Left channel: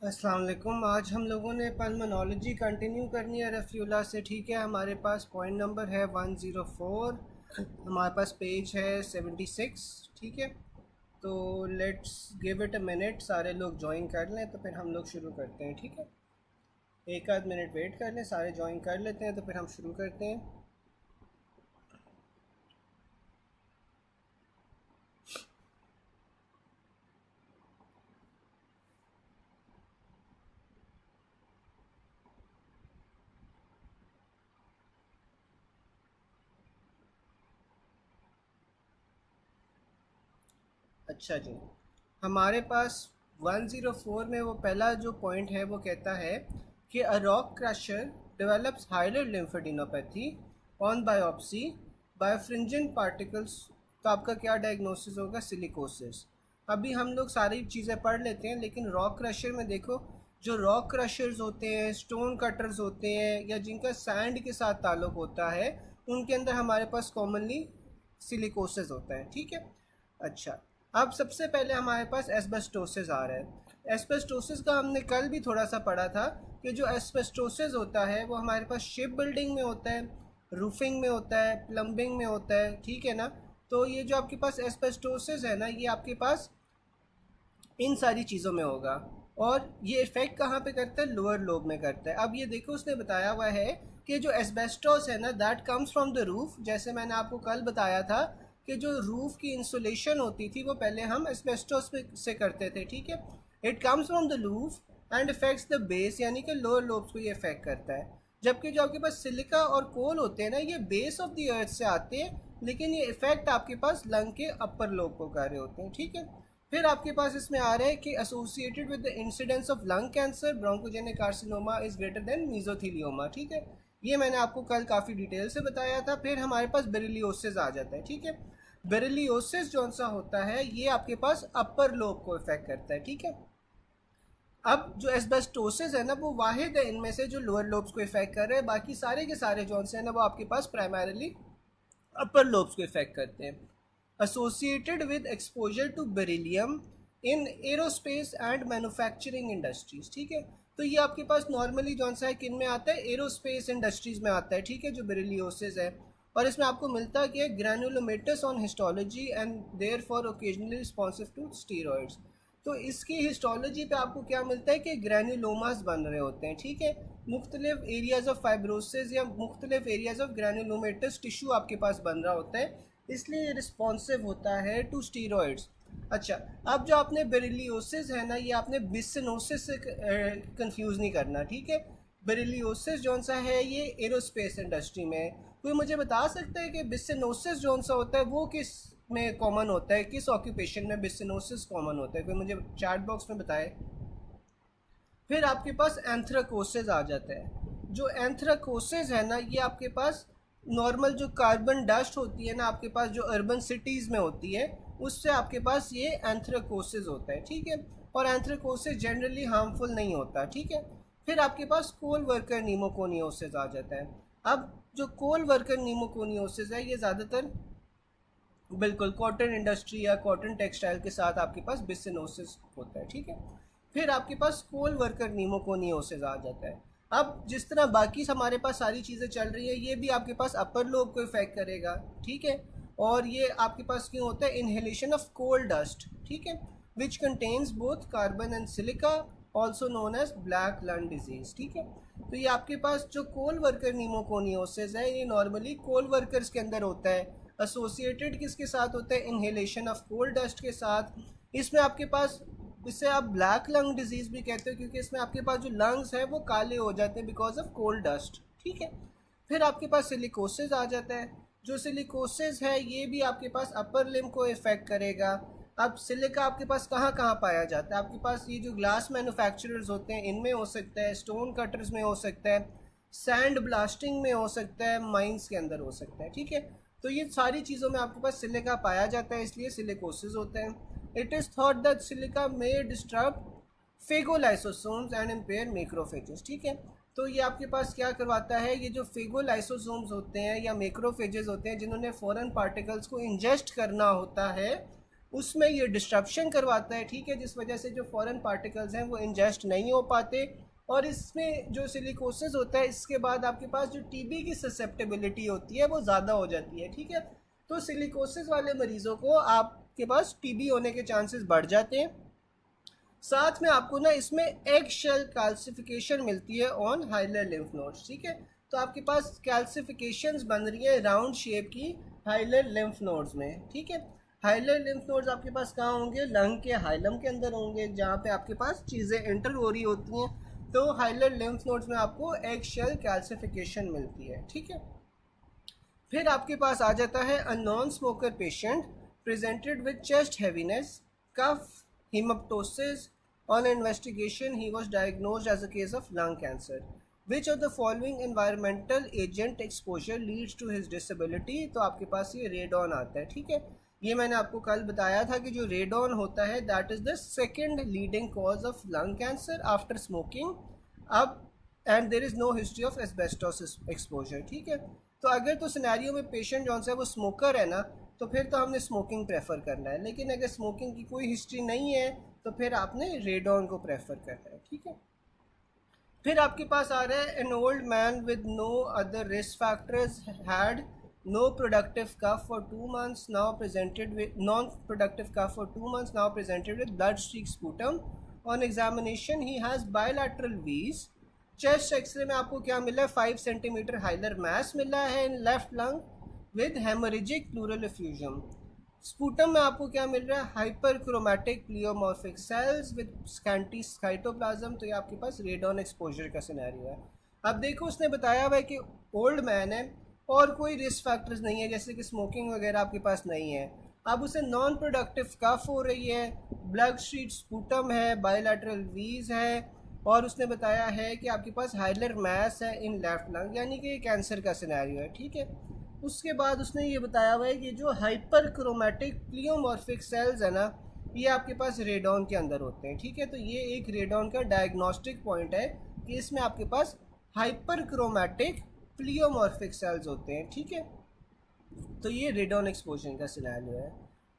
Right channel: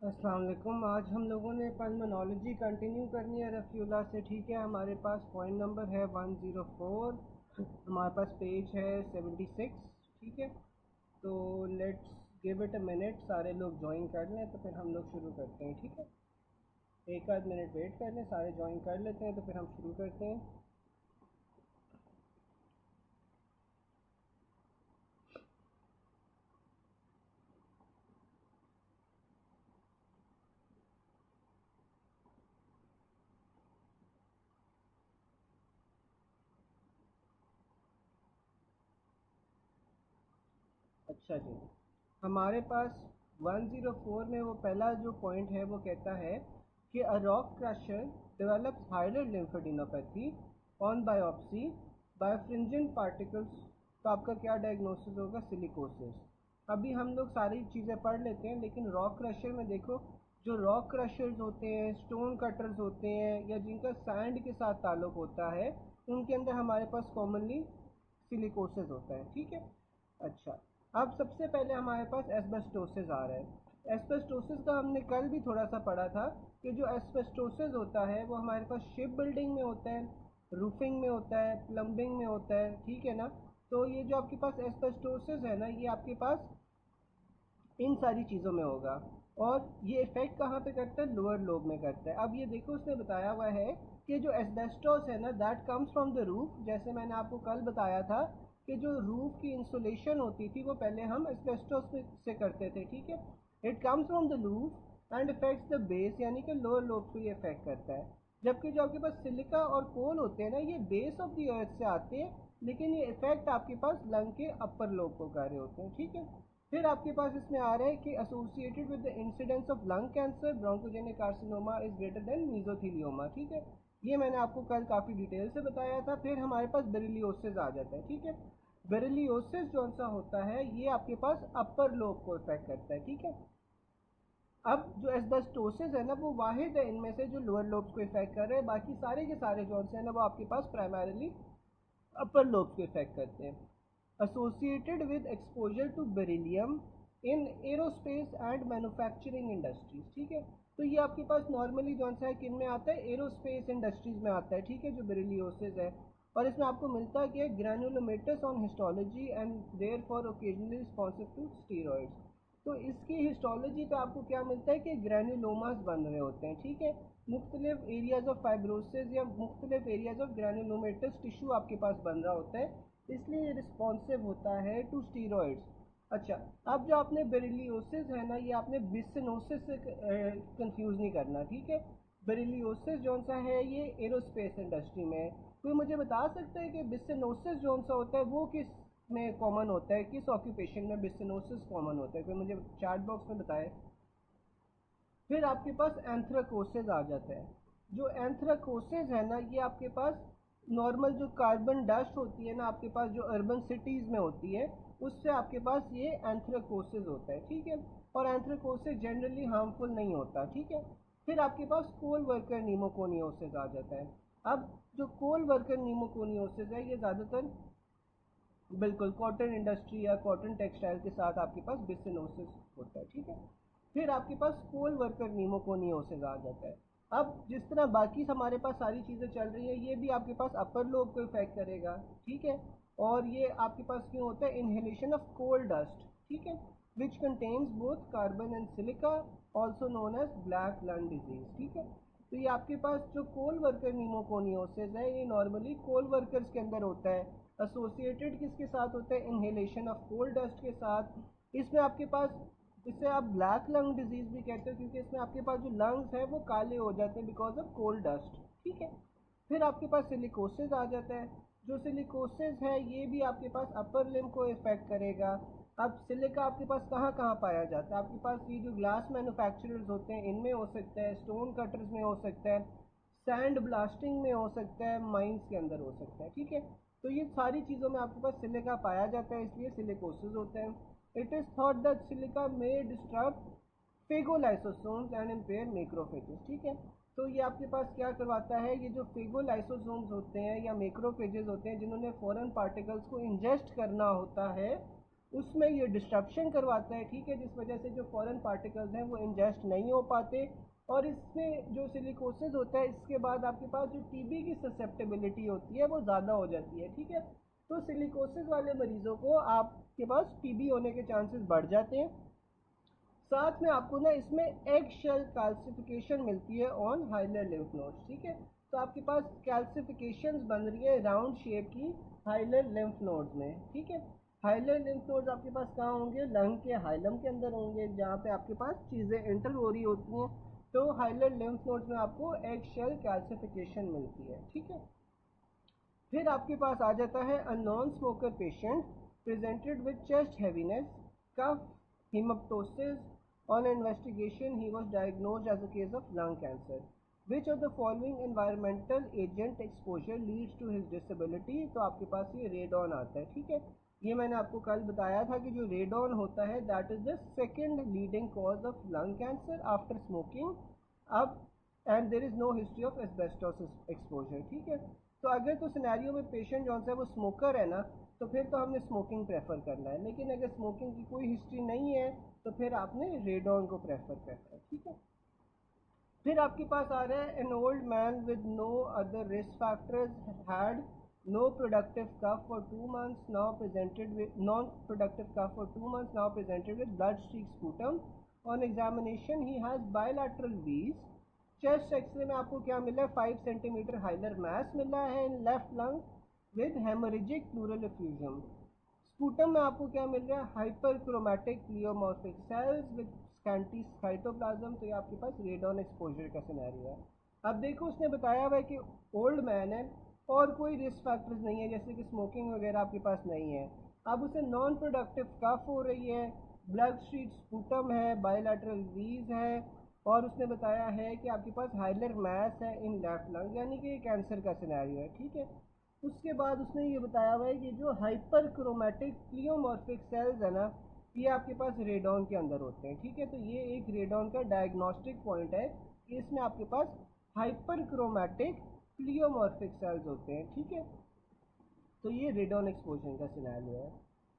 अस्सलाम वालेकुम। आज हम लोगों ने पल्मोनोलॉजी कंटिन्यू करनी है रफ़ीउल्लाह से। ठीक है, हमारे पास पॉइंट नंबर है 104, हमारे पास पेज है 76। ठीक है, तो let's give it a minute, सारे लोग ज्वाइन कर लें तो फिर हम लोग शुरू करते हैं। ठीक है, एक आध मिनट वेट कर लें, सारे ज्वाइन कर लेते हैं तो फिर हम शुरू करते हैं। अच्छा जी, हमारे पास 104 में वो पहला जो पॉइंट है वो कहता है कि a rock crusher develops hilar lymphadenopathy on biopsy birefringent particles. तो आपका क्या डायग्नोसिस होगा? सिलिकोसिस। अभी हम लोग सारी चीज़ें पढ़ लेते हैं, लेकिन रॉक क्रशर में देखो, जो रॉक क्रशर्स होते हैं, स्टोन कटर्स होते हैं, या जिनका सैंड के साथ ताल्लुक़ होता है, उनके अंदर हमारे पास कॉमनली सिलिकोसिस होता है। ठीक है, अच्छा, अब सबसे पहले हमारे पास एस्बेस्टोसिस आ रहा है। एस्बेस्टोसिस का हमने कल भी थोड़ा सा पढ़ा था कि जो एस्बेस्टोसिस होता है वो हमारे पास शिप बिल्डिंग में होता है, रूफिंग में होता है, प्लम्बिंग में होता है। ठीक है ना? तो ये जो आपके पास एस्बेस्टोसिस है ना, ये आपके पास इन सारी चीज़ों में होगा। और ये इफ़ेक्ट कहाँ पे करता है? लोअर लोब में करता है। अब ये देखो, उसने बताया हुआ है कि जो एस्बेस्टोस है ना, that comes from the roof. जैसे मैंने आपको कल बताया था कि जो रूफ की इंसुलेशन होती थी वो पहले हम एस्बेस्टोस से करते थे। ठीक है, it comes from the roof and effects the base, यानी कि लोअर लोब्स को ये इफेक्ट करता है। जबकि जो आपके पास सिलिका और कोल होते हैं ना, ये बेस ऑफ द अर्थ से आते हैं, लेकिन ये इफेक्ट आपके पास लंग के अपर लोब को कर रहे होते हैं। ठीक है, फिर आपके पास इसमें आ रहा है कि associated with the incidence of lung cancer bronchogenic carcinoma is greater than mesothelioma. ठीक है, ये मैंने आपको कल काफ़ी डिटेल से बताया था। फिर हमारे पास बेरिलियोसिस आ जाता है। ठीक है, बेरिलियोसिस जौन सा होता है ये आपके पास अपर लोब को इफेक्ट करता है। ठीक है, अब जो एस्बेस्टोसिस है ना, वो वाहिद है इनमें से जो लोअर लोब्स को इफेक्ट कर रहे हैं। बाकी सारे के सारे जौन से है ना, वो आपके पास प्राइमरीली अपर लोब्स को इफेक्ट करते हैं। Associated with exposure to beryllium in aerospace and manufacturing industries. ठीक है, तो ये आपके पास नॉर्मली जौन सा है किन में आता है? एरोस्पेस इंडस्ट्रीज में आता है। ठीक है, जो बेरिलियोसिस है, और इसमें आपको मिलता है कि granulomatous on histology and therefore occasionally responsive to steroids. तो इसकी हिस्टोलॉजी पे आपको क्या मिलता है कि ग्रैनुलोमास बन रहे होते हैं। ठीक है, मुख्तलिफ एरियाज ऑफ फाइब्रोसिस या मुख्तलिफ एरियाज ऑफ ग्रैनुलोमेटस टिश्यू आपके पास बन रहा होता है, इसलिए रिस्पॉन्सिव होता है टू स्टीरॉइड्स। अच्छा, अब जो आपने बेरिलियोसिस है ना, ये आपने बिसिनोसिस से कंफ्यूज नहीं करना। ठीक है, बेरिलियोसिस जौन सा है ये एरोस्पेस इंडस्ट्री में। कोई मुझे बता सकता है कि बिसिनोसिस जौन सा होता है वो किस में कॉमन होता है? किस ऑक्यूपेशन में बिसिनोसिस कॉमन होता है? कोई मुझे चैट बॉक्स में बताए। फिर आपके पास एंथ्राकोसिस आ जाता है। जो एंथ्राकोसिस है ना, ये आपके पास नॉर्मल जो कार्बन डस्ट होती है ना आपके पास, जो अर्बन सिटीज़ में होती है, उससे आपके पास ये एंथ्राकोसिस होता है। ठीक है, और एंथ्राकोसिस जनरली हार्मफुल नहीं होता। ठीक है, फिर आपके पास कोल वर्कर नीमोकोनियोसिस आ जाता है। अब जो कोल वर्कर नीमोकोनियोसिस है, ये ज़्यादातर बिल्कुल कॉटन इंडस्ट्री या कॉटन टेक्सटाइल के साथ आपके पास बिसिनोसिस होता है। ठीक है, फिर आपके पास कोल वर्कर नीमोकोनियोसिस आ जाता है। अब जिस तरह बाकी हमारे पास सारी चीज़ें चल रही हैं, ये भी आपके पास अपर लोब को इफेक्ट करेगा। ठीक है, और ये आपके पास क्यों होता है? Inhalation of coal dust. ठीक है, which contains both carbon and silica, also known as black lung disease. ठीक है, तो ये आपके पास जो कोल वर्कर नीमोकोनियोसिस है, ये नॉर्मली कोल वर्कर्स के अंदर होता है। एसोसिएटेड किसके साथ होता है? इनहेलेशन ऑफ कोल डस्ट के साथ। इसमें आपके पास, इसे आप ब्लैक लंग डिजीज़ भी कहते हो, क्योंकि इसमें आपके पास जो लंग्स हैं वो काले हो जाते हैं बिकॉज ऑफ कोल डस्ट। ठीक है, फिर आपके पास सिलिकोसिस आ जाता है। जो सिलिकोसिस है ये भी आपके पास अपर लिम्ब को इफेक्ट करेगा। अब सिलिका आपके पास कहाँ कहाँ पाया जाता है? आपके पास ये जो ग्लास मैन्युफैक्चरर्स होते हैं इनमें हो सकता है, स्टोन कटर्स में हो सकता है, सैंड ब्लास्टिंग में हो सकता है, माइंस के अंदर हो सकता है। ठीक है, तो ये सारी चीज़ों में आपके पास सिलिका पाया जाता है, इसलिए सिलिकोसिस होता है। It is thought that silica may disturb phagolysosomes and impair macrophages. ठीक है, तो ये आपके पास क्या करवाता है? ये जो फेगोलाइसोसोम्स होते हैं या मैक्रोफेजेस होते हैं, जिन्होंने फॉरेन पार्टिकल्स को इंजेस्ट करना होता है, उसमें ये डिस्ट्रप्शन करवाता है, ठीक है, जिस वजह से जो फॉरेन पार्टिकल्स हैं वो इंजेस्ट नहीं हो पाते, और इसमें जो सिलिकोसिस होता है इसके बाद आपके पास जो टीबी की ससेप्टेबिलिटी होती है वो ज़्यादा हो जाती है, ठीक है। तो सिलिकोसिस वाले मरीज़ों को आपके पास टीबी होने के चांसेस बढ़ जाते हैं। साथ में आपको ना इसमें एग शेल कैल्सिफिकेशन मिलती है ऑन हाइलर लिम्फ नोड्स, ठीक है। तो आपके पास कैल्सिफिकेशंस बन रही है राउंड शेप की हाइलर लिम्फ नोड्स में, ठीक है। हाइलर लिम्फ नोड्स आपके पास कहाँ होंगे? लंग के हाइलम के अंदर होंगे, जहाँ पे आपके पास चीज़ें इंटर हो रही होती हैं। तो हाइलर लिम्फ नोड्स में आपको एग शेल कैल्सिफिकेशन मिलती है, ठीक है। फिर आपके पास आ जाता है a non smoker patient presented with chest heaviness, cough, hematoses. On investigation, he was diagnosed as a case of lung cancer. Which of the following environmental agent exposure leads to his disability? तो आपके पास ये radon आता है, ठीक है। ये मैंने आपको कल बताया था कि जो रेडॉन होता है that is the second leading cause of lung cancer after smoking. अब and there is no history of asbestos exposure, ठीक है। तो अगर तो सिनेरियो में पेशेंट जो है वो स्मोकर है ना, तो फिर तो हमने स्मोकिंग प्रेफर करना है, लेकिन अगर स्मोकिंग की कोई हिस्ट्री नहीं है तो फिर आपने रेडॉन को प्रेफर करना है, ठीक है। फिर आपके पास आ रहा है an old man with no other risk factors had no productive cough for 2 months now presented with non productive cough for 2 months now presented with blood streak sputum. On examination he has bilateral wheeze. Chest x ray में आपको क्या मिला है? 5 centimetre hilar mass मिला है in left lung with haemorrhagic pleural effusion. Sputum में आपको क्या मिल रहा है? Hyperchromatic pleomorphic cells with scanty cytoplasm. तो ये आपके पास रेडॉन एक्सपोजर का सिनेरियो है। अब देखो उसने बताया हुआ है कि ओल्ड मैन है और कोई रिस्क फैक्टर्स नहीं है, जैसे कि स्मोकिंग वगैरह आपके पास नहीं है। अब उसे नॉन प्रोडक्टिव कफ हो रही है, ब्लड स्ट्रीट स्पूटम है, बायलैटरल वीज है, और उसने बताया है कि आपके पास हाइलर मैस है इन लेफ्ट लंग, यानी कि कैंसर का सिनेरियो है, ठीक है। उसके बाद उसने ये बताया हुआ है कि जो हाइपर क्रोमैटिक प्लियोमॉर्फिक सेल्स है ना, ये आपके पास रेडॉन के अंदर होते हैं, ठीक है। तो ये एक रेडॉन का डायग्नोस्टिक पॉइंट है कि इसमें आपके पास हाइपर क्रोमैटिक प्लियोमॉर्फिक सेल्स होते हैं, ठीक है। तो ये रेडॉन एक्सपोजर का सिनेरियो है।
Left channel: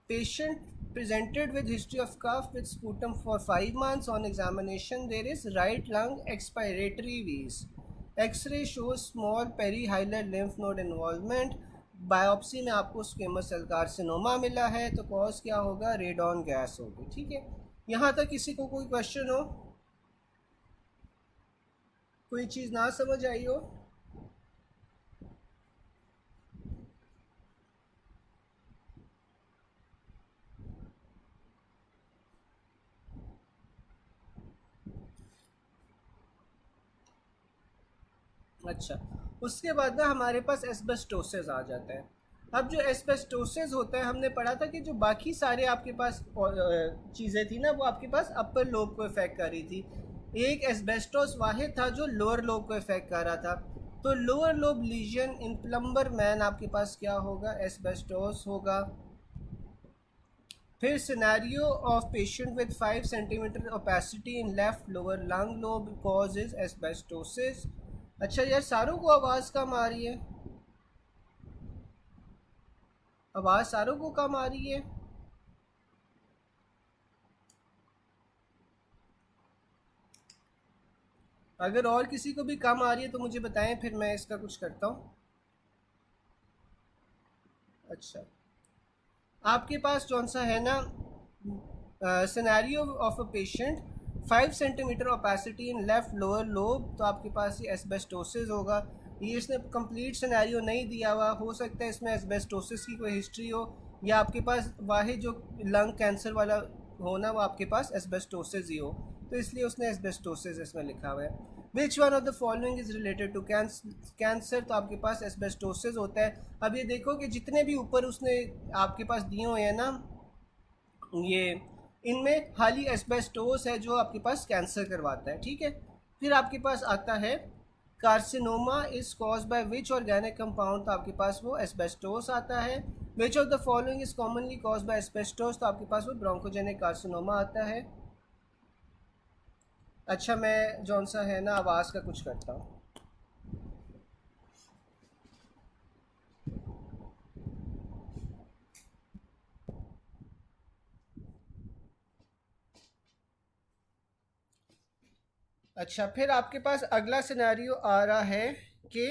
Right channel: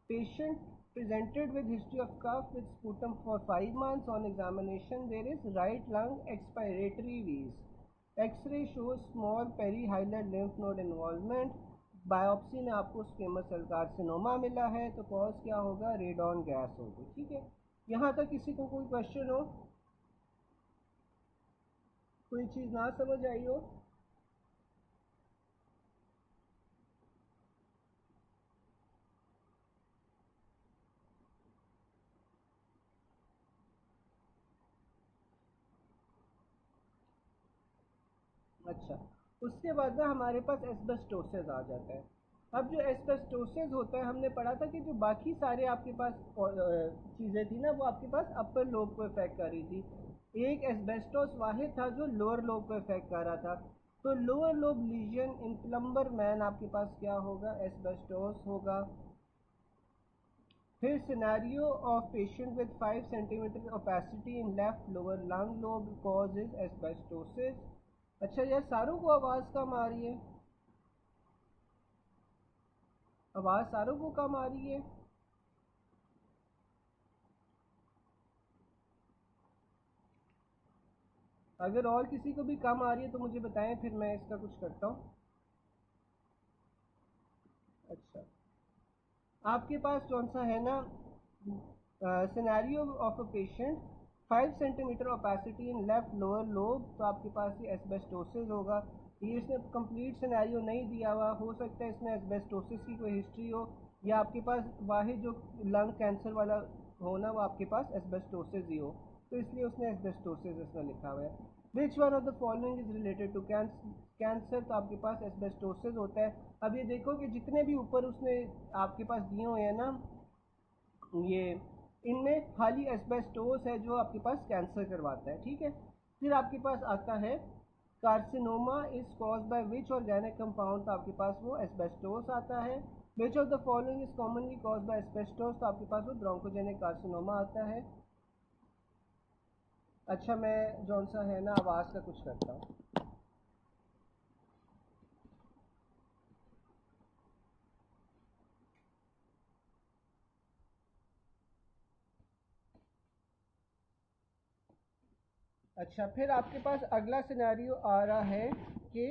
Patient presented with history of cough with sputum for 5 months. On examination, there is right lung expiratory wheeze. X-ray shows small perihilar lymph node involvement. Biopsy में आपको स्क्वेमस सेल कार्सिनोमा मिला है, तो cause क्या होगा? Radon gas होगी, ठीक है। यहाँ तक किसी को कोई क्वेश्चन हो, कोई चीज़ ना समझ आई हो? अच्छा, उसके बाद ना हमारे पास एस्बेस्टोसिस आ जाता है। अब जो एस्बेस्टोसिस होता है, हमने पढ़ा था कि जो बाकी सारे आपके पास चीज़ें थी ना, वो आपके पास अपर लोब को इफेक्ट कर रही थी। एक एस्बेस्टोस वाहिद था जो लोअर लोब को इफेक्ट कर रहा था। तो lower lobe lesion in plumber man आपके पास क्या होगा? एस्बेस्टोस होगा। फिर scenario of patient with 5 centimetre opacity in left lower lung lobe cause is asbestosis. अच्छा यार, सारों को आवाज़ कम आ रही है? आवाज़ सारों को कम आ रही है? अगर और किसी को भी कम आ रही है तो मुझे बताएं, फिर मैं इसका कुछ करता हूँ। अच्छा, आपके पास कौन सा है ना, scenario of a patient 5 centimetre opacity in left lower lobe, तो आपके पास ये एस्बेस्टोसिस होगा। ये इसने कंप्लीट सिनेरियो नहीं दिया हुआ, हो सकता है इसमें एस्बेस्टोसिस की कोई हिस्ट्री हो, या आपके पास वाहिद जो लंग कैंसर वाला हो ना, वो आपके पास एस्बेस्टोसिस ही हो, तो इसलिए उसने एस्बेस्टोसिस इसमें लिखा हुआ है। Which one of the following is related to cancer, तो आपके पास एस्बेस्टोसिस होता है। अब ये देखो कि जितने भी ऊपर उसने आपके पास दिए हुए हैं ना, ये इनमें खाली एस्बेस्टोस है जो आपके पास कैंसर करवाता है, ठीक है। फिर आपके पास आता है carcinoma is cause by which organic compound, तो आपके पास वो एस्बेस्टोस आता है। विच of the following is commonly caused by asbestos, तो आपके पास वो ब्रोंकोजेनिक कार्सिनोमा आता है। अच्छा, मैं जौन सा है ना आवाज़ का कुछ करता हूँ। अच्छा, फिर आपके पास अगला सिनेरियो आ रहा है कि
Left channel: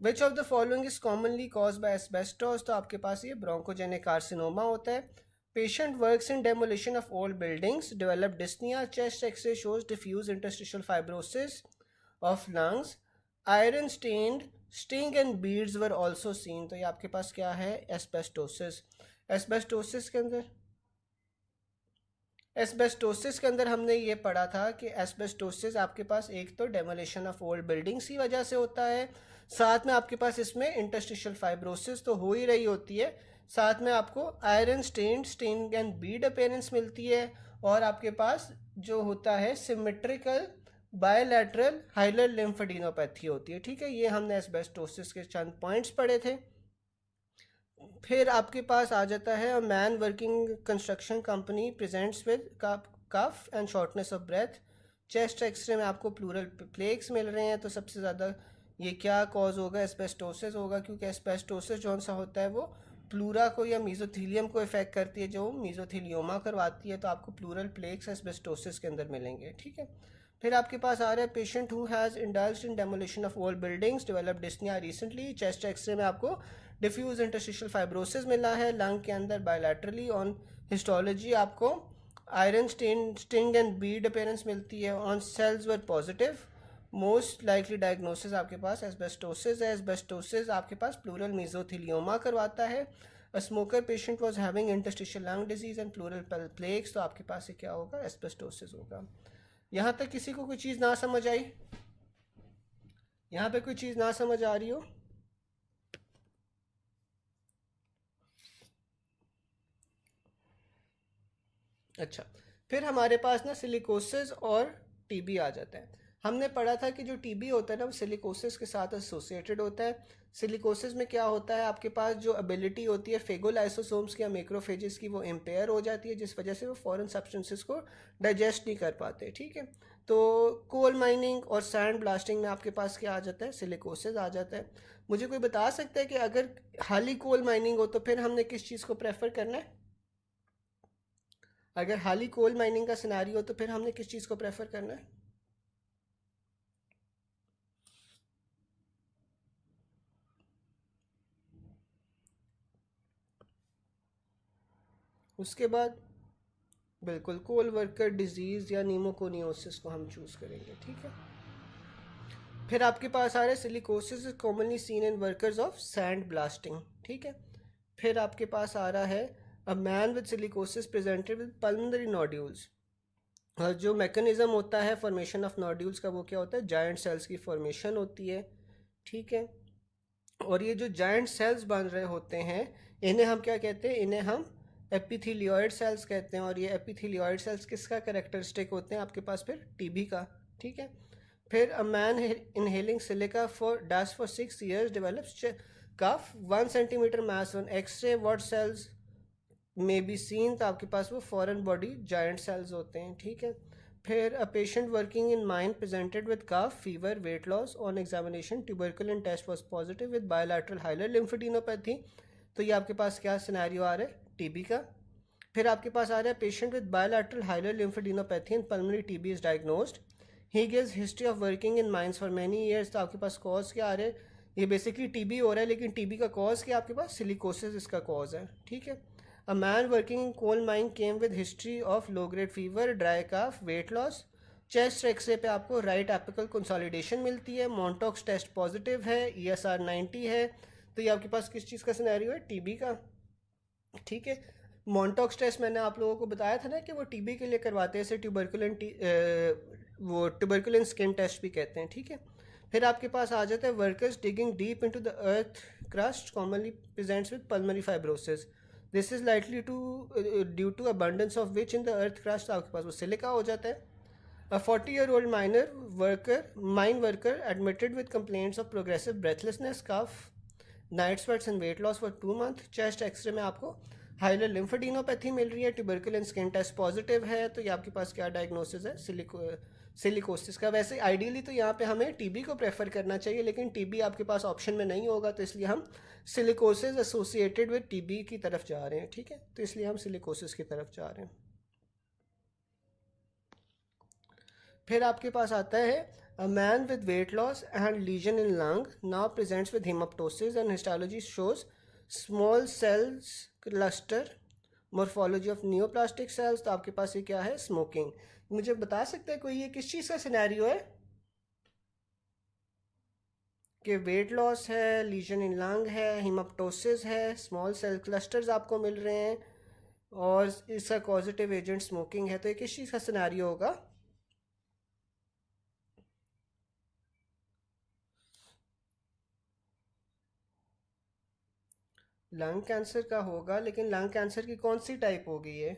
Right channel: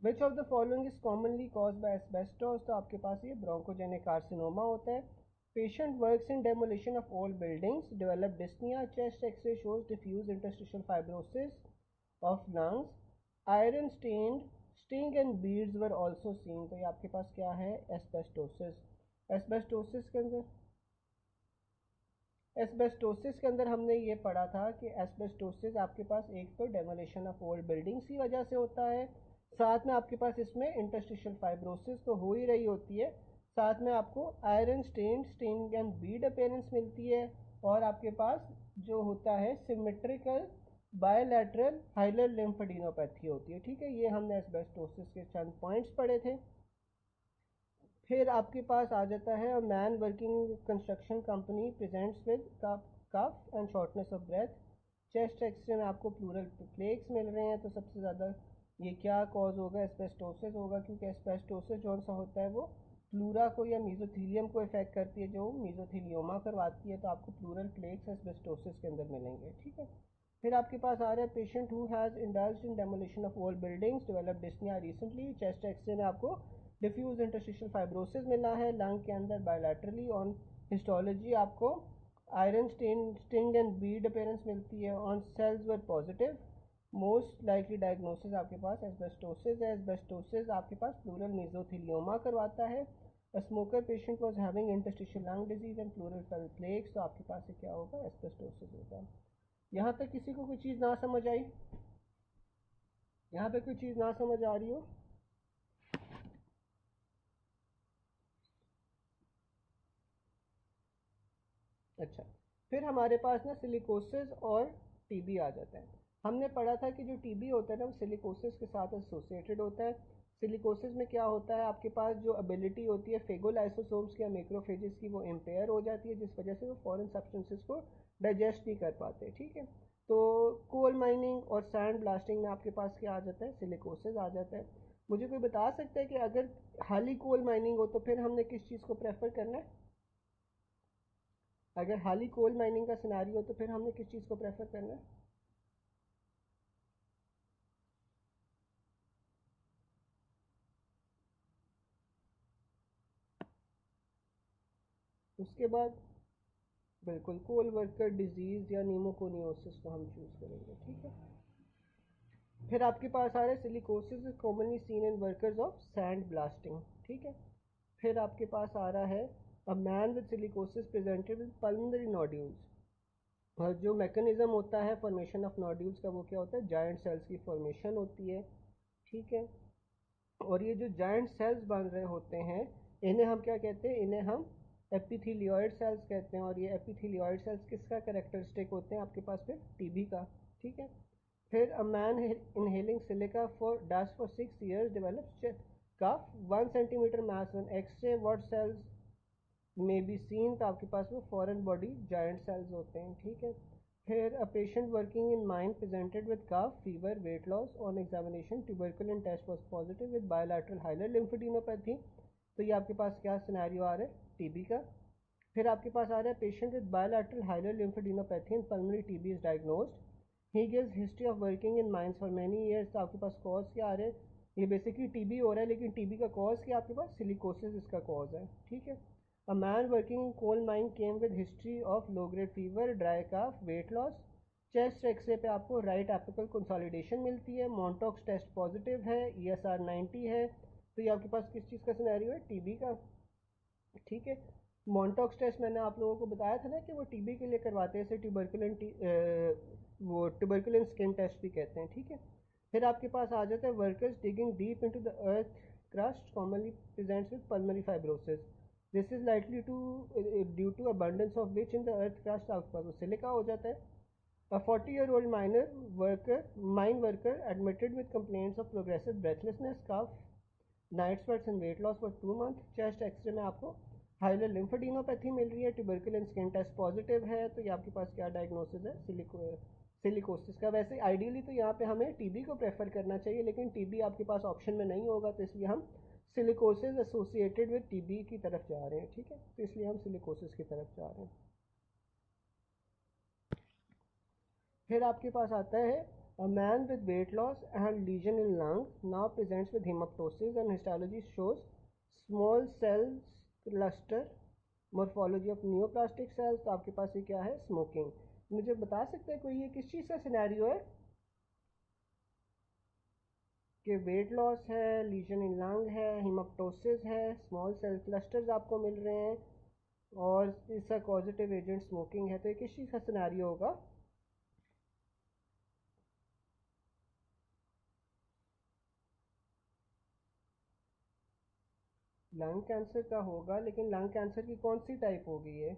which of the following is commonly caused by asbestos. तो आपके पास ये ब्रोंकोजेनिक कार्सिनोमा होता है। Patient works in demolition of old buildings, develop dyspnoea, chest x-ray shows diffuse interstitial fibrosis of lungs, iron stained sting and beads were also seen. तो ये आपके पास क्या है, एस्बेस्टोसिस। एस्बेस्टोसिस के अंदर एस्बेस्टोसिस के अंदर हमने ये पढ़ा था कि एस्बेस्टोसिस आपके पास एक तो डेमोलिशन ऑफ ओल्ड बिल्डिंग्स की वजह से होता है, साथ में आपके पास इसमें इंटरस्टिशियल फाइब्रोसिस तो हो ही रही होती है, साथ में आपको iron stain and bead appearance मिलती है, और आपके पास जो होता है सिमेट्रिकल बायलैटरल हाइलर लिम्फेडिनोपैथी होती है। ठीक है, ये हमने एस्बेस्टोसिस के चंद पॉइंट्स पढ़े थे। फिर आपके पास आ जाता है, a man working construction company presents with cough and shortness of breath. Chest x ray में आपको प्लूरल प्लेक्स मिल रहे हैं, तो सबसे ज़्यादा ये क्या कॉज होगा, एस्बेस्टोसिस होगा, क्योंकि एस्बेस्टोसिस जो सा होता है वो प्लूरा को या मीजोथीलियम को इफेक्ट करती है, जो मीजोथीलियोमा करवाती है, तो आपको प्लूरल प्लेक्स एस्बेस्टोसिस के अंदर मिलेंगे। ठीक है, फिर आपके पास आ रहा है patient who has indulged in demolition of old buildings, develop dyspnoea recently. Chest x ray में आपको डिफ्यूज इंटरस्टिशियल फाइब्रोसिस मिला है लंग के अंदर बायलैटरली। ऑन हिस्टोलॉजी आपको iron sting and bead appearance मिलती है। On cells were positive. Most likely diagnosis आपके पास एस्बेस्टोसिस है। एस्बेस्टोसिस आपके पास प्लूरल मीजोथीलियोमा करवाता है। A smoker patient was having interstitial lung disease and pleural plaques, तो आपके पास ये क्या होगा, एस्बेस्टोसिस होगा। यहाँ तक किसी को कोई चीज़ ना समझ आई? यहाँ पे कोई चीज़ ना समझ आ रही हो? अच्छा, फिर हमारे पास ना सिलिकोसिस और टीबी आ जाता है। हमने पढ़ा था कि जो टीबी होता है ना वो सिलिकोसिस के साथ एसोसिएटेड होता है। सिलिकोसिस में क्या होता है, आपके पास जो एबिलिटी होती है फेगोलाइसोसोम्स की या मैक्रोफेजेस की, वो इम्पेयर हो जाती है, जिस वजह से वो फॉरेन सब्सटेंसेस को डाइजेस्ट नहीं कर पाते। ठीक है, तो कोल माइनिंग और सैंड ब्लास्टिंग में आपके पास क्या आ जाता है, सिलिकोसिस आ जाता है। मुझे कोई बता सकता है कि अगर खाली कोल माइनिंग हो तो फिर हमने किस चीज़ को प्रेफर करना है? अगर हाली कोल माइनिंग का सिनारी हो तो फिर हमने किस चीज़ को प्रेफर करना है? उसके बाद बिल्कुल कोल वर्कर डिजीज़ या नीमोकोनियोसिस को हम चूज़ करेंगे। ठीक है, फिर आपके पास आ रहा है silicosis is commonly seen in workers of sand blasting. ठीक है, फिर आपके पास आ रहा है a man with silicosis presented with pulmonary nodules. जो मैकेनिज्म होता है फॉर्मेशन ऑफ नोड्यूल्स का, वो क्या होता है, जायंट सेल्स की फॉर्मेशन होती है। ठीक है, और ये जो जायंट सेल्स बन रहे होते हैं इन्हें हम क्या कहते हैं, इन्हें हम एपिथेलियोइड सेल्स कहते हैं। और ये एपिथेलियोइड सेल्स किसका कैरेक्टरिस्टिक होते हैं, आपके पास फिर टीबी का। ठीक है, फिर a man inhaling silica for dust for 6 years develops cough 1 centimeter mass on x-ray, what cells may be seen, तो आपके पास वो फॉरेन बॉडी जायंट सेल्स होते हैं। ठीक है, फिर a patient working in mine presented with cough fever weight loss, on examination tuberculin test was positive with bilateral hilar lymphadenopathy. तो ये आपके पास क्या सिनेरियो आ रहा है, टीबी का। फिर आपके पास आ रहा है patient with bilateral hilar lymphadenopathy and pulmonary TB is diagnosed. He gives history of working in mines for many years. तो आपके पास कॉज क्या आ रहे हैं, ये बेसिकली टीबी हो रहा है, लेकिन टीबी का कॉज क्या आपके पास, सिलिकोसिस इसका कॉज है। ठीक है, a man working in coal mine came with history of low grade fever, dry cough, weight loss. Chest x-ray पे आपको राइट एपिकल कंसोलिडेशन मिलती है, मॉन्टॉक्स टेस्ट पॉजिटिव है, ESR 90 है। तो ये आपके पास किस चीज़ का सिनेरियो है, टीबी का। ठीक है, मॉन्टॉक्स टेस्ट मैंने आप लोगों को बताया था ना कि वो टीबी के लिए करवाते हैं, इसे वो ट्यूबरकुलिन स्किन टेस्ट भी कहते हैं। ठीक है, फिर आपके पास आ जाता है workers digging deep into the earth crust commonly presents with pulmonary fibrosis. This is likely to due to abundance of which in the earth crust, आपके पास वो सिलिका हो जाता है। A 40-year-old mine worker admitted with complaints of progressive breathlessness, cough, night sweats and weight loss for 2 months। Chest x ray में आपको hilar lymphadenopathy मिल रही है, ट्यूबरकुलिन स्किन टेस्ट पॉजिटिव है। तो ये आपके पास क्या डायग्नोसिस है, सिलिकोसिस का। वैसे आइडियली तो यहाँ पे हमें टीबी को प्रेफर करना चाहिए, लेकिन टीबी आपके पास ऑप्शन में नहीं होगा, तो इसलिए हम सिलिकोसिस एसोसिएटेड विद टीबी की तरफ जा रहे हैं। ठीक है, तो इसलिए हम सिलिकोसिस की तरफ जा रहे हैं। फिर आपके पास आता है a man with weight loss and lesion in lung now presents with haemoptysis and histology shows small cells cluster morphology of neoplastic cells. तो आपके पास ये क्या है, स्मोकिंग। मुझे बता सकते हैं कोई ये किस चीज़ का सिनेरियो है कि वेट लॉस है, लीजन इन लंग है, हिमाप्टोसिस है, स्मॉल सेल क्लस्टर्स आपको मिल रहे हैं और इसका कॉजेटिव एजेंट स्मोकिंग है, तो ये किस चीज़ का सिनेरियो होगा? लंग कैंसर का होगा, लेकिन लंग कैंसर की कौन सी टाइप होगी ये?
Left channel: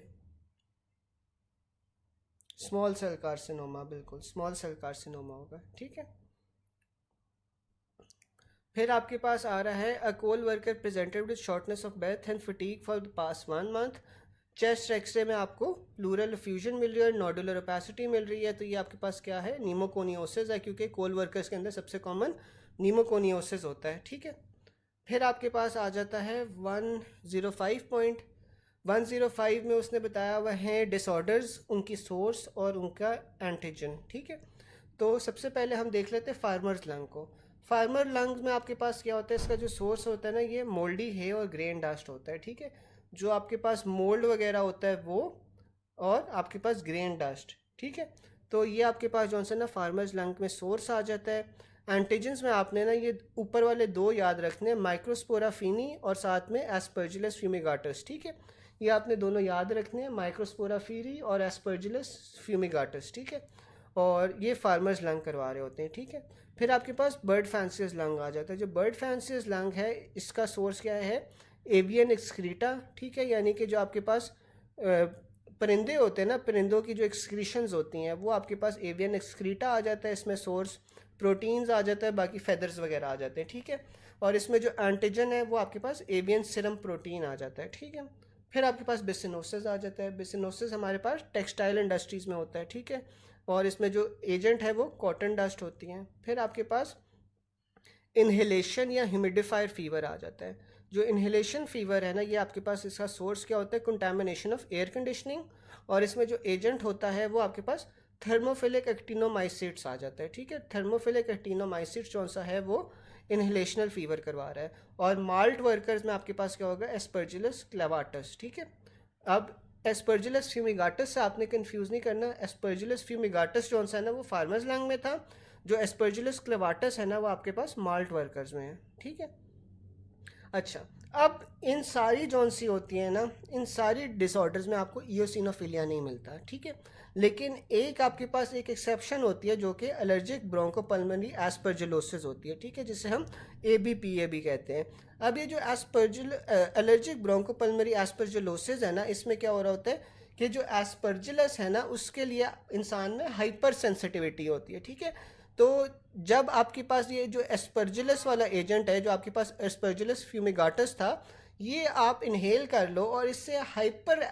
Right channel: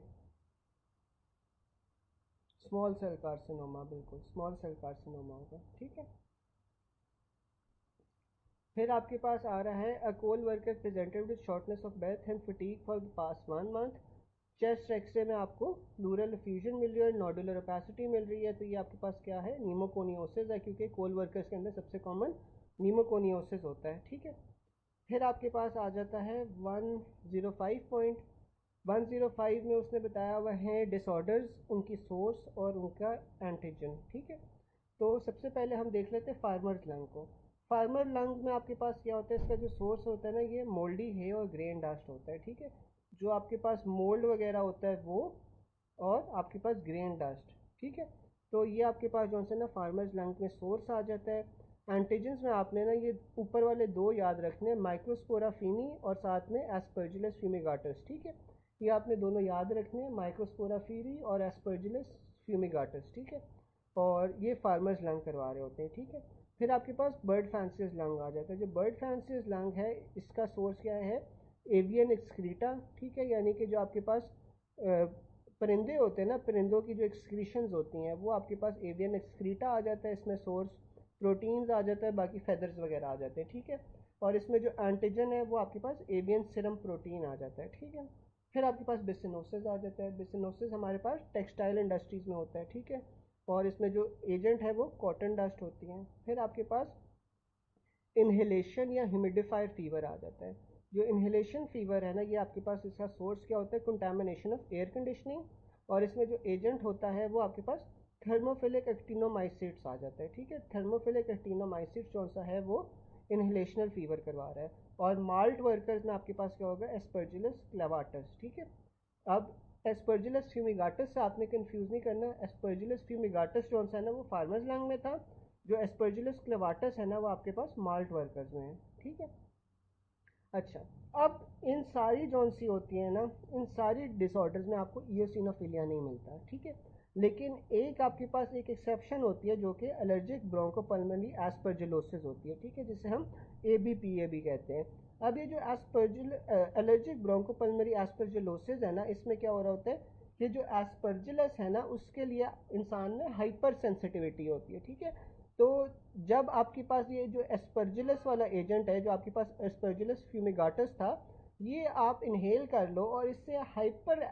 स्मॉल सेल कार्सिनोमा, बिल्कुल स्मॉल सेल कार्सिनोमा होगा, ठीक है। फिर आपके पास आ रहा है a coal worker presented with shortness of breath and fatigue for the past 1 month. Chest x ray में आपको प्लूरल फ्यूजन मिल रही है, नोडुलर ओपेसिटी मिल रही है, तो ये आपके पास क्या है, नीमोकोनियोसिस है, क्योंकि कोल वर्कर्स के अंदर सबसे कॉमन नीमोकोनियोसिस होता है, ठीक है। फिर आपके पास आ जाता है 105 में उसने बताया हुआ है डिसऑर्डर्स, उनकी सोर्स और उनका एंटीजन, ठीक है। तो सबसे पहले हम देख लेते हैं फार्मर्स लंग को। फार्मर लंग में आपके पास क्या होता है, इसका जो सोर्स होता है ना, ये मोल्डी है और ग्रेन डस्ट होता है, ठीक है। जो आपके पास मोल्ड वगैरह होता है वो, और आपके पास ग्रेन डस्ट, ठीक है। तो ये आपके पास जो है ना फार्मर्स लंग में सोर्स आ जाता है। एंटीजेंस में आपने ना ये ऊपर वाले दो याद रखने हैं, माइक्रोस्पोरा फीनी और साथ में एस्परजिलस फ्यूमिगाटस, ठीक है। ये आपने दोनों याद रखने हैं, माइक्रोस्पोरा फीरी और एस्परजिलस फ्यूमिगाटस, ठीक है। और ये फार्मर्स लंग करवा रहे होते हैं, ठीक है। फिर आपके पास बर्ड फैंसीज लंग आ जाता है। जो बर्ड फैंसीज लंग है, इसका सोर्स क्या है, एवियन एक्सक्रीटा, ठीक है। यानी कि जो आपके पास परिंदे होते हैं ना, परिंदों की जो एक्सक्रीशंस होती हैं वो आपके पास एवियन एक्सक्रीटा आ जाता है इसमें सोर्स। प्रोटीन्स आ जाता है, बाकी फेदर्स वगैरह आ जाते हैं, ठीक है। और इसमें जो एंटीजन है वो आपके पास एवियन सीरम प्रोटीन आ जाता है, ठीक है। फिर आपके पास बिसिनोसिस आ जाता है। बिसिनोसिस हमारे पास टेक्सटाइल इंडस्ट्रीज़ में होता है, ठीक है। और इसमें जो एजेंट है वो कॉटन डस्ट होती हैं। फिर आपके पास इन्हेलेशन या ह्यूमिडिफायर फीवर आ जाता है। जो इन्हेलेशन फीवर है ना, ये आपके पास इसका सोर्स क्या होता है, कंटामिनेशन ऑफ एयर कंडीशनिंग। और इसमें जो एजेंट होता है वो आपके पास थर्मोफिलिक एक्टिनोमाइसिट्स आ जाता है, ठीक है। थर्मोफिलिक एक्टिनोमाइसिट्स कौन सा है, वो इन्हेलेशनल फीवर करवा रहा है। और माल्ट वर्कर्स में आपके पास क्या होगा, एस्परजिलस क्लेवाटस, ठीक है। अब एस्परजिलस फ्यूमिगाटस से आपने कंफ्यूज नहीं करना। एस्परजिलस फ्यूमिगाटस जो सा है ना वो फार्मर्स लंग में था। जो एस्परजिलस क्लेवाटस है ना वो आपके पास माल्ट वर्कर्स में है, ठीक है। अच्छा, अब इन सारी जौन सी होती हैं ना, इन सारी डिसऑर्डर्स में आपको इयोसिनोफिलिया नहीं मिलता, ठीक है। लेकिन एक आपके पास एक एक्सेप्शन होती है जो कि एलर्जिक ब्रोंकोपल्मोनरी एस्परजिलोसिस होती है, ठीक है, जिसे हम ABPA भी कहते हैं। अब ये जो एलर्जिक ब्रोंकोपल्मोनरी एस्परजिलोसिस है ना, इसमें क्या हो रहा होता है कि जो एस्परजिलस है ना उसके लिए इंसान में हाइपर सेंसिटिविटी होती है, ठीक है। तो जब आपके पास ये जो एस्परजिलस वाला एजेंट है, जो आपके पास एस्परजिलस फ्यूमिगाटस था, ये आप इनहेल कर लो और इससे हाइपर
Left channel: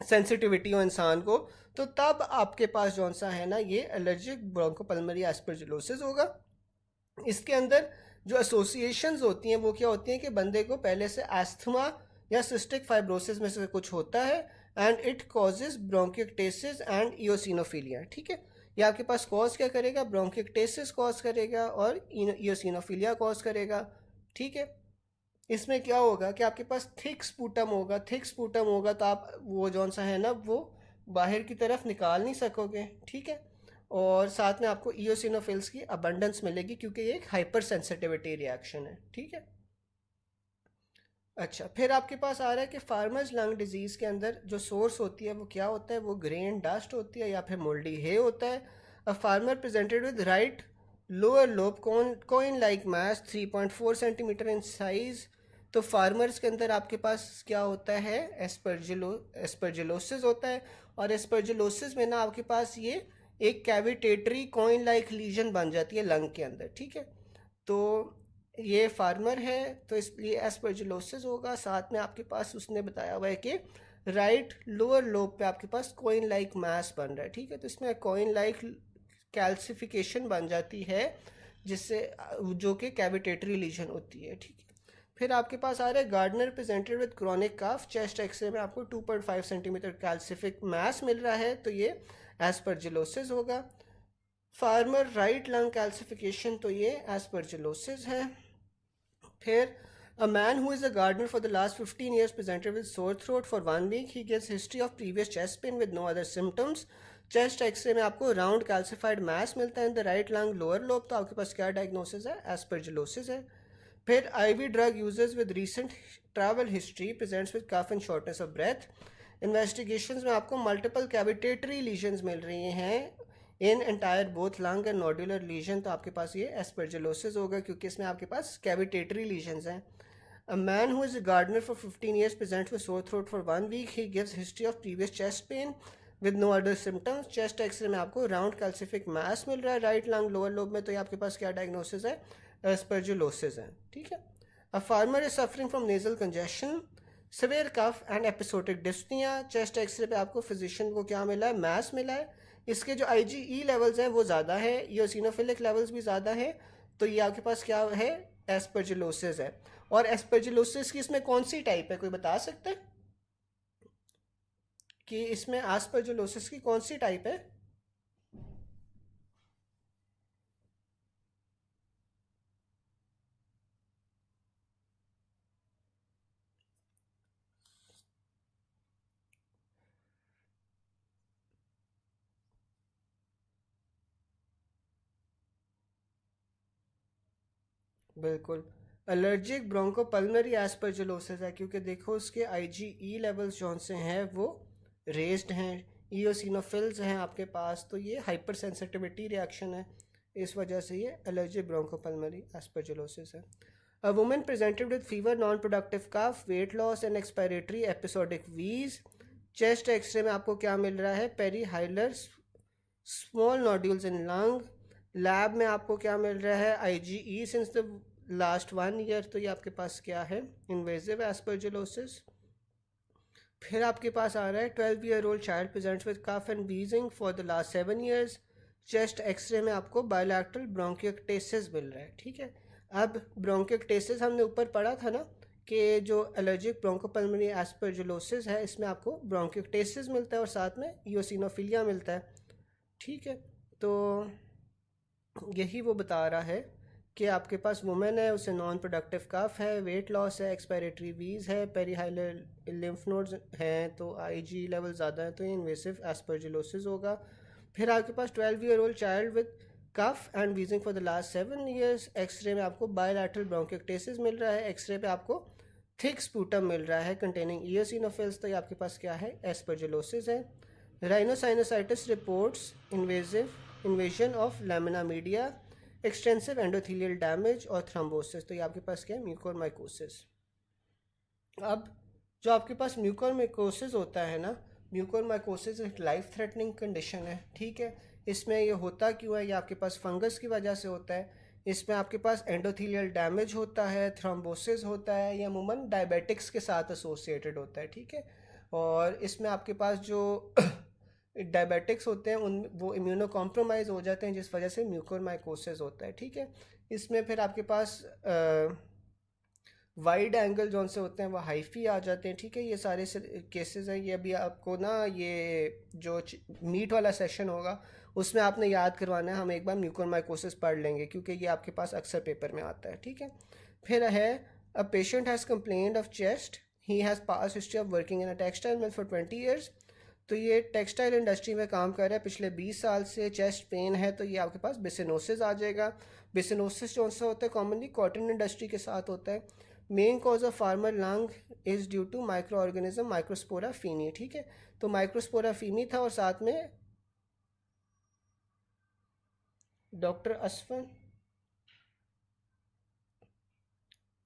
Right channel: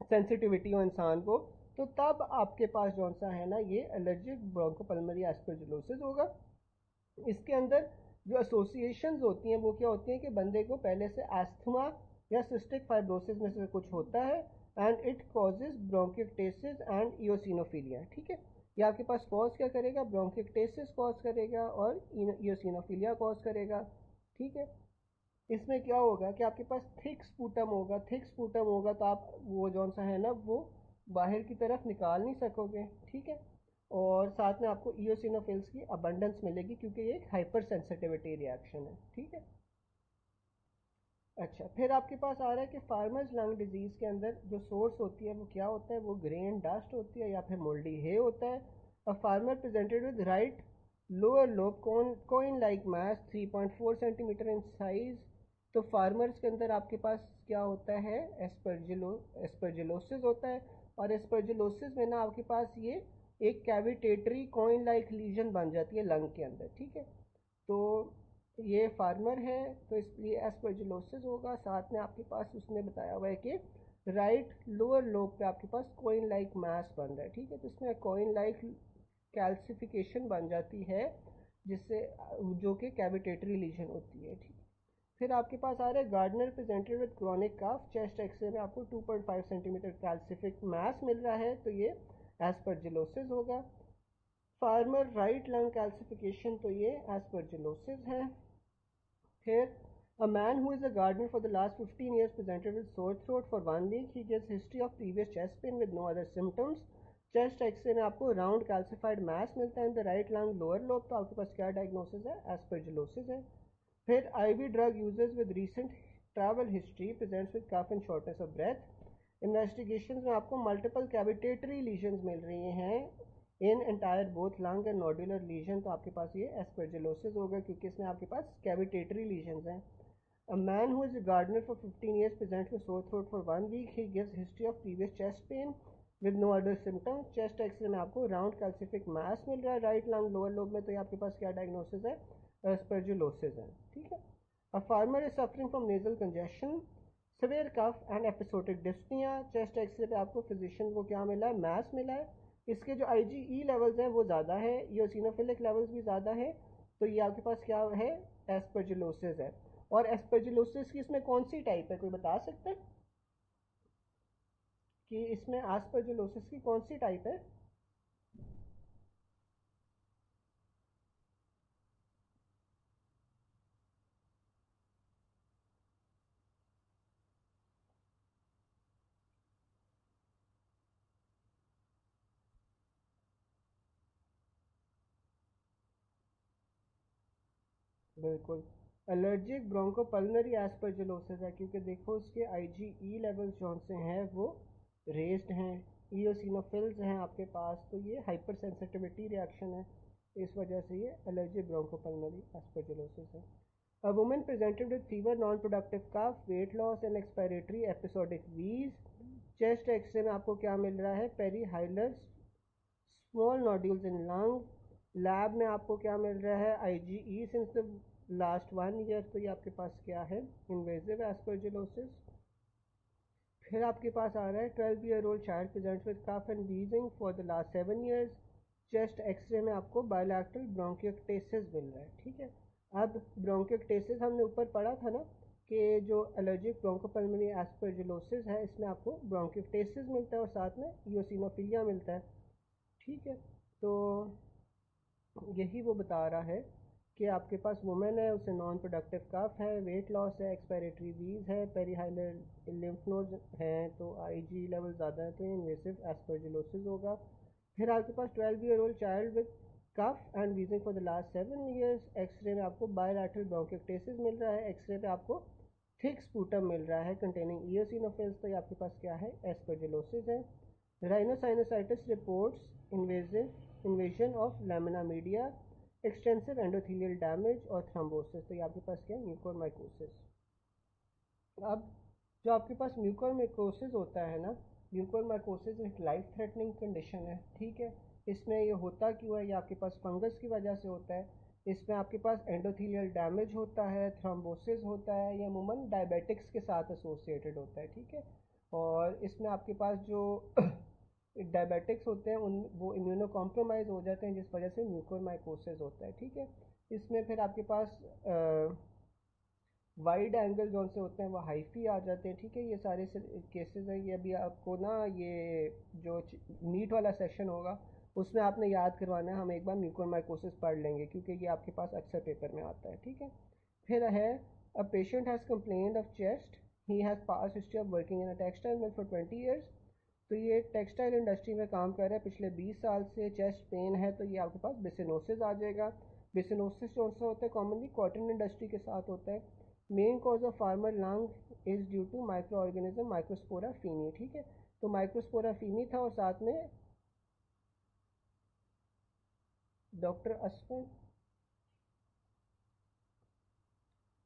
सेंसिटिविटी हो इंसान को, तो तब आपके पास जौन सा है ना ये एलर्जिक ब्रोंकोपल्मोनरी एस्परजिलोसिस होगा। इसके अंदर जो एसोसिएशंस होती हैं वो क्या होती हैं कि बंदे को पहले से एस्थमा या सिस्टिक फाइब्रोसिस में से कुछ होता है, and it causes bronchiectasis and eosinophilia, ठीक है। ये आपके पास कॉज क्या करेगा, ब्रोंकियोक्टेसिस कॉज करेगा और इयोसिनोफिलिया कॉज करेगा, ठीक है। इसमें क्या होगा कि आपके पास थिक स्पूटम होगा। थिक स्पूटम होगा तो आप वो जौन सा है ना वो बाहर की तरफ निकाल नहीं सकोगे, ठीक है। और साथ में आपको इयोसिनोफिल्स की अबंडेंस मिलेगी क्योंकि ये एक हाइपर सेंसिटिविटी रिएक्शन है, ठीक है। अच्छा, फिर आपके पास आ रहा है कि फार्मर्स लंग डिजीज़ के अंदर जो सोर्स होती है वो क्या होता है, वो ग्रेन डस्ट होती है या फिर मोल्डी है होता है। A farmer presented with right lower lobe coin like mass 3.4 centimetre in size. तो फार्मर्स के अंदर आपके पास क्या होता है, एस्परजिलोसिस होता है। और एस्परजिलोसिस में ना आपके पास ये एक कैविटेटरी कॉइन लाइक लीजन बन जाती है लंग के अंदर, ठीक है। तो ये फार्मर है तो इसलिए एस्परजिलोसिस होगा। साथ में आपके पास उसने बताया हुआ है कि राइट लोअर लोब पे आपके पास कॉइन लाइक मास बन रहा है, ठीक है। तो इसमें कॉइन लाइक कैल्सिफिकेशन बन जाती है जिससे जो कि कैविटेटरी लीजन होती है, ठीक है। फिर आपके पास आ रहा है gardener presented with chronic cough. Chest x ray में आपको 2.5 सेंटीमीटर कैल्सिफिक मास मिल रहा है, तो ये एस्परजिलोसिस होगा। फार्मर राइट लंग कैल्सिफिकेशन, तो ये एस्परजिलोसिस है। फिर a man who is a gardener for the last 15 years presented with sore throat for 1 week. He gives history of previous chest pain with no other symptoms. Chest x ray में आपको round calcified mass मिलता है in the right lung lower lobe, तो आपके पास क्या diagnosis है? Aspergillosis है। फिर IV drug users with recent travel history presents with cough and shortness of breath. Investigations में आपको मल्टीपल कैविटेटरी लीजन्स मिल रही हैं in entire both lung and nodular lesion, तो आपके पास ये एस्परजिलोसिस होगा क्योंकि इसमें आपके पास कैविटेटरी लीजन्स हैं। A man who is a gardener for 15 years presents with sore throat for 1 week. He gives history of previous chest pain with no other symptoms. Chest x ray में आपको राउंड कैल्सिफिक मास मिल रहा है right lung lower lobe में, तो ये आपके पास क्या डायग्नोसिस है? एस्परजिलोसिस है। ठीक है। A farmer is suffering from nasal congestion, severe cough and episodic dyspnea. Chest x-ray पे आपको फिजिशियन को क्या मिला है? मास मिला है। इसके जो IgE लेवल्स हैं वो ज़्यादा है, ईओसिनोफिलिक लेवल्स भी ज़्यादा है, तो ये आपके पास क्या है? एस्परजिलोसिस है। और एस्परजिलोसिस की इसमें कौन सी टाइप है, कोई बता सकता है कि इसमें एस्परजिलोसिस की कौन सी टाइप है? बिल्कुल, एलर्जिक ब्रोंकोपल्मनरी एस्परजिलोसिस है, क्योंकि देखो उसके IgE लेवल्स जौन से हैं वो रेज्ड हैं, ईओसिनोफिल्स हैं आपके पास, तो ये हाइपर सेंसिटिविटी रिएक्शन है, इस वजह से ये एलर्जिक ब्रोंकोपल्मनरी एस्परजिलोसिस है। A woman presented with fever, non productive cough, weight loss and expiratory episodic wheeze. Chest x ray में आपको क्या मिल रहा है? Perihilar small nodules in lung. Lab में आपको क्या मिल रहा है? IgE since the last 1 year, तो ये आपके पास क्या है? Invasive aspergillosis. फिर आपके पास आ रहा है 12-year-old child presents with cough and wheezing for the last 7 years। Chest x ray में आपको बायलैटरल ब्रोंकियोक्टेसिस मिल रहा है। ठीक है। अब ब्रोंकियोक्टेसिस हमने ऊपर पढ़ा था ना कि जो एलर्जिक ब्रोंकोपल्मनरी एस्परजिलोसिस है इसमें आपको ब्रोंकियोक्टेसिस मिलता है और साथ में ईओसिनोफिलिया मिलता है। ठीक है, तो यही वो बता रहा है कि आपके पास वुमेन है, उसे नॉन प्रोडक्टिव कफ है, वेट लॉस है, एक्सपायरेटरी वीज है, पेरीहाइलर लिम्फ नोड्स हैं, तो IgE लेवल ज़्यादा है, तो ये इन्वेसिव एस्परजिलोसिस होगा। फिर आपके पास 12-year-old child with cough and wheezing for the last 7 years। X-ray में आपको बायलैटरल ब्रोंकियोक्टेसिस मिल रहा है, एक्सरे पे आपको थिक स्पूटम मिल रहा है कंटेनिंग ईओसिनोफिल्स, तो ये आपके पास क्या है? एस्परजिलोसिस है। Rhinosinusitis reports invasion of lamina media, extensive endothelial damage और थ्रोम्बोसिस, तो ये आपके पास क्या है? म्यूकोरमाइकोसिस। अब जो आपके पास म्यूकोरमाइकोसिस होता है ना, म्यूकोरमाइकोसिस एक लाइफ थ्रेटनिंग कंडीशन है। ठीक है, इसमें ये होता क्यों है? ये आपके पास फंगस की वजह से होता है। इसमें आपके पास एंडोथेलियल डैमेज होता है, थ्रोम्बोसिस होता है, ये अमूमन डायबिटिक्स के साथ एसोसिएटेड होता है। ठीक है, और इसमें आपके पास जो डायबिटिक्स होते हैं उन वो इम्यूनो कॉम्प्रोमाइज़ हो जाते हैं, जिस वजह से म्यूकोरमाइकोसिस होता है। ठीक है, इसमें फिर आपके पास वाइड एंगल जौन से होते हैं वो हाइफी आ जाते हैं। ठीक है, ये सारे केसेस हैं। ये अभी आपको ना ये जो मीट वाला सेशन होगा उसमें आपने याद करवाना है, हम एक बार म्यूकोरमाइकोसिस पढ़ लेंगे क्योंकि ये आपके पास अक्सर पेपर में आता है। ठीक है, फिर है a patient has complained of chest, he has pass history of working in a textile mill for 20 years। तो ये टेक्सटाइल इंडस्ट्री में काम कर रहा है पिछले 20 साल से, चेस्ट पेन है, तो ये आपके पास बिसिनोसिस आ जाएगा। बिसिनोसिस कौन सा होता है? कॉमनली कॉटन इंडस्ट्री के साथ होता है। Main cause of farmer lung is due to micro organism microspora faeni. ठीक है, तो माइक्रोस्पोरा फीनी था और साथ में डॉक्टर असफन,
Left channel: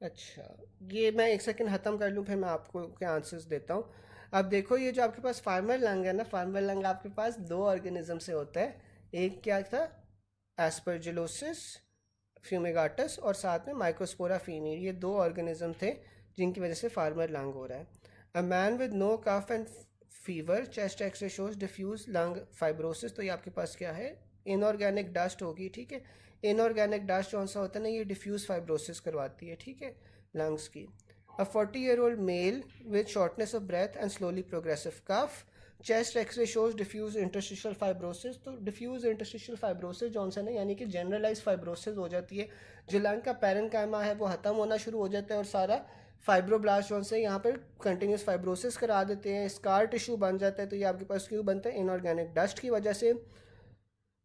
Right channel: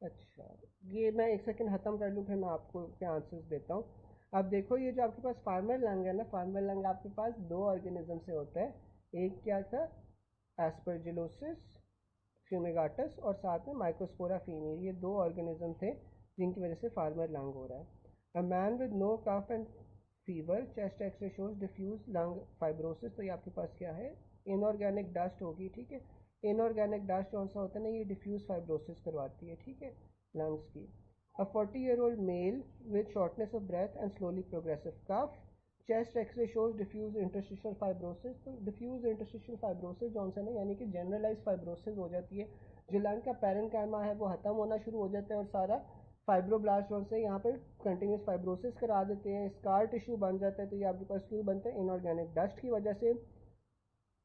अच्छा ये मैं एक सेकंड ख़त्म कर लूँ फिर मैं आपको के आंसर्स देता हूँ। अब देखो ये जो आपके पास फार्मर लंग है ना, फार्मर लंग आपके पास 2 ऑर्गेनिज्म से होता है। एक क्या था? एस्परजिलोसिस फ्यूमिगाटस और साथ में माइक्रोस्पोरा फीनी, ये 2 ऑर्गेनिज्म थे जिनकी वजह से फार्मर लंग हो रहा है। A man with no cough and fever, chest x-ray shows diffuse lung fibrosis, तो ये आपके पास क्या है? इनऑर्गेनिक डस्ट होगी। ठीक है, इनऑर्गेनिक डस्ट कौन सा होता है ना, ये डिफ्यूज फाइब्रोसिस करवाती है। ठीक है, लंग्स की। A 40-year-old male with shortness of breath and slowly progressive cough, chest x-ray shows diffuse interstitial fibrosis. तो डिफ्यूज इंटरस्टिशियल फाइब्रोसिस जो है ना, यानी कि जनरलाइज फाइब्रोसिस हो जाती है, जो लंग का पैरेन्काइमा है वो ख़त्म होना शुरू हो जाता है और सारा फाइब्रोब्लास्ट जो से यहाँ पर कंटिन्यूस फाइब्रोसिस करा देते हैं, स्कार टिश्यू बन जाता है। तो ये आपके पास क्यों बनता है? इनऑर्गेनिक डस्ट की वजह से।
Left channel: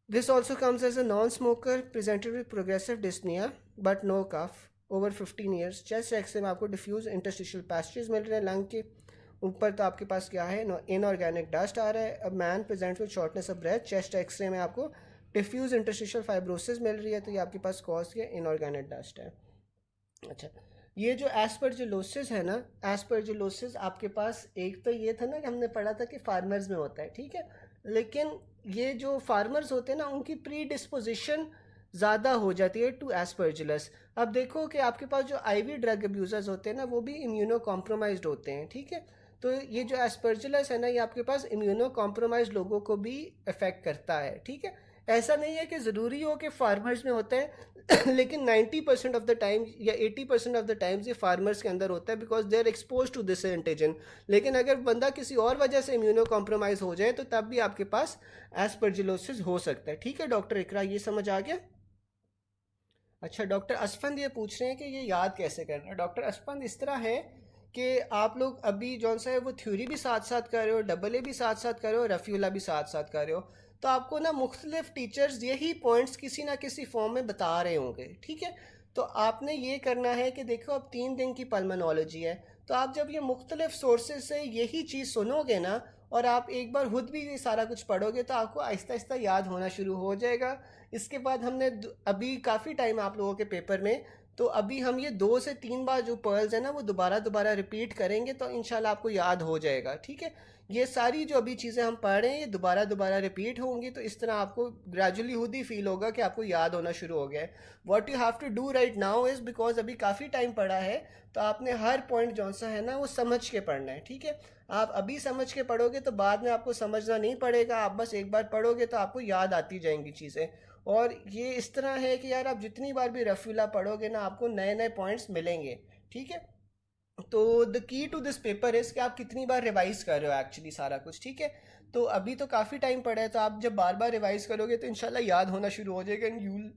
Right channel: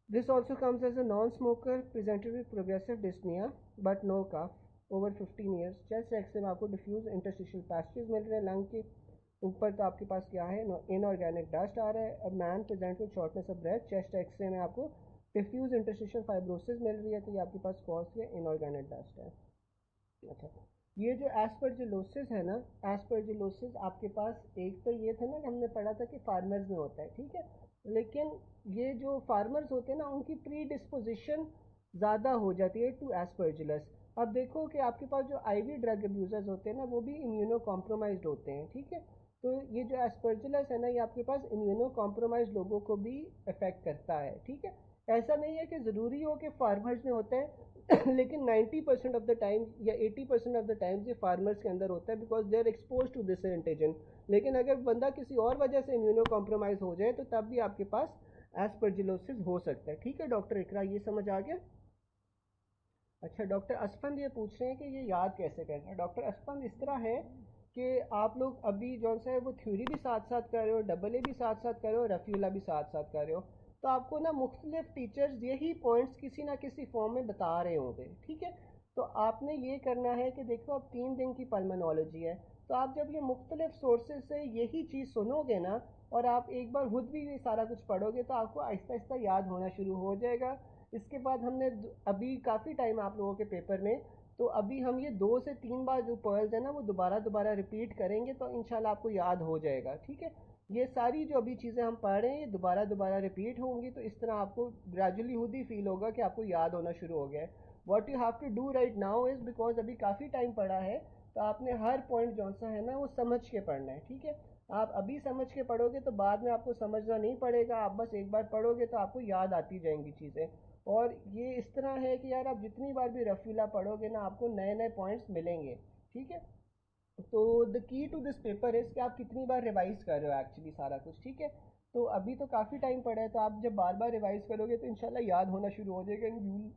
This also comes as a non smoker presented with progressive dyspnoea but no cough over 15 years. Chest x ray में आपको डिफ्यूज इंटरस्टिशियल पैचेज मिल रहे हैं लंग के ऊपर। तो आपके पास क्या है? इनऑर्गेनिक डस्ट आ रहा है। अब man present with shortness of breath. Chest x ray में आपको डिफ्यूज इंटरस्टिशियल फाइब्रोसिस मिल रही है, तो ये आपके पास कॉज के इनऑर्गेनिक डस्ट है। अच्छा, ये जो एस्परजिलोसिस है ना, एस्परजिलोसिस आपके पास एक तो ये था ना कि हमने पढ़ा था कि फार्मर्स में होता है, ठीक है, लेकिन ये जो फार्मर्स होते हैं ना उनकी प्री डिस्पोजिशन ज़्यादा हो जाती है टू एस्परजिलस। अब देखो कि आपके पास जो आईवी ड्रग अब्यूज़र्स होते हैं ना वो भी इम्यूनो कॉम्प्रोमाइज्ड होते हैं, ठीक है। तो ये जो एस्परजिलस है ना, ये आपके पास इम्यूनो कॉम्प्रोमाइज्ड लोगों को भी अफेक्ट करता है, ठीक है। ऐसा नहीं है कि ज़रूरी हो कि फार्मर्स में होता है लेकिन 90% ऑफ द टाइम या 80% ऑफ द टाइम्स ये फार्मर्स के अंदर होता है, because they are expose to this antigen. लेकिन अगर बंदा किसी और वजह से इम्यूनो कॉम्प्रोमाइज़ हो जाए तो तब भी आपके पास एस्परजिलोसिस हो सकता है, ठीक है। डॉक्टर इकरा, ये समझ आ गया? अच्छा, डॉक्टर असफंद ये पूछ रहे हैं कि ये याद कैसे करना है। डॉक्टर असफंद इस तरह है कि आप लोग अभी जौन सा है वो थ्योरी भी साथ साथ कर रहे हो, डबल ए भी साथ साथ कर रहे हो, रफ़ीउल्लाह भी साथ साथ कर रहे हो। तो आपको ना मुख्तलिफ टीचर्स यही पॉइंट्स किसी ना किसी फॉर्म में बता रहे होंगे, ठीक है। तो आपने ये करना है कि देखो अब 3 दिन की पल्मोनोलॉजी है, तो आप जब ये मुख्तलिफ सोर्सेज से यही चीज़ सुनोगे ना और आप एक बार खुद भी ये सारा कुछ पढ़ोगे तो आपको आहिस्ता आहिस्ता याद होना शुरू हो जाएगा। इसके बाद हमने अभी काफ़ी टाइम आप लोगों के पेपर में, तो अभी हम ये 2 से 3 बार जो पर्ल्स है ना वो दोबारा दोबारा रिपीट करेंगे, तो इंशाल्लाह आपको याद हो जाएगा, ठीक है। ये सारी जो अभी चीज़ें हम पढ़ रहे हैं ये दोबारा दोबारा रिपीट होंगी, तो इस तरह आपको ग्रेजुअली खुद ही फील होगा कि आपको याद होना शुरू हो गया है। What you have to do right now is, because अभी काफ़ी टाइम पड़ा है, तो आपने हर पॉइंट जौन सा है ना वो समझ के पढ़ना है, ठीक है। आप अभी समझ के पढ़ोगे तो बाद में आपको समझना नहीं पड़ेगा, आप बस एक बार पढ़ोगे तो आपको याद आती जाएंगी चीज़ें। और ये इस तरह है कि यार आप जितनी बार भी रफ़ीला पढ़ोगे ना आपको नए नए पॉइंट्स मिलेंगे, ठीक है। तो the key to this paper is कि आप कितनी बार रिवाइज कर रहे हो एक्चुअली सारा कुछ, ठीक है। तो अभी तो काफ़ी टाइम पड़ा है, तो आप जब बार बार रिवाइज करोगे तो इंशाल्लाह याद होना शुरू हो जाएगा and you will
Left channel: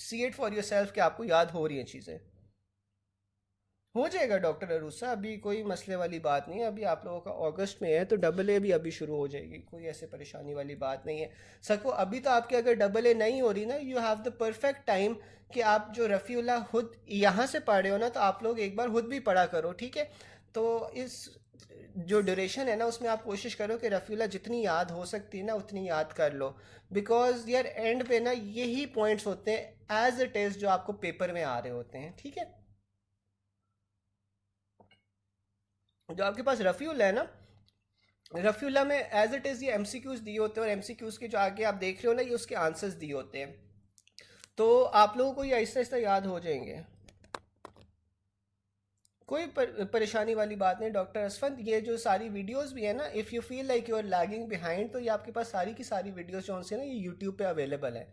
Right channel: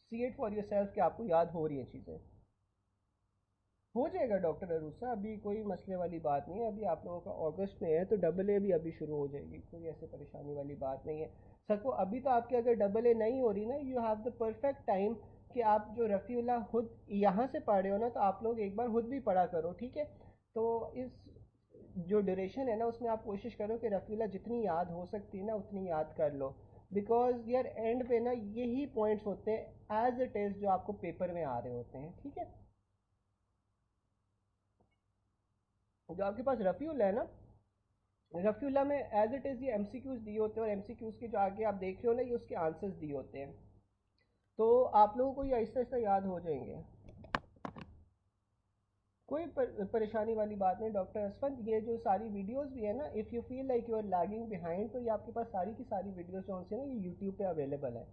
see it for your self कि आपको याद हो रही हैं चीज़ें। हो जाएगा डॉक्टर अरूसा, अभी कोई मसले वाली बात नहीं है। अभी आप लोगों का अगस्त में है तो डबल ए भी अभी शुरू हो जाएगी, कोई ऐसे परेशानी वाली बात नहीं है। सको अभी तो आपके अगर डबल ए नहीं हो रही ना, you have the perfect time कि आप जो रफ़ीउल्लाह खुद यहाँ से पढ़ रहे हो ना तो आप लोग एक बार खुद भी पढ़ा करो, ठीक है। तो इस जो ड्यूरेशन है ना उसमें आप कोशिश करो कि रफ़ीउल्लाह जितनी याद हो सकती है ना उतनी याद कर लो, बिकॉज यार एंड पे ना यही पॉइंट्स होते हैं एज इट इज़ जो आपको पेपर में आ रहे होते हैं, ठीक है। जो आपके पास रफ़ीउल्लाह है ना, रफ़ीउल्लाह में एज इट इज़ ये एमसीक्यूज़ दिए होते हैं और एमसीक्यूज़ के जो आगे आप देख रहे हो ना ये उसके आंसर्स दिए होते हैं, तो आप लोगों को ये आहिस्ता आहिस्ता याद हो जाएंगे। कोई परेशानी वाली बात नहीं डॉक्टर असफंद। ये जो सारी वीडियोस भी है ना, if you feel like you are lagging behind, तो ये आपके पास सारी की सारी वीडियोस जो से ना ये यूट्यूब पे अवेलेबल है,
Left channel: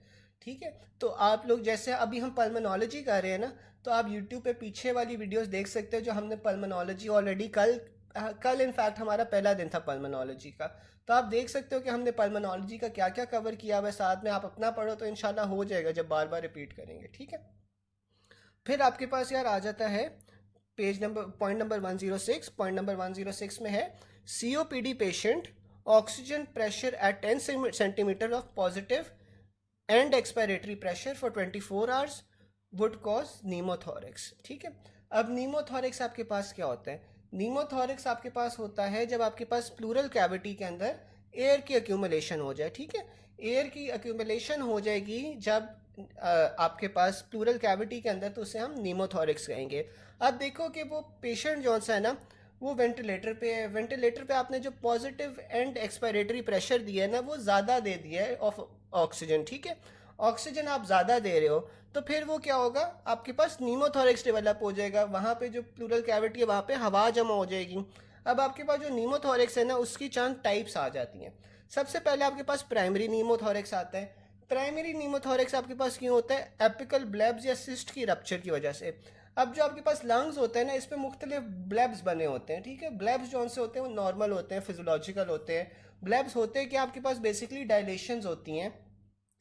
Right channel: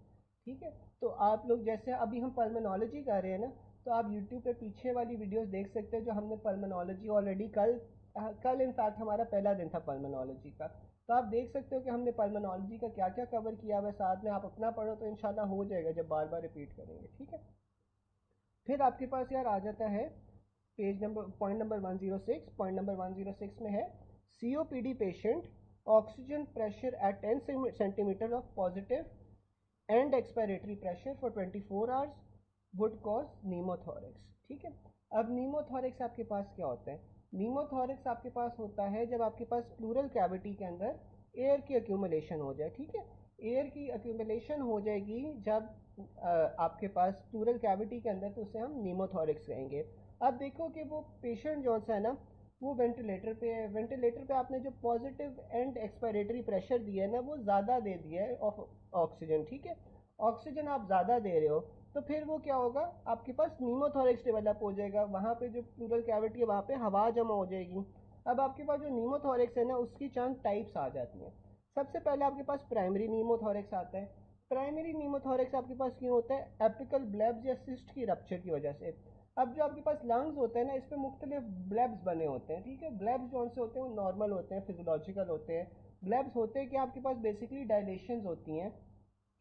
ठीक है। तो आप लोग जैसे अभी हम पल्मोनोलॉजी कर रहे हैं ना, तो आप यूट्यूब पे पीछे वाली वीडियोस देख सकते हो जो हमने पल्मोनोलॉजी ऑलरेडी कल इनफैक्ट हमारा पहला दिन था पल्मोनोलॉजी का, तो आप देख सकते हो कि हमने पल्मोनोलॉजी का क्या क्या कवर किया हुआ है। साथ में आप अपना पढ़ो तो इंशाल्लाह हो जाएगा जब बार बार रिपीट करेंगे, ठीक है। फिर आपके पास यार आ जाता है page number point number 106। Point number 106 में है COPD patient oxygen pressure at 10 centimetre of positive and expiratory pressure for 24 hours would cause pneumothorax, ठीक है। अब नीमोथोरिक्स आपके पास क्या होता है? नीमोथोरिक्स आपके पास होता है जब आपके पास प्लूरल कैविटी के अंदर एयर की अक्यूमुलेशन हो जाए, ठीक है। एयर की अक्यूमुलेशन हो जाएगी जब आपके पास प्लूरल कैविटी के अंदर, तो उसे हम नीमोथोरिक्स कहेंगे। अब देखो कि वो पेशेंट जो सा है ना वो वेंटिलेटर पे है, वेंटिलेटर पे आपने जो पॉजिटिव एंड एक्सपायरेटरी प्रेशर दिया है ना वो ज़्यादा दे दिया है ऑफ ऑक्सीजन, ठीक है। ऑक्सीजन आप ज़्यादा दे रहे हो तो फिर वो क्या होगा, आपके पास नीमोथोरिक्स डेवलप हो जाएगा, वहाँ पे जो प्लूरल कैविटी है वहाँ पे हवा जमा हो जाएगी। अब आपके पास जो नीमोथोरिक्स है ना उसकी चंद टाइप्स आ जाती हैं। सबसे पहले आपके पास प्राइमरी नीमोथोरिक्स आता है। प्राइमरी नीमोथोरिक्स आपके पास क्यों होता है? एपिकल ब्लेब्स या सिस्ट की रप्चर की वजह से। अब जो आपके पास लंग्स होते हैं ना, इस पर मुख्तलिफ ब्लेब्स बने होते हैं, ठीक है। ब्लेब्स जो से होते हैं वो नॉर्मल होते हैं, फिजियोलॉजिकल होते हैं। ब्लेब्स होते हैं कि आपके पास बेसिकली डायलेशंस होती हैं,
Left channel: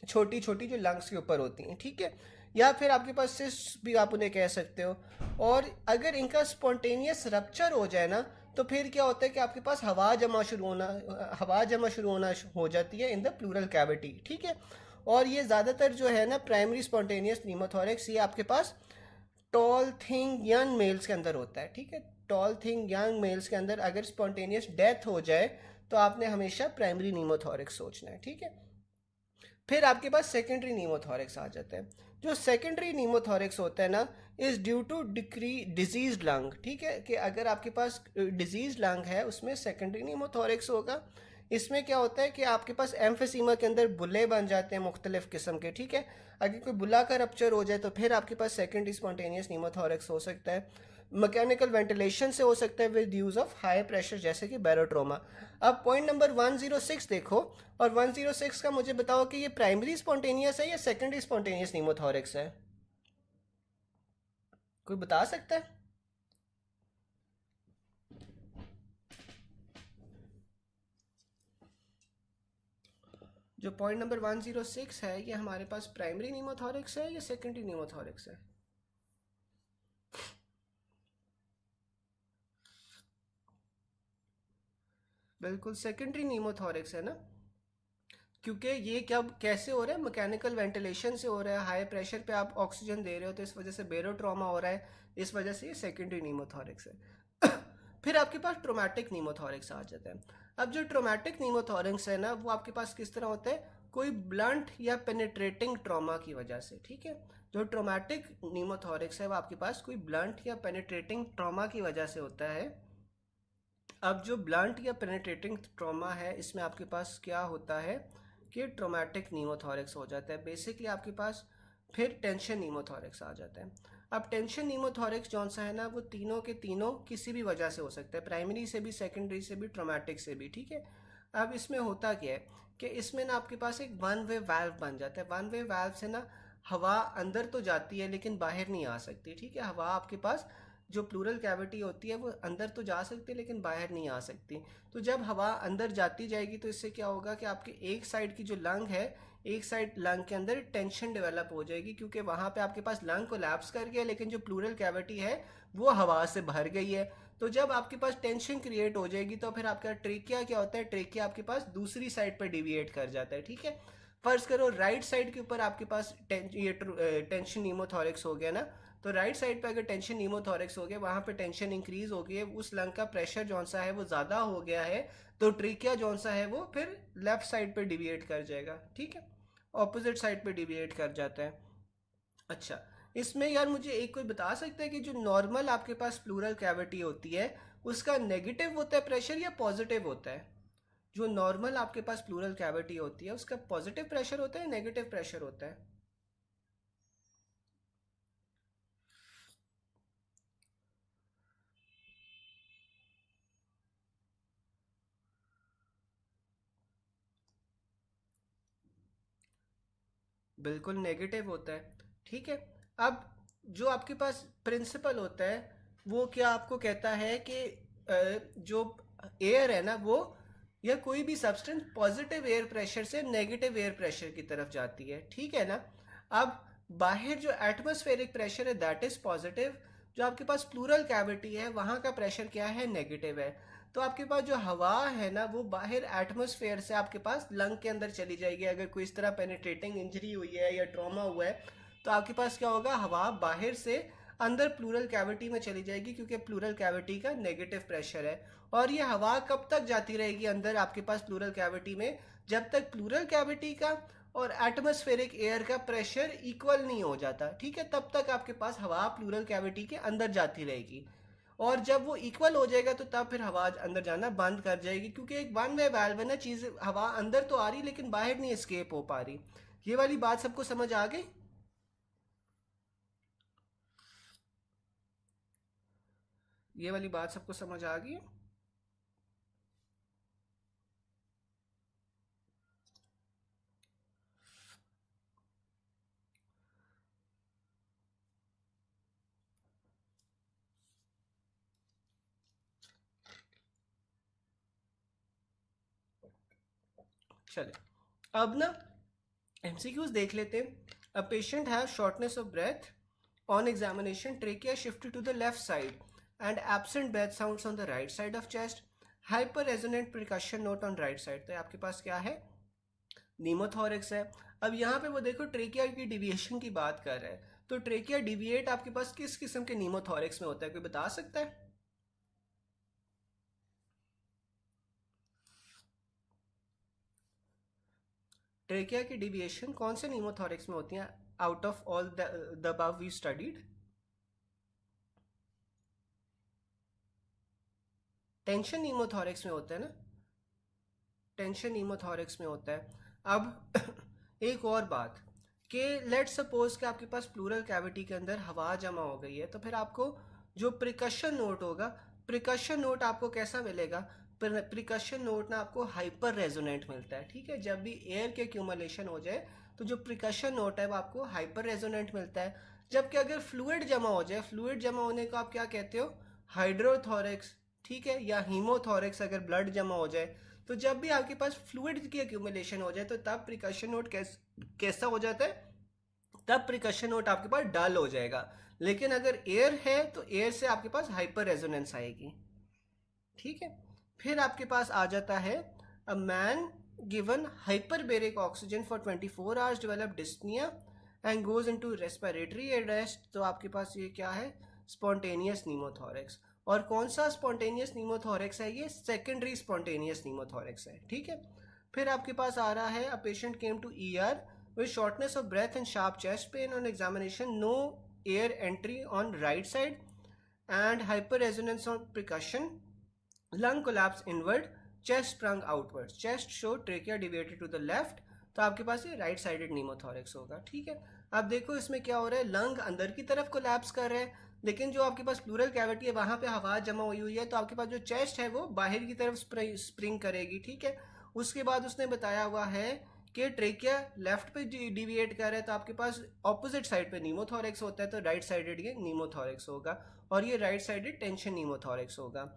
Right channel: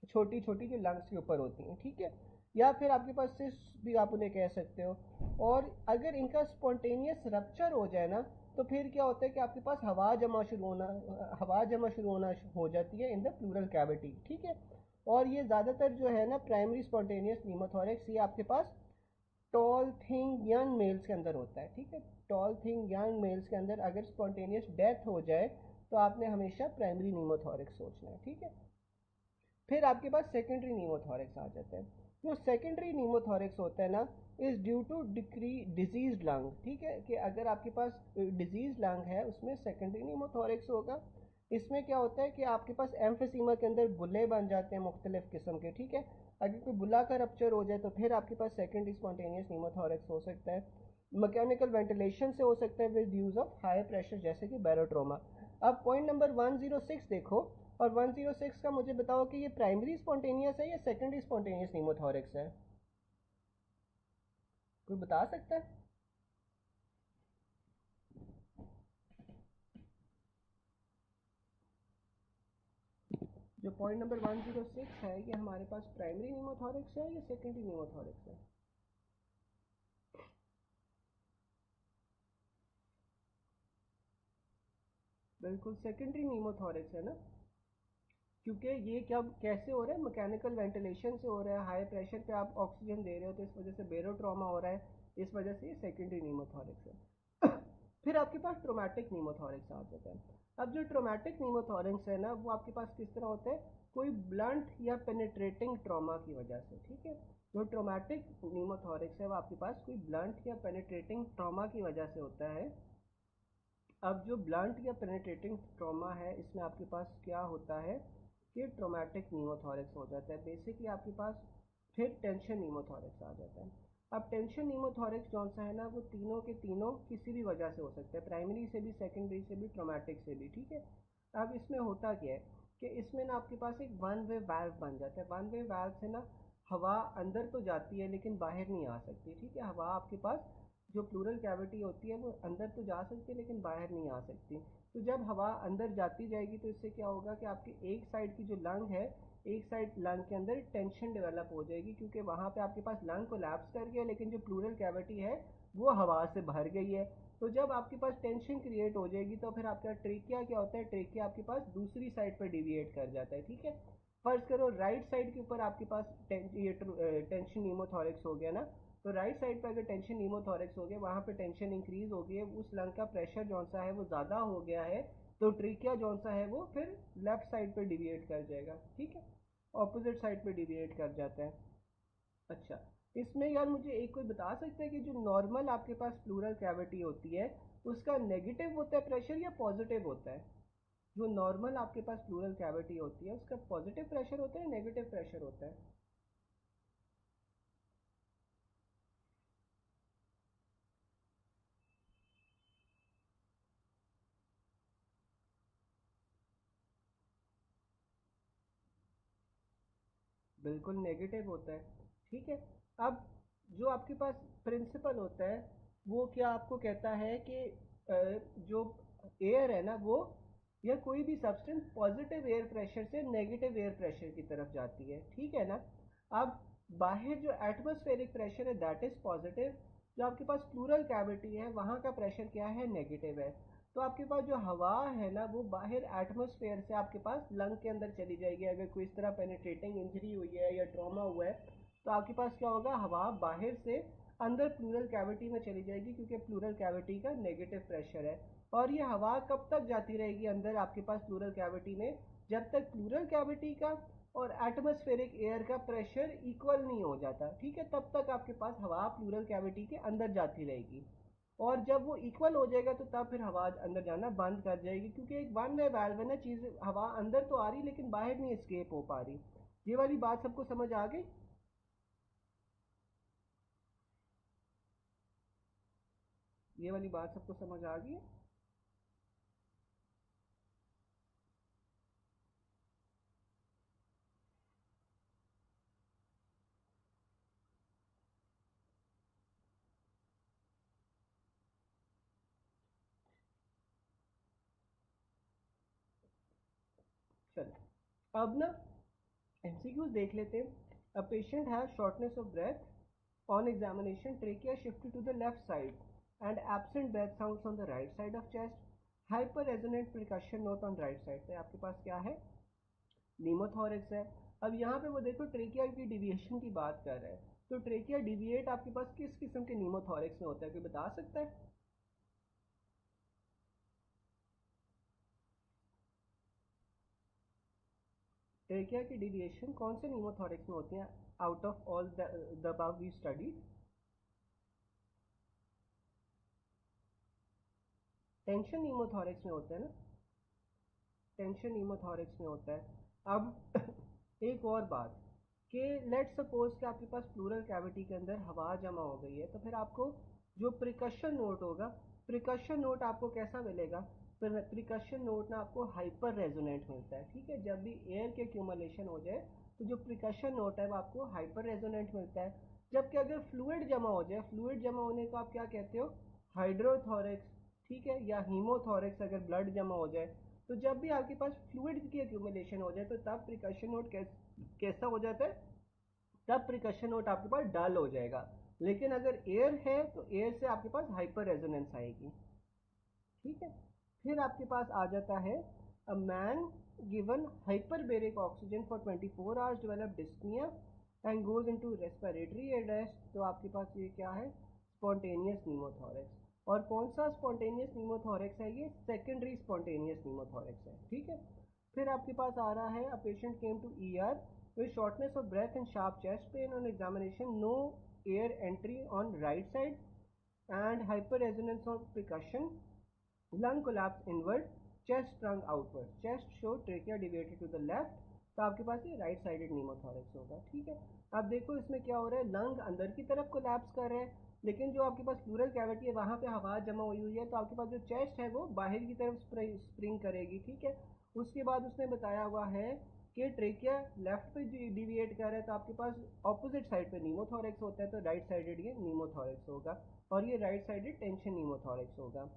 छोटी छोटी, जो लंग्स के ऊपर होती हैं, ठीक है। या फिर आपके पास सिस्ट भी आप उन्हें कह सकते हो। और अगर इनका स्पॉन्टेनियस रप्चर हो जाए ना, तो फिर क्या होता है कि आपके पास हवा जमा शुरू होना हो जाती है इन द प्लूरल कैविटी, ठीक है। और ये ज़्यादातर जो है ना प्राइमरी स्पॉन्टेनियस न्यूमोथोरैक्स, ये आपके पास टॉल थिंग यंग मेल्स के अंदर होता है, ठीक है। टॉल थिंग यंग मेल्स के अंदर अगर स्पॉन्टेनियस डेथ हो जाए तो आपने हमेशा प्राइमरी न्यूमोथोरैक्स सोचना है, ठीक है। फिर आपके पास सेकेंडरी नीमोथोरैक्स आ जाता है। जो सेकेंडरी नीमोथोरैक्स होता है ना, is due to disease lung, ठीक है। कि अगर आपके पास डिजीज लंग है उसमें सेकेंडरी नीमोथोरैक्स होगा। इसमें क्या होता है कि आपके पास एम्फेसीमा के अंदर बुले बन जाते हैं मुख्तलिफ किस्म के, ठीक है। अगर कोई बुला का रप्चर हो जाए तो फिर आपके पास सेकेंडरी स्पॉन्टेनियस नीमोथोरैक्स हो सकता है। मैकेनिकल वेंटिलेशन से हो सकता है with use of high pressure, जैसे कि बैरोट्रोमा। अब पॉइंट नंबर 106 देखो, और 106 का मुझे बताओ कि ये प्राइमरी स्पॉन्टेनियस है या सेकेंडरी स्पॉन्टेनियस नीमोथोरैक्स है? कोई बता सकता है? जो पॉइंट नंबर 106 है, ये हमारे पास प्राइमरी नीमोथोरैक्स है या सेकेंडरी नीमोथोरैक्स है? बिल्कुल सेकेंडरी नीमोथोरैक्स है ना, क्योंकि ये क्या कैसे हो रहा है, मैकेनिकल वेंटिलेशन से हो रहा है, हाई प्रेशर पे आप ऑक्सीजन दे रहे हो, तो इस वजह से बेरोट्रॉमा हो रहा है, इस वजह से ये सेकेंडरी नीमोथोरैक्स है। फिर आपके पास ट्रोमैटिक नीमोथोरैक्स आ जाता है। अब जो ट्रोमैटिक नीमोथोरैक्स है ना, वो आपके पास किस तरह होता है, कोई ब्लंट या पेनिट्रेटिंग ट्रॉमा की वजह से, ठीक है। जो ट्रोमैटिक नीमोथोरैक्स है वो आपके पास कोई ब्लंट या पेनिट्रेटिंग ट्रॉमा की वजह से होता है। अब जो ब्लंट या पेनिट्रेटिंग ट्रॉमा है, इसमें आपके पास क्या होता है कि ट्रोमैटिक नीमोथोरैक्स हो जाता है बेसिकली आपके पास। फिर टेंशन नीमोथोरैक्स आ जाता है। अब टेंशन नीमोथोरैक्स जौन सा है ना, वो तीनों के तीनों किसी भी वजह से हो सकता है, प्राइमरी से भी, सेकेंडरी से भी, ट्रोमैटिक से भी, ठीक है। अब इसमें होता क्या है कि इसमें ना आपके पास एक वन वे वाल्व बन जाता है। वन वे वाल्व से ना हवा अंदर तो जाती है लेकिन बाहर नहीं आ सकती, ठीक है। हवा आपके पास जो प्लूरल कैविटी होती है वो अंदर तो जा सकती है लेकिन बाहर नहीं आ सकती। तो जब हवा अंदर जाती जाएगी तो इससे क्या होगा कि आपके एक साइड की जो लंग है, एक साइड लंग के अंदर टेंशन डेवलप हो जाएगी, क्योंकि वहाँ पे आपके पास लंग कोलैप्स कर गया लेकिन जो प्लूरल कैविटी है वो हवा से भर गई है। तो जब आपके पास टेंशन क्रिएट हो जाएगी तो फिर आपका ट्रेकिया क्या होता है, ट्रेकिया आपके पास दूसरी साइड पर डिविएट कर जाता है, ठीक है। फर्ज करो राइट साइड के ऊपर आपके पास ये टेंशन नीमोथोरैक्स हो गया ना, तो राइट साइड पे अगर टेंशन नीमोथोरैक्स हो गया, वहाँ पे टेंशन इंक्रीज हो गई है, उस लंग का प्रेशर जौन सा है वो ज़्यादा हो गया है, तो ट्रीकिया जौन सा है वो फिर लेफ्ट साइड पे डिविएट कर जाएगा, ठीक है। ऑपोजिट साइड पे डिविएट कर जाता है। अच्छा, इसमें यार मुझे एक कोई बता सकता है कि जो नॉर्मल आपके पास प्लूरल कैविटी होती है उसका नेगेटिव होता है प्रेशर या पॉजिटिव होता है? जो नॉर्मल आपके पास प्लूरल कैविटी होती है उसका पॉजिटिव प्रेशर होता है या नेगेटिव प्रेशर होता है? बिल्कुल नेगेटिव होता है, ठीक है। अब जो आपके पास प्रिंसिपल होता है वो क्या आपको कहता है कि जो एयर है ना वो, या कोई भी सब्सटेंस पॉजिटिव एयर प्रेशर से नेगेटिव एयर प्रेशर की तरफ जाती है, ठीक है ना। अब बाहर जो एटमॉस्फेरिक प्रेशर है दैट इज पॉजिटिव, जो आपके पास प्लूरल कैविटी है वहाँ का प्रेशर क्या है, नेगेटिव है। तो आपके पास जो हवा है ना वो बाहर एटमॉस्फेयर से आपके पास लंग के अंदर चली जाएगी। अगर कोई इस तरह पेनिट्रेटिंग इंजरी हुई है या ट्रॉमा हुआ है तो आपके पास क्या होगा, हवा बाहर से अंदर प्लूरल कैविटी में चली जाएगी, क्योंकि प्लूरल कैविटी का नेगेटिव प्रेशर है। और ये हवा कब तक जाती रहेगी अंदर आपके पास प्लूरल कैविटी में, जब तक प्लूरल कैविटी का और एटमॉस्फेरिक एयर का प्रेशर इक्वल नहीं हो जाता, ठीक है। तब तक आपके पास हवा प्लूरल कैविटी के अंदर जाती रहेगी। और जब वो इक्वल हो जाएगा तो तब फिर हवा अंदर जाना बंद कर जाएगी, क्योंकि एक वन वे वाल्व है ना, चीज़ हवा अंदर तो आ रही लेकिन बाहर नहीं एस्केप हो पा रही। ये वाली बात सबको समझ आ गई? ये वाली बात सबको समझ आ गई? चले अब ना MCQs देख लेते हैं। A patient have shortness of breath on examination, trachea shifted to the left side and absent breath sounds on the right side of chest, hyper resonant percussion note on right side. तो आपके पास क्या है, नीमोथोरिक्स है। अब यहाँ पे वो देखो ट्रेकिया की डिविएशन की बात कर रहा है, तो ट्रेकिया डिविएट आपके पास किस किस्म के नीमोथोरिक्स में होता है, कोई बता सकता है? ट्रेकिया की डिविएशन कौन से नीमोथोरिक्स में होती हैं out of all the above we studied? Tension pneumothorax में होता है ना, टेंशन नीमोथोरिक्स में होता है। अब एक और बात कि लेट्स सपोज कि आपके पास प्लूरल कैविटी के अंदर हवा जमा हो गई है, तो फिर आपको जो प्रिकशन नोट होगा, प्रिकशन नोट आपको कैसा मिलेगा? प्रिकशन नोट ना आपको हाइपर रेजोनेंट मिलता है, ठीक है। जब भी एयर के एक्यूमुलेशन हो जाए तो जो प्रिकशन नोट है वो आपको हाइपर रेजोनेंट मिलता है। जबकि अगर फ्लूइड जमा हो जाए, फ्लूइड जमा होने को आप क्या कहते हो? हाइड्रोथोरिक्स, ठीक है, या हीमोथोरिक्स अगर ब्लड जमा हो जाए। तो जब भी आपके पास फ्लूइड की एक्यूमुलेशन हो जाए तो तब प्रिकशन नोट कैसा हो जाता है? तब प्रिकशन नोट आपके पास डल हो जाएगा। लेकिन अगर एयर है तो एयर से आपके पास हाइपर रेजोनेंस आएगी, ठीक है। फिर आपके पास आ जाता है a man given hyperbaric oxygen for 24 hours develop dyspnoea and goes into respiratory arrest. तो आपके पास ये क्या है? स्पॉन्टेनियस नीमोथोरिक्स। और कौन सा स्पॉन्टेनियस नीमोथोरिक्स है? ये सेकेंडरी स्पॉन्टेनियस नीमोथोरिक्स है, ठीक है। फिर आपके पास आ रहा है a patient came to ER with shortness of breath and sharp chest pain on examination, no air entry on right side and hyper resonance on percussion, lung collapse inward, chest sprung outward, chest show trachea deviated to the left. तो आपके पास ये right sided नीमोथोरिक्स होगा, ठीक है। अब देखो इसमें क्या हो रहा है, लंग अंदर की तरफ कोलैप्स कर रहे हैं, लेकिन जो आपके पास प्लूरल कैविटी है वहां पे हवा जमा हुई है, तो आपके पास जो चेस्ट है वो बाहर की तरफ स्प्रिंग करेगी, ठीक है। उसके बाद उसने बताया हुआ है कि ट्रेकिया लेफ्ट पे डिविएट कर रहा है, तो आपके पास ऑपोजिट साइड पे नीमोथोरिक्स होता है, तो राइट साइडेड ये नीमोथोरिक्स होगा, और ये राइट साइडेड टेंशन नीमोथोरिक्स होगा।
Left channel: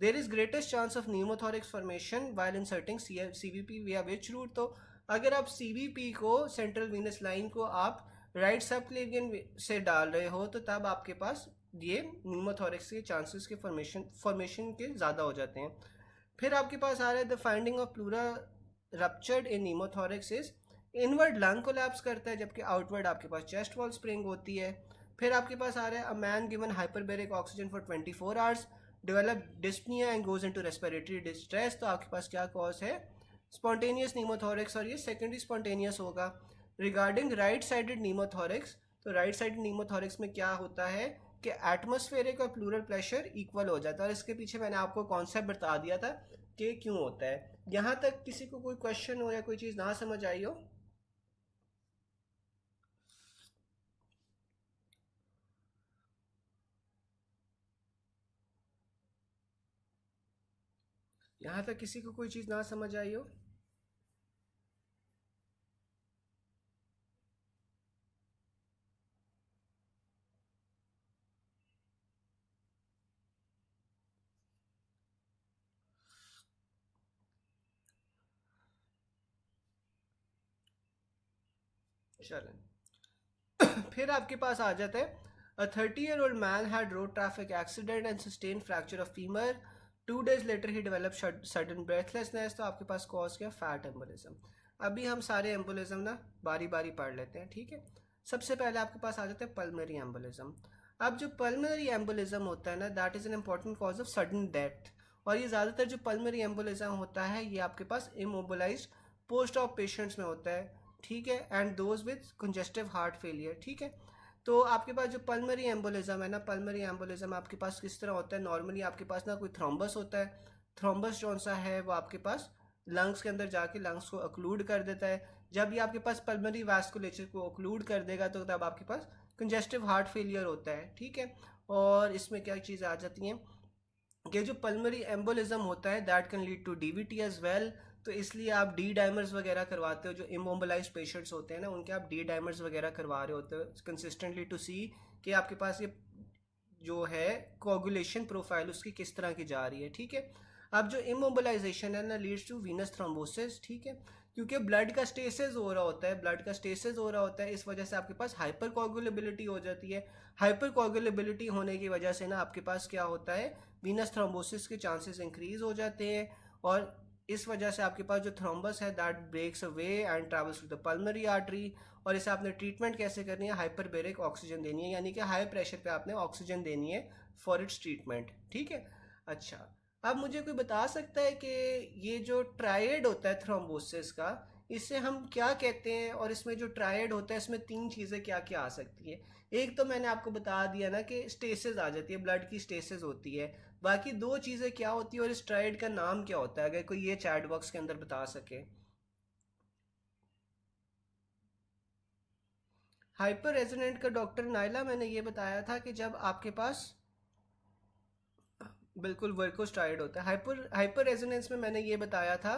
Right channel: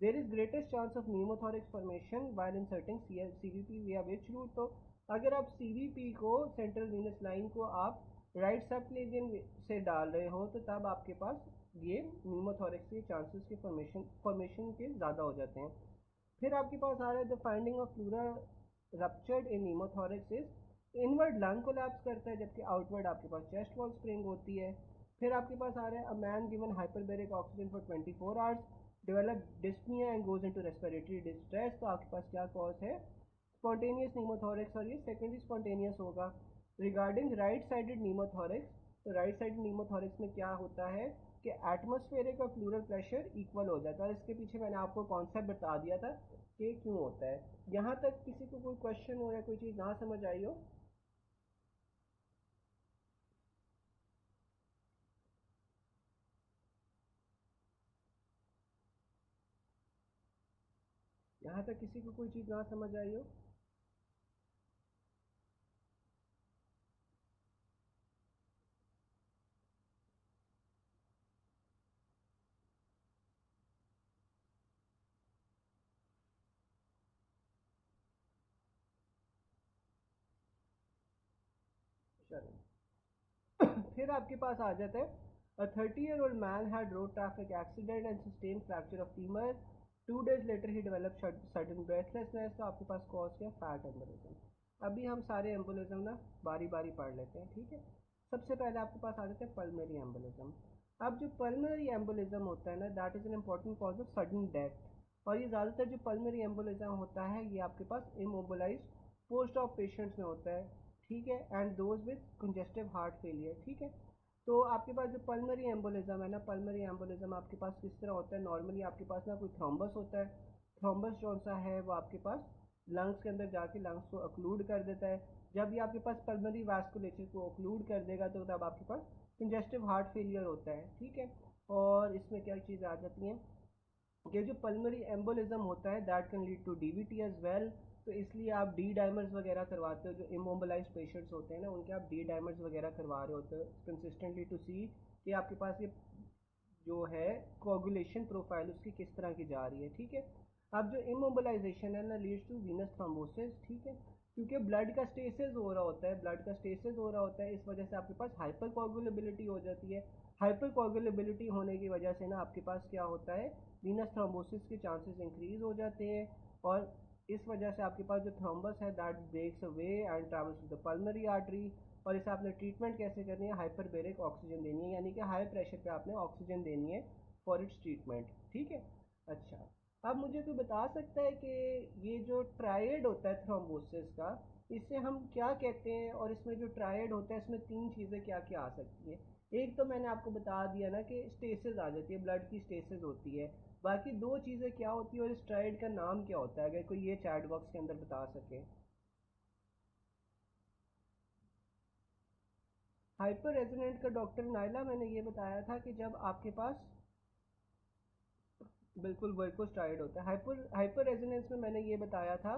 There is greatest chance of pneumothorax formation while inserting CVP via which route. तो अगर आप CVP को, सेंट्रल वीनस लाइन को, आप राइट सबक्लेवियन से डाल रहे हो, तो तब आपके पास ये नीमोथोरिक्स के चांसेस के फॉर्मेशन के ज़्यादा हो जाते हैं। फिर आपके पास आ रहा है the finding of pleura ruptured in pneumothorax is inward lung collapse करता है, जबकि आउटवर्ड आपके पास चेस्ट वॉल स्प्रिंग होती है। फिर आपके पास आ रहा है a man given hyperbaric oxygen for 24 hours develop dyspnoea and goes into respiratory distress. तो आपके पास क्या कॉज है? स्पॉन्टेनियस नीमोथोरिक्स, और ये सेकेंडरी स्पॉन्टेनियस होगा। रिगार्डिंग राइट साइडेड नीमोथोरिक्स, तो राइट साइडेड नीमोथोरिक्स में क्या होता है कि एटमॉस्फेरिक और प्लूरल प्रेशर इक्वल हो जाता है, और इसके पीछे मैंने आपको कॉन्सेप्ट बता दिया था कि क्यों होता है। यहाँ तक किसी को कोई क्वेश्चन हो या कोई चीज़ ना समझ आई हो? यहाँ तक किसी को कोई चीज़ ना समझ आई हो? चलें फिर आपके पास आ जाता है अ 30-year-old man had road traffic accident and sustained fracture of femur. 2 days later he developed sudden breathlessness. तो आपके पास कॉज क्या? Fat embolism. अभी हम सारे एम्बोलिज्म ना बारी बारी पढ़ लेते हैं, ठीक है। सबसे पहले आपके पास आ जाता है पल्मोनरी एम्बोलिज्म। अब जो पल्मोनरी एम्बोलिज्म होता है ना, that is an important cause of sudden death. और ये ज़्यादातर जो पल्मोनरी एम्बोलिज्म होता है ये आपके पास इमोबिलाइज्ड पोस्ट ऑफ पेशेंट्स में होता है, ठीक है, and those with congestive heart failure, ठीक है। तो आपके पास जो पल्मोनरी एम्बोलिज्म है ना, पल्मोनरी एम्बोलिज्म आपके पास किस तरह होता है? नॉर्मली आपके पास ना कोई थ्रोम्बस होता है, थ्रोम्बस कौन सा है वो आपके पास लंग्स के अंदर जाके लंग्स को ऑक्लूड कर देता है। जब ये आपके पास पल्मोनरी वास्कुलेचर को ऑक्लूड कर देगा तो तब आपके पास कंजेस्टिव हार्ट फेलियर होता है, ठीक है। और इसमें क्या चीज़ आ जाती हैं कि जो पल्मोनरी एम्बोलिज्म होता है that can lead to DVT as well. तो इसलिए आप डी डाइमर्स वगैरह करवाते हो, जो इमोबिलाइज्ड पेशेंट्स होते हैं ना उनके आप डी डाइमर्स वगैरह करवा रहे होते हो कंसिस्टेंटली टू सी कि आपके पास ये जो है कोगुलेशन प्रोफाइल उसकी किस तरह की जा रही है, ठीक है। अब जो इमोबिलाइजेशन है ना लीड्स टू वीनस थ्रोम्बोसिस, ठीक है, क्योंकि ब्लड का स्टेसिस हो रहा होता है, ब्लड का स्टेसिस हो रहा होता है, इस वजह से आपके पास हाइपर कोगुलेबिलिटी हो जाती है। हाइपर कोगुलेबिलिटी होने की वजह से ना आपके पास क्या होता है, वीनस थ्रोम्बोसिस के चांसेस इंक्रीज हो जाते हैं, और इस वजह से आपके पास जो थ्रोम्बस है that breaks away and travels to the pulmonary artery. और इसे आपने ट्रीटमेंट कैसे करनी है, हाइपरबेरिक ऑक्सीजन देनी है, यानी कि हाई प्रेशर पे आपने ऑक्सीजन देनी है फॉर इट्स ट्रीटमेंट, ठीक है। अच्छा, अब मुझे कोई बता सकता है कि ये जो ट्रायड होता है थ्रोम्बोसिस का, इसे हम क्या कहते हैं, और इसमें जो ट्रायड होता है इसमें तीन चीज़ें क्या क्या आ सकती है। एक तो मैंने आपको बता दिया ना कि स्टेसिस आ जाती है, ब्लड की स्टेसिस होती है। बाकी दो चीज़ें क्या होती है और इस ट्रायड का नाम क्या होता है, अगर कोई ये चैट बॉक्स के अंदर बता सके। हाइपर रेजोनेंट का डॉक्टर नाइला मैंने ये बताया था कि जब आपके पास बिल्कुल वर्कोस्ट्राइड होता है। हाइपर हाइपर रेजोनेंस में मैंने ये बताया था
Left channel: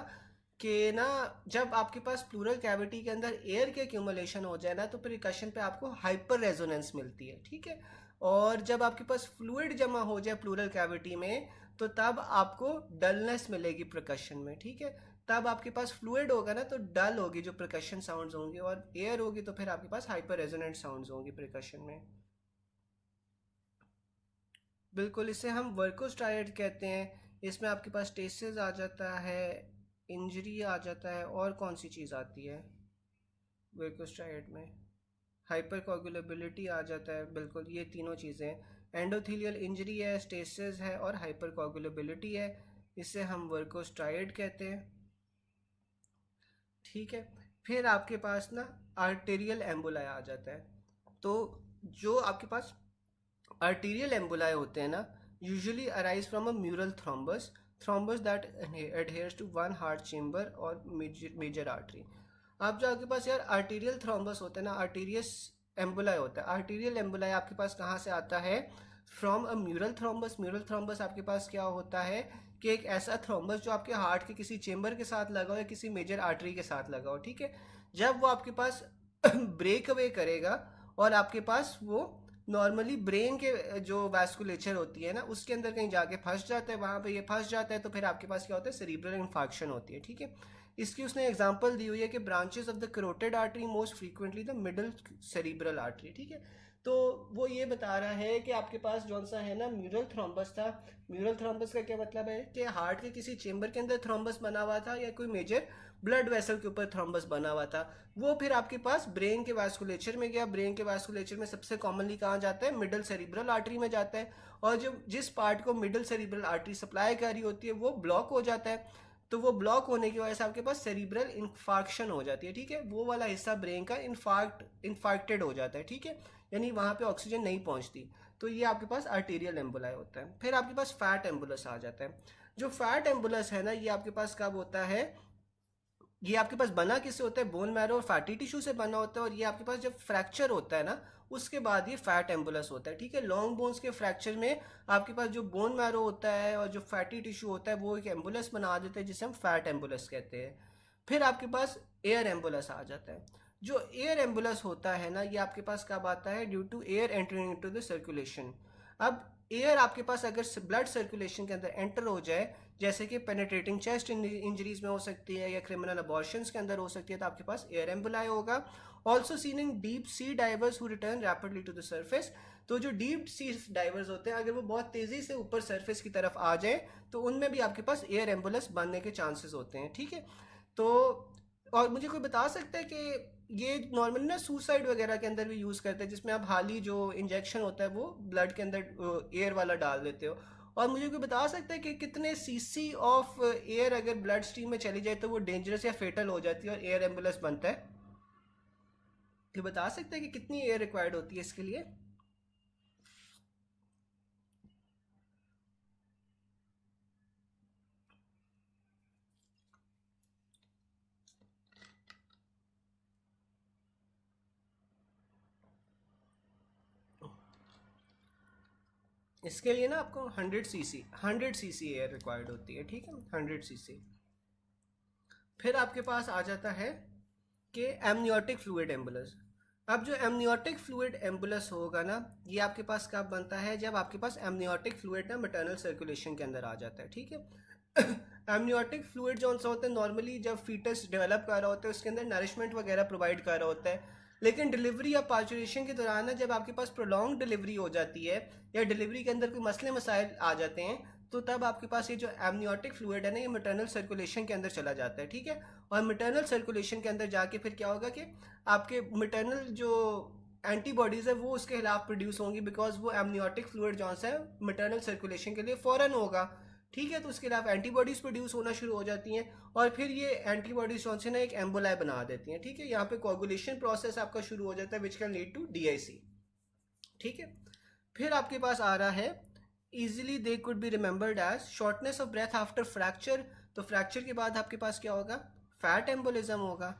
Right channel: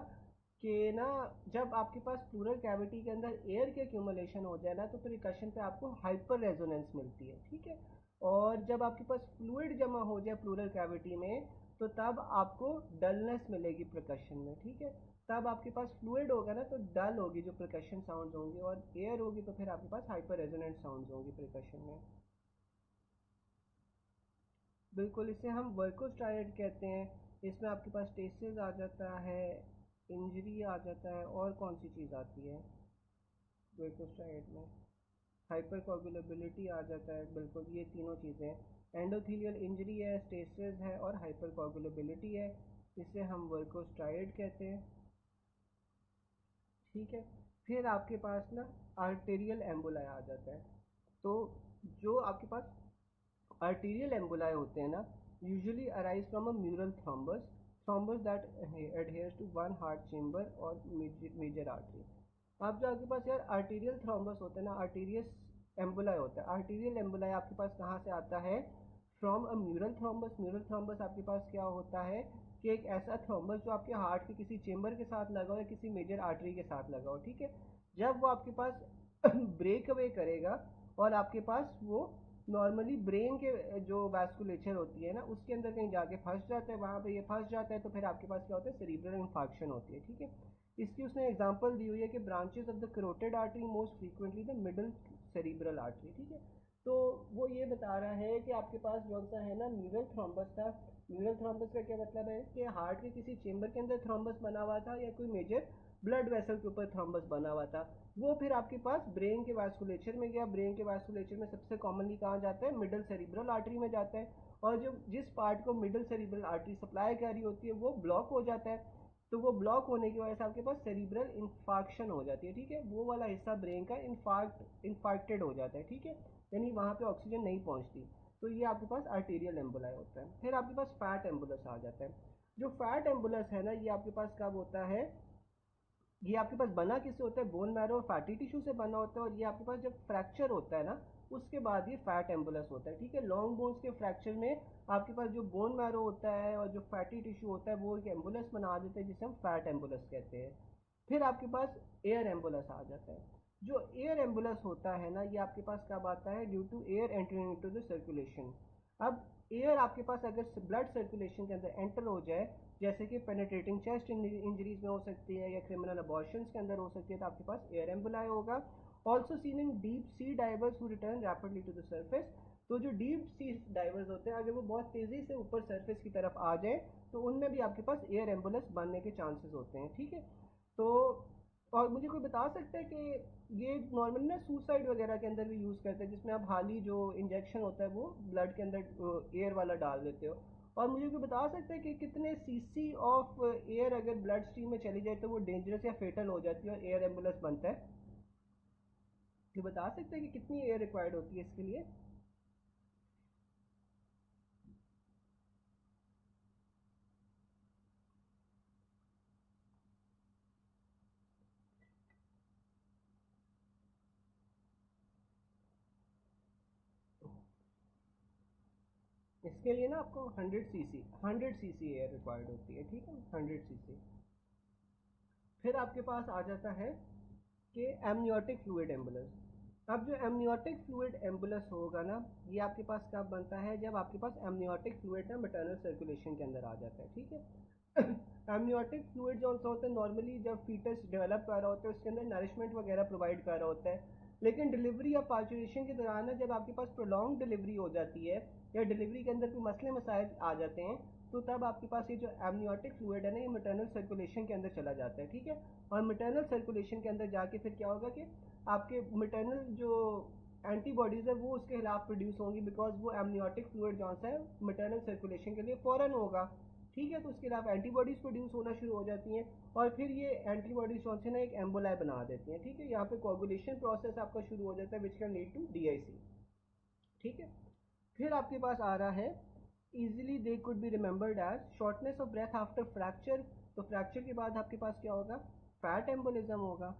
कि ना जब आपके पास प्लूरल कैविटी के अंदर एयर के एक्यूमुलेशन हो जाए ना तो प्रिकशन पे आपको हाइपर रेजोनेंस मिलती है, ठीक है। और जब आपके पास फ्लूइड जमा हो जाए प्लूरल कैविटी में तो तब आपको डलनेस मिलेगी प्रकशन में, ठीक है। तब आपके पास फ्लूइड होगा ना तो डल होगी जो प्रकशन साउंड्स होंगे, और एयर होगी तो फिर आपके पास हाइपर रेजोनेंट साउंड्स होंगी प्रकशन में। बिल्कुल, इसे हम वर्कोस्ट्राइड कहते हैं। इसमें आपके पास टेसेस आ जाता है, इंजरी आ जाता है, और कौन सी चीज़ आती है वर्कोस्ट्राइड में, हाइपर कोगुलेबिलिटी आ जाता है। बिल्कुल, ये तीनों चीज़ें हैं, एंडोथीलियल इंजरी है, स्टेसिस है, और हाइपर कोगुलेबिलिटी है। इसे हम वर्कोस्ट्राइड कहते हैं, ठीक है। फिर आपके पास ना आर्टेरियल एम्बुलाई आ जाता है। तो जो आपके पास arterial emboli होते हैं ना usually arise from a mural thrombus that adheres to one heart chamber और major artery। अब जो आपके पास यार arterial thrombus होता है ना, arterious emboli होता है। arterial emboli आपके पास कहाँ से आता है, from a mural thrombus. Mural thrombus आपके पास क्या होता है कि एक ऐसा थ्रोम्बस जो आपके हार्ट के किसी चेम्बर के साथ लगा हो या किसी मेजर आर्टरी के साथ लगा हो, ठीक है। जब वो आपके पास ब्रेक अवे करेगा और आपके पास वो नॉर्मली ब्रेन के जो वैस्कुलेचर होती है ना उसके अंदर कहीं जाके फंस जाता है, वहाँ पे ये फंस जाता है तो फिर आपके पास क्या होता है, सेरिब्रल इन्फार्क्शन होती है, ठीक है। इसकी उसने एग्जांपल दी हुई है कि branches of the carotid artery most frequently the middle cerebral artery, ठीक है। तो वो ये बता रहा है कि आपके पास जौन सा है ना म्यूरल थ्रोम्बस था। म्यूरल थ्रोम्बस का क्या मतलब है कि हार्ट के किसी चेम्बर के अंदर थ्रोम्बस बना हुआ था या कोई मेजर ब्लड वेसल के ऊपर थ्रोम्बस बना हुआ था। वो फिर आपके पास ब्रेन के वास्कुलेचर में गया। ब्रेन के वास्कुलेचर में सबसे कॉमनली कहाँ जाता है, मिडल सेरिब्रल आर्टरी में जाता है। और जो जिस पार्ट को मिडल सेरिब्रल आर्टरी सप्लाई कर रही होती है वो ब्लॉक हो जाता है। तो वो ब्लॉक होने की वजह से आपके पास सेरिब्रल इन्फार्क्शन हो जाती है, ठीक है। वो वाला हिस्सा ब्रेन का इन्फार्क्टेड हो जाता है, ठीक है, यानी वहाँ पे ऑक्सीजन नहीं पहुँचती। तो ये आपके पास आर्टेरियल एम्बुलाई होता है। फिर आपके पास फैट एम्बुलस आ जाता है। जो फैट एम्बुलस है ना ये आपके पास कब होता है, ये आपके पास बना किससे होता है, बोन मैरो और फैटी टिश्यू से बना होता है। और ये आपके पास जब फ्रैक्चर होता है ना उसके बाद ये फैट एम्बुलस होता है, ठीक है। लॉन्ग बोन्स के फ्रैक्चर में आपके पास जो बोन मैरो होता है और जो फैटी टिश्यू होता है वो एक एम्बुलस बना देते हैं जिसे हम फैट एम्बुलस कहते हैं। फिर आपके पास एयर एम्बुलस आ जाता है। जो एयर एम्बुलस होता है ना ये आपके पास कब आता है, due to air entering into the circulation. अब एयर आपके पास अगर ब्लड सर्कुलेशन के अंदर एंटर हो जाए, जैसे कि पेनिट्रेटिंग चेस्ट इंजरीज में हो सकती है या क्रिमिनल अबॉर्शंस के अंदर हो सकती है, तो आपके पास एयर एम्बुलाई होगा। Also seen in deep sea divers who return rapidly to the surface. तो जो डीप सी डाइवर्स होते हैं अगर वो बहुत तेज़ी से ऊपर सरफेस की तरफ आ जाए तो उनमें भी आपके पास एयर एम्बुलेंस बनने के चांसेस होते हैं, ठीक है। तो और मुझे कोई बता सकता है कि ये नॉर्मली ना सुसाइड वगैरह के अंदर भी यूज़ करते हैं, जिसमें आप हाल ही जो इंजेक्शन होता है वो ब्लड के अंदर एयर वाला डाल देते हो। और मुझे कोई बता सकता है कि कितने सीसी ऑफ एयर अगर ब्लड स्ट्रीम में चली जाए तो वो डेंजरस या फेटल हो जाती है और एयर एम्बुलेंस बनता है। ये बता सकते हैं कि कितनी एयर रिक्वायर्ड होती है इसके लिए। इसके लिए ना आपको 100 सीसी एयर रिक्वायर्ड होती है, ठीक है, 100 सीसी। फिर आपके पास आ जाता है कि एमनियोटिक फ्लूइड एम्बुलस। अब जो एमनियोटिक फ्लूइड एम्बुलस होगा ना ये आपके पास कब बनता है, जब आपके पास एमनियोटिक फ्लूइड ना मैटरनल सर्कुलेशन के अंदर आ जाता है, ठीक है। एमनियोटिक फ्लूइड जो सा होता है नॉर्मली जब फीटस डेवलप कर रहा होता है उसके अंदर नरिशमेंट वगैरह प्रोवाइड कर रहा होता है, लेकिन डिलीवरी या पार्चुरेशन के दौरान ना जब आपके पास प्रोलॉन्ग डिलीवरी हो जाती है या डिलीवरी के अंदर कोई मसले मसाइल आ जाते हैं, तो तब आपके पास ये जो एमनियोटिक फ्लूइड है ना ये मैटरनल सर्कुलेशन के अंदर चला जाता है, ठीक है। और मैटरनल सर्कुलेशन के अंदर जाके फिर क्या होगा कि आपके मैटरनल जो एंटीबॉडीज़ है वो उसके खिलाफ प्रोड्यूस होंगी, बिकॉज वो एमनियोटिक फ्लूइड जो है मैटरनल सर्कुलेशन के लिए फ़ौरन होगा, ठीक है। तो उसके खिलाफ एंटीबॉडीज़ प्रोड्यूस होना शुरू हो जाती हैं और फिर ये एंटीबॉडीज जो है ना एक एम्बोलाई बना देती हैं, ठीक है। यहाँ पे कोगुलेशन प्रोसेस आपका शुरू हो जाता है which can lead to DIC, ठीक है। फिर आपके पास आ रहा है easily they could be remembered as shortness of breath after fracture। तो फ्रैक्चर के बाद आपके पास क्या होगा, फैट एम्बोलिज्म होगा।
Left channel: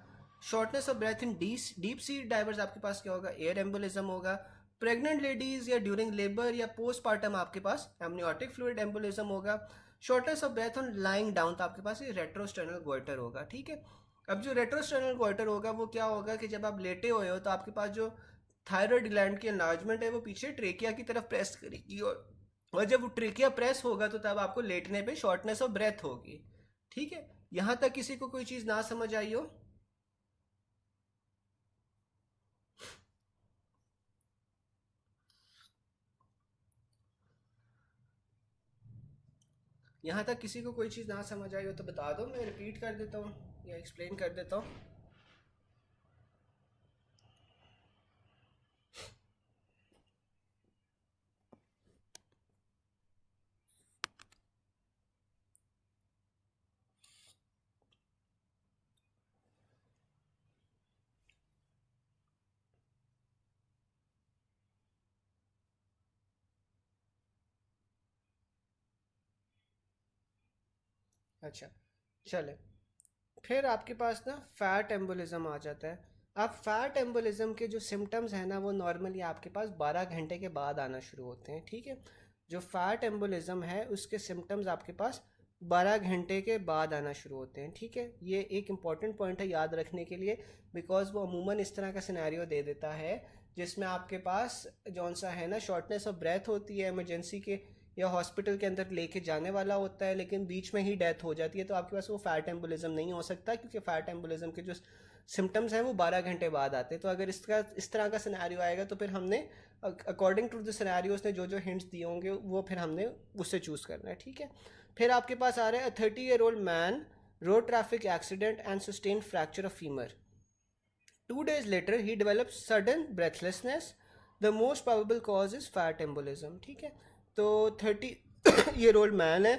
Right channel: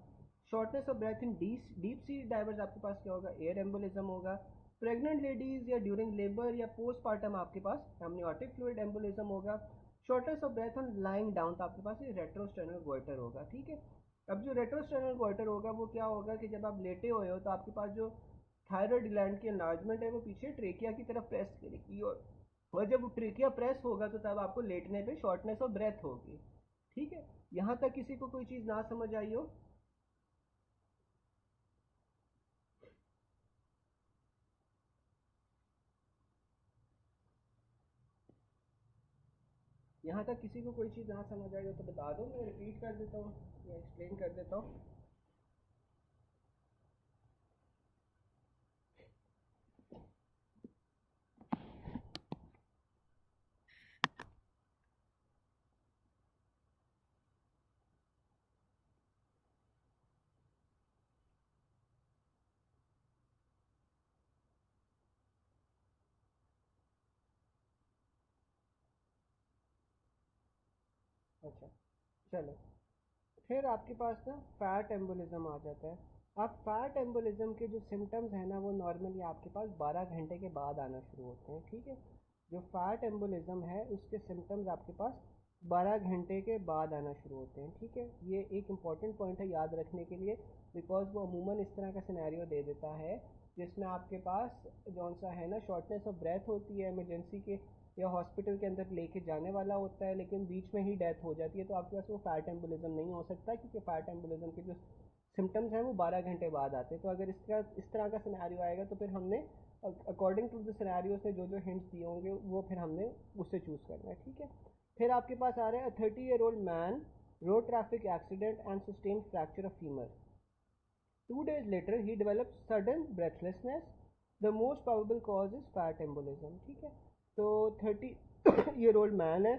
Shortness of breath in deep sea divers आपके पास क्या होगा, एयर एम्बोलिज्म होगा। प्रेग्नेंट लेडीज या ड्यूरिंग लेबर या पोस्टपार्टम आपके पास एमनियोटिक फ्लूइड एम्बोलिज्म होगा। Shortness of breath on lying down तो आपके पास ये रेट्रोस्टर्नल गोइटर होगा, ठीक है। अब जो रेट्रोस्टर्नल गोइटर होगा वो क्या होगा कि जब आप लेटे हुए हो तो आपके पास जो थायराइड ग्लैंड की एनलार्जमेंट है वो पीछे ट्रेकिया की तरफ प्रेस करेगी और जब वो ट्रेकिया प्रेस होगा तो तब आपको लेटने पे शॉर्टनेस ऑफ ब्रेथ होगी, ठीक है। यहाँ तक किसी को कोई चीज़ ना समझ आई हो? यहाँ तक किसी को कोई चीज़ ना समझ आई हो तो बता दो, मैं रिपीट कर देता हूँ या एक्सप्लेन कर देता हूँ। अच्छा चले, फिर आपके पास ना फैट एम्बोलिज्म आ जाता है। अब फैट एम्बोलिज्म के जो सिम्टम्स हैं ना वो नॉर्मली आपके पास 12 घंटे के बाद आना शुरू होते हैं, ठीक है। जो फैट एम्बोलिज्म है उसके सिम्टम्स आपके पास 12 घंटे के बाद आना शुरू होते हैं, ठीक है। ये एक इंपॉर्टेंट पॉइंट है याद रखने के लिए, बिकॉज वो अमूमन इस तरह का सिनेरियो दे देता है जिसमें आपके पास जौन सा है ना शॉर्टनेस ऑफ ब्रेथ होती है इमरजेंसी के या हॉस्पिटल के अंदर लेके जाने वाला होता है, लेकिन बीच में ही डेथ हो जाती है, तो आपके पास वो फैट एम्बोलिज्म नहीं हो सकता क्योंकि फैट एम्बोलिज्म के जो सिम्टम्स हैं वो 12 घंटे बाद आते हैं। तो अगर इस तरह का सिनेरियो आएगा तो फिर हमने अकॉर्डिंग टू द सिनेरियोज ने जो जो हिंट्स दिए होंगे वो फिर हमने उससे चूज़ करना है, ठीक है। फिर आपके पास आ रहा है 30-year-old main road traffic accident and sustain fracture of femur. 2 days later he develops sudden breathlessness, the most probable cause is fat embolism, ठीक है। तो 30-year-old मैन है,